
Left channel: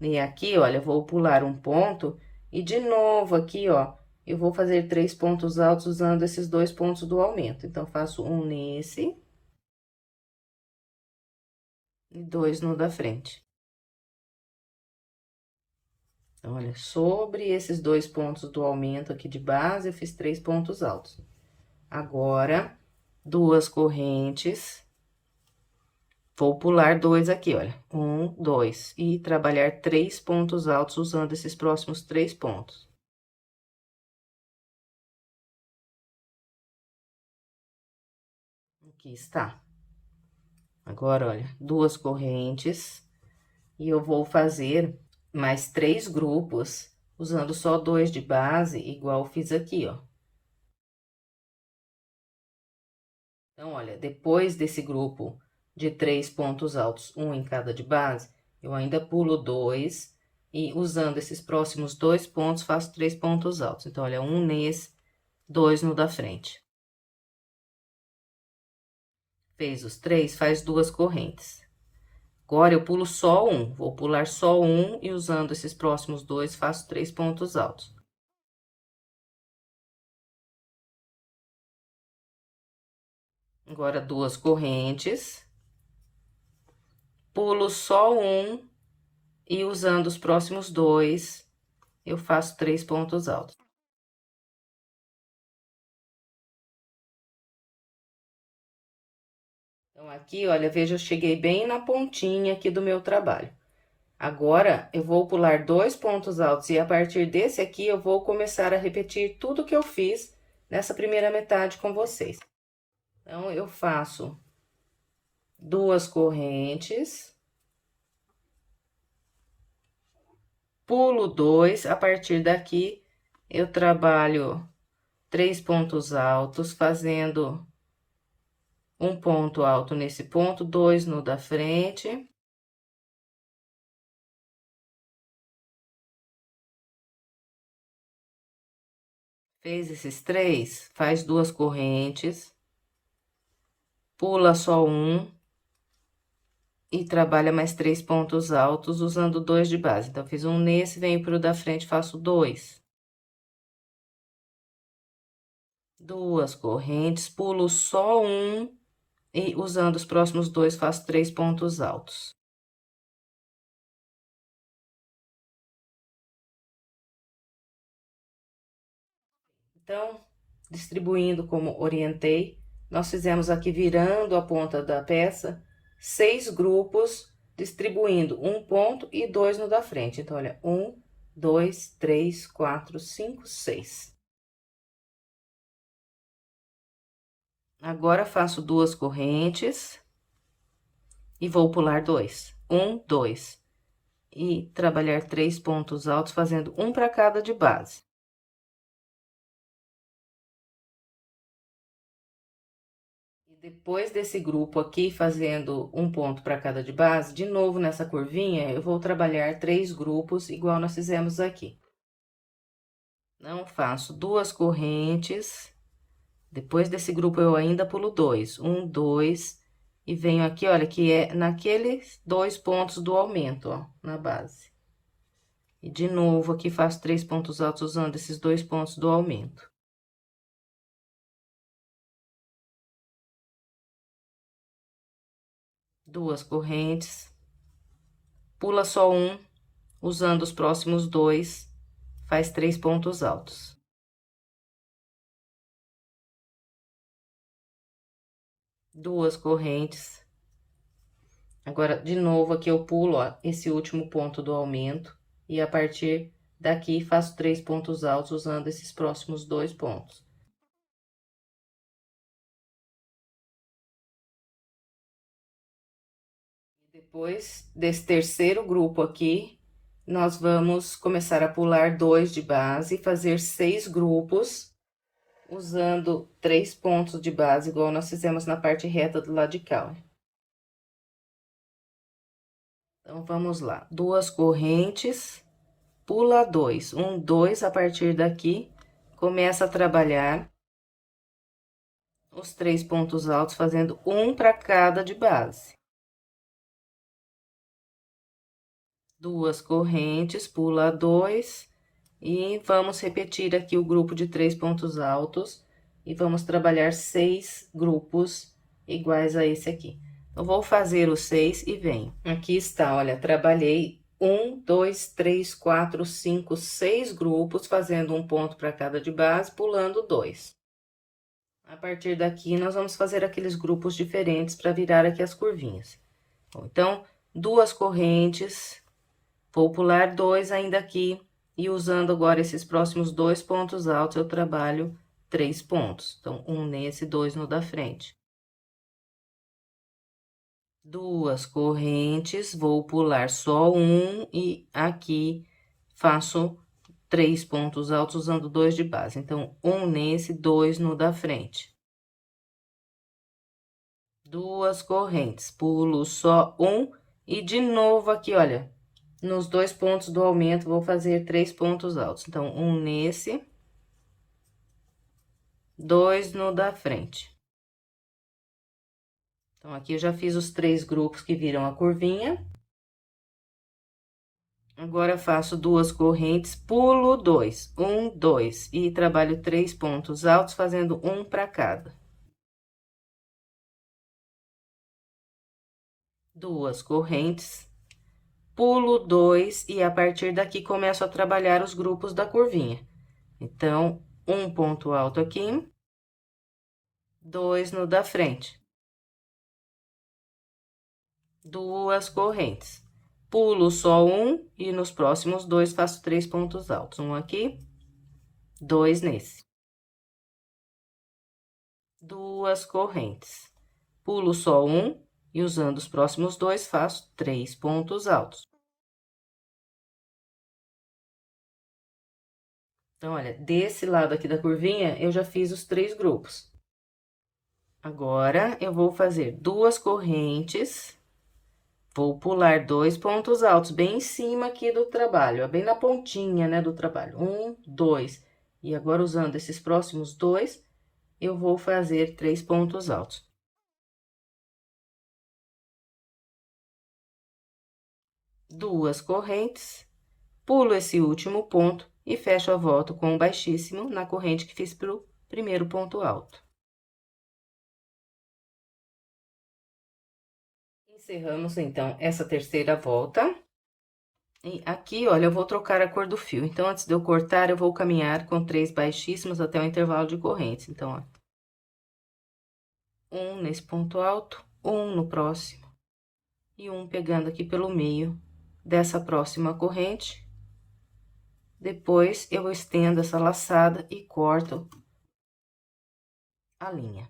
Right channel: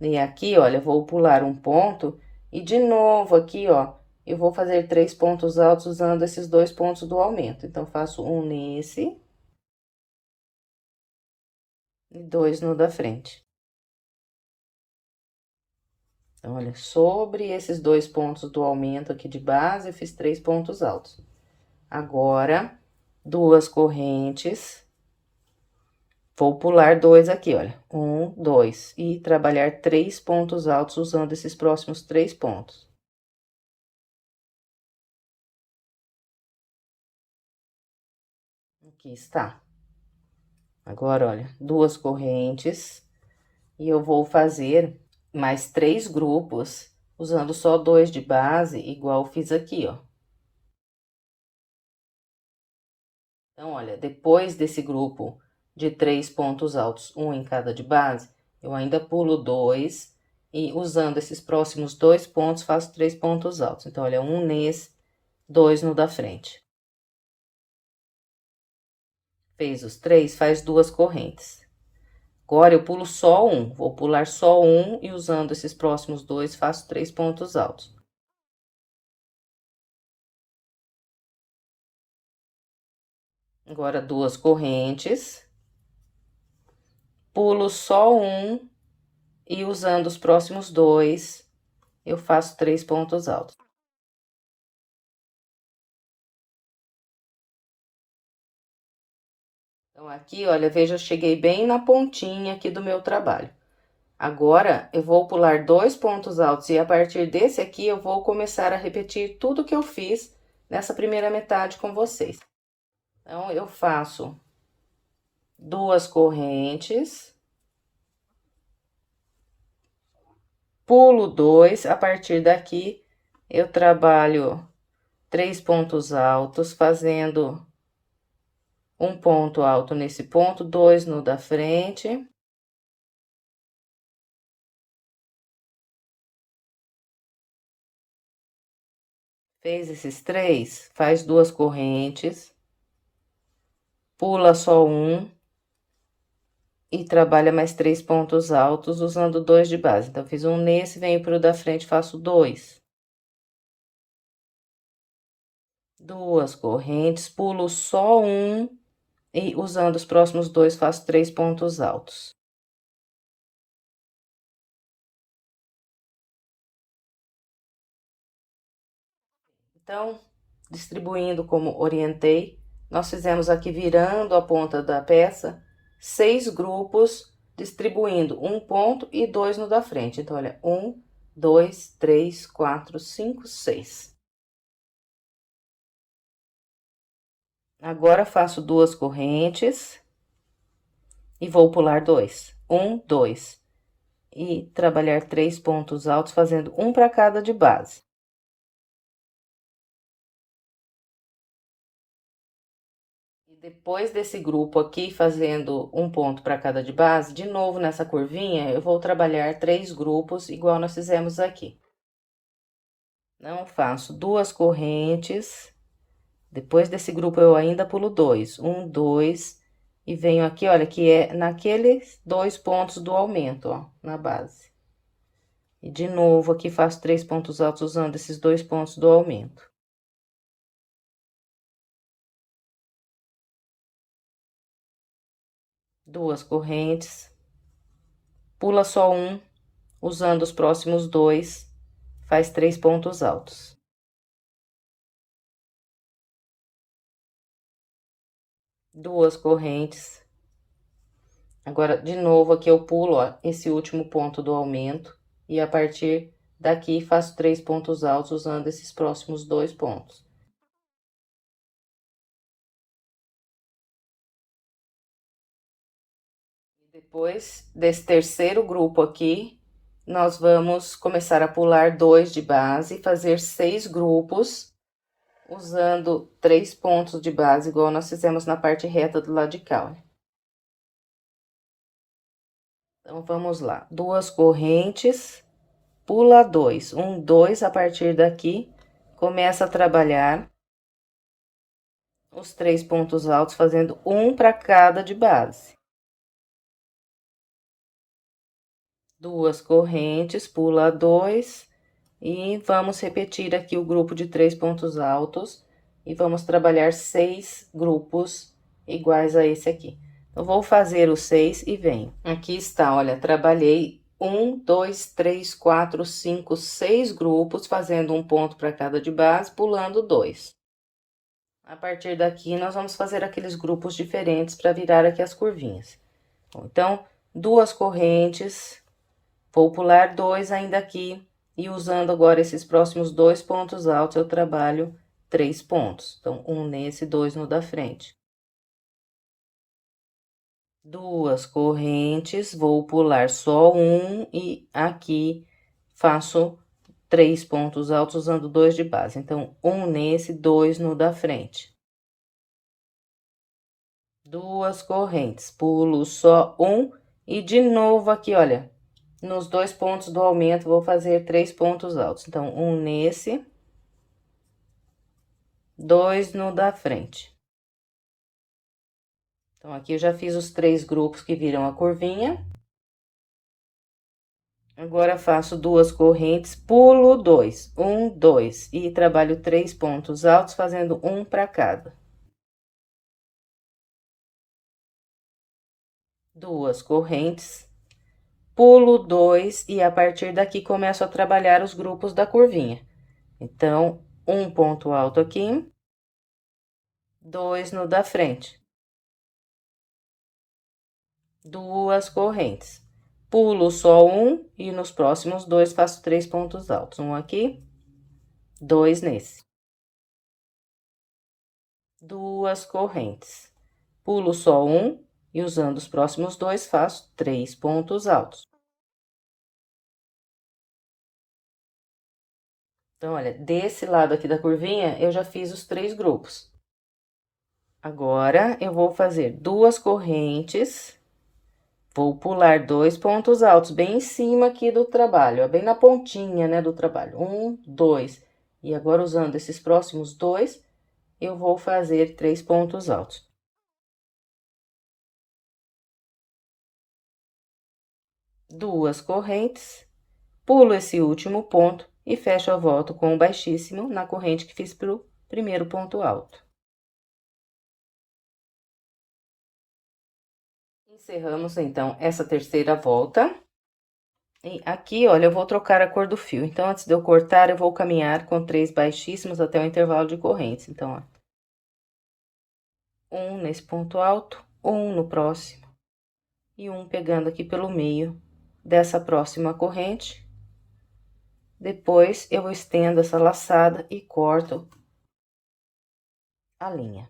E aqui, olha, eu vou pular um ponto e de novo aqui, ó, eu vou fazer 3 pontos altos usando esses 2 pontos do aumento. Então, faço um nesse e 2 no da frente. Então, olha, sobre esses 2 pontos do aumento aqui de base, eu fiz 3 pontos altos. Agora, 2 correntes. Vou pular 2 aqui, olha, 1, 2, e trabalhar 3 pontos altos usando esses próximos 3 pontos. Aqui está. Agora, olha, 2 correntes, e eu vou fazer mais 3 grupos, usando só 2 de base, igual eu fiz aqui, ó. Então, olha, depois desse grupo de 3 pontos altos, um em cada de base, eu ainda pulo 2, e usando esses próximos 2 pontos, faço 3 pontos altos. Então, olha, um nesse, 2 no da frente. Fez os 3, faz 2 correntes. Agora, eu pulo só um, vou pular só um e usando esses próximos 2, faço 3 pontos altos. Agora, 2 correntes. Pulo só um e usando os próximos 2, eu faço 3 pontos altos. Então, aqui, olha, veja, eu cheguei bem na pontinha aqui do meu trabalho. Agora, eu vou pular 2 pontos altos e a partir desse aqui, eu vou começar a repetir tudo que eu fiz nessa primeira metade com vocês. Então, eu faço 2 correntes, pulo 2, a partir daqui, eu trabalho 3 pontos altos, fazendo um ponto alto nesse ponto, 2 no da frente. Fez esses 3, faz 2 correntes, pula só um e trabalha mais 3 pontos altos usando 2 de base. Então, fiz um nesse, venho pro da frente, faço 2. 2 correntes, pulo só um e usando os próximos 2, faço 3 pontos altos. Então, distribuindo como orientei, nós fizemos aqui virando a ponta da peça 6 grupos, distribuindo um ponto e 2 no da frente. Então, olha, 1, 2, 3, 4, 5, 6. Agora, faço 2 correntes e vou pular 2. 1, 2. E trabalhar 3 pontos altos, fazendo um para cada de base. Depois desse grupo aqui, fazendo um ponto para cada de base, de novo nessa curvinha, eu vou trabalhar 3 grupos, igual nós fizemos aqui. Não faço 2 correntes, depois desse grupo eu ainda pulo 2, 1, 2, e venho aqui, olha, que é naqueles 2 pontos do aumento, ó, na base. E de novo, aqui faço 3 pontos altos usando esses 2 pontos do aumento. Duas correntes, pula só um, usando os próximos 2, faz 3 pontos altos. Duas correntes. Agora, de novo, aqui eu pulo, ó, esse último ponto do aumento, e a partir daqui faço 3 pontos altos usando esses próximos 2 pontos. Depois desse terceiro grupo aqui, nós vamos começar a pular 2 de base e fazer 6 grupos, usando 3 pontos de base, igual nós fizemos na parte reta do lado de cá, ó. Então, vamos lá. 2 correntes, pula 2. 1, 2, a partir daqui, começa a trabalhar os 3 pontos altos, fazendo um para cada de base. 2 correntes, pula 2, e vamos repetir aqui o grupo de 3 pontos altos, e vamos trabalhar 6 grupos iguais a esse aqui. Eu vou fazer os 6 e venho. Aqui está, olha, trabalhei 1, 2, 3, 4, 5, 6 grupos, fazendo um ponto para cada de base, pulando 2. A partir daqui, nós vamos fazer aqueles grupos diferentes para virar aqui as curvinhas. Bom, então, 2 correntes, vou pular 2 ainda aqui, e usando agora esses próximos 2 pontos altos, eu trabalho 3 pontos. Então, um nesse, 2 no da frente. 2 correntes, vou pular só um, e aqui faço 3 pontos altos usando 2 de base. Então, um nesse, 2 no da frente. 2 correntes, pulo só um, e de novo aqui, olha, nos 2 pontos do aumento, vou fazer 3 pontos altos. Então, um nesse, 2 no da frente. Então, aqui eu já fiz os 3 grupos que viram a curvinha. Agora, faço 2 correntes, pulo 2, 1, 2, e trabalho 3 pontos altos, fazendo um para cada. 2 correntes, pulo 2, e a partir daqui começo a trabalhar os grupos da curvinha. Então, um ponto alto aqui, 2 no da frente. 2 correntes. Pulo só um, e nos próximos 2 faço 3 pontos altos. Um aqui, 2 nesse. 2 correntes. Pulo só um, e usando os próximos 2, faço 3 pontos altos. Então, olha, desse lado aqui da curvinha, eu já fiz os 3 grupos. Agora, eu vou fazer 2 correntes, vou pular 2 pontos altos, bem em cima aqui do trabalho, ó, bem na pontinha, né, do trabalho. 1, 2. E agora, usando esses próximos 2, eu vou fazer 3 pontos altos. 2 correntes, pulo esse último ponto e fecho a volta com um baixíssimo na corrente que fiz pro primeiro ponto alto. Encerramos, então, essa terceira volta. E aqui, olha, eu vou trocar a cor do fio. Então, antes de eu cortar, eu vou caminhar com 3 baixíssimos até o intervalo de correntes. Então, ó, um nesse ponto alto, um no próximo, e um pegando aqui pelo meio dessa próxima corrente. Depois, eu estendo essa laçada e corto a linha.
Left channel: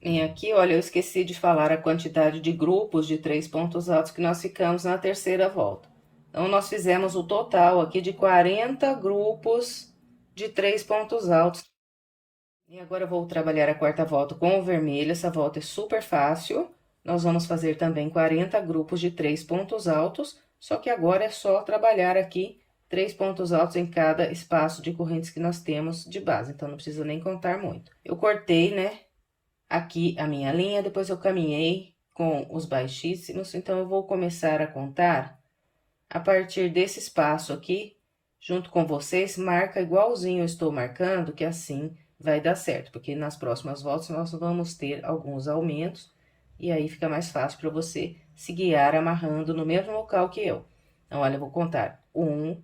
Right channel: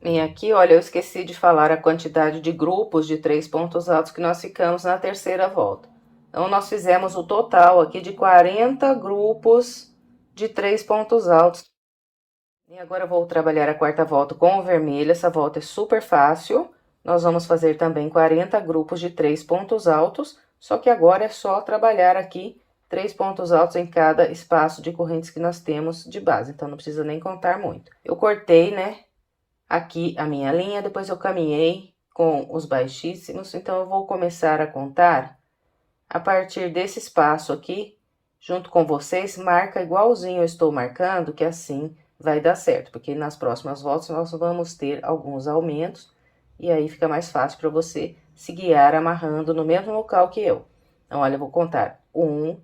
E aqui, olha, eu esqueci de falar a quantidade de grupos de 3 pontos altos que nós ficamos na terceira volta. Então, nós fizemos o total aqui de 40 grupos de 3 pontos altos. E agora, eu vou trabalhar a quarta volta com o vermelho. Essa volta é super fácil. Nós vamos fazer também 40 grupos de 3 pontos altos, só que agora é só trabalhar aqui 3 pontos altos em cada espaço de correntes que nós temos de base. Então, não precisa nem contar muito. Eu cortei, né, aqui a minha linha, depois eu caminhei com os baixíssimos. Então, eu vou começar a contar a partir desse espaço aqui, junto com vocês, marca igualzinho eu estou marcando, que assim vai dar certo, porque nas próximas voltas nós vamos ter alguns aumentos, e aí fica mais fácil para você se guiar amarrando no mesmo local que eu. Então, olha, eu vou contar: 1,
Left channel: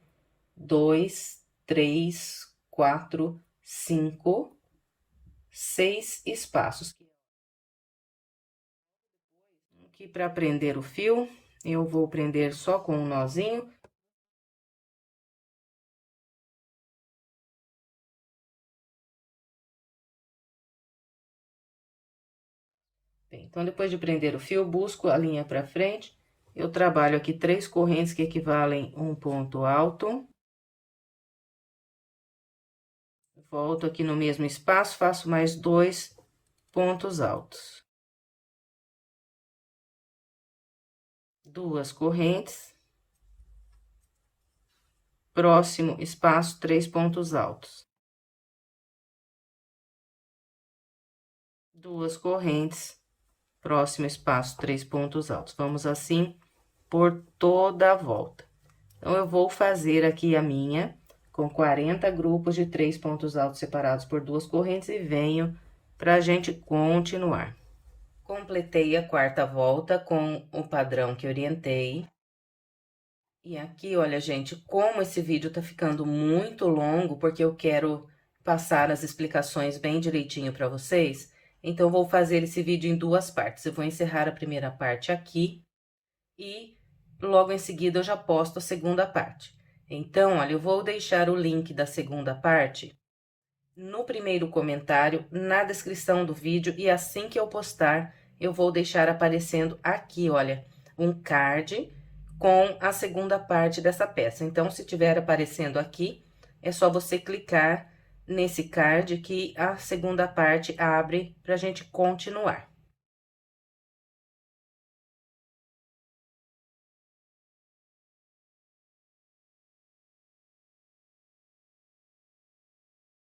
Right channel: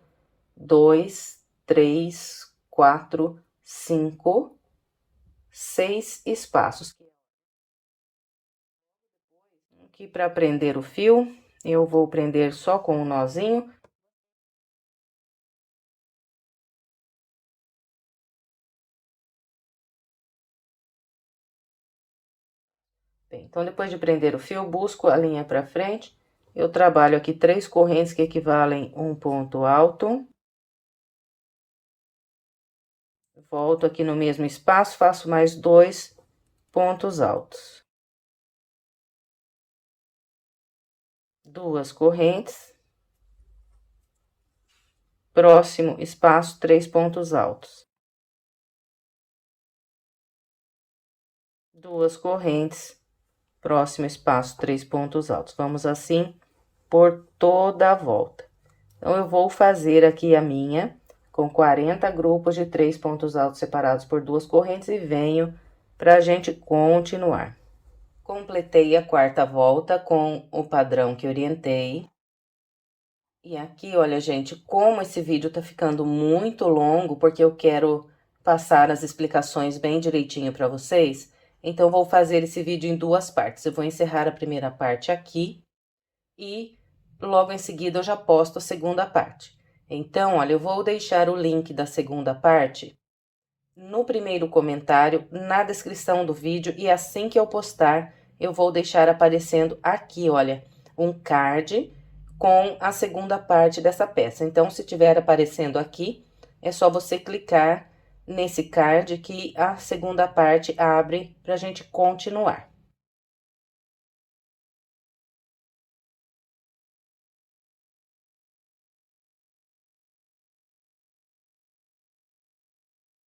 2, 3, 4, 5, 6 espaços. Aqui, para prender o fio, eu vou prender só com um nozinho. Bem, então, depois de prender o fio, busco a linha pra frente. Eu trabalho aqui 3 correntes que equivalem um ponto alto. Volto aqui no mesmo espaço, faço mais 2 pontos altos. 2 correntes. Próximo espaço, 3 pontos altos. 2 correntes. Próximo espaço, 3 pontos altos. Vamos assim por toda a volta. Então, eu vou fazer aqui a minha com 40 grupos de 3 pontos altos separados por 2 correntes e venho pra gente continuar. Completei a 4ª volta com o padrão que orientei. E aqui, olha, gente, como esse vídeo tá ficando muito longo, porque eu quero passar as explicações bem direitinho pra vocês, então, vou fazer esse vídeo em 2 partes. Eu vou encerrar a primeira parte aqui e logo em seguida eu já posto a segunda parte. Então, olha, eu vou deixar o link da segunda parte no primeiro comentário, na descrição do vídeo, e assim que eu postar, eu vou deixar aparecendo aqui, olha, um card com a segunda parte dessa peça. Então, se tiver aparecendo aqui, é só você clicar nesse card que a segunda parte abre pra gente continuar.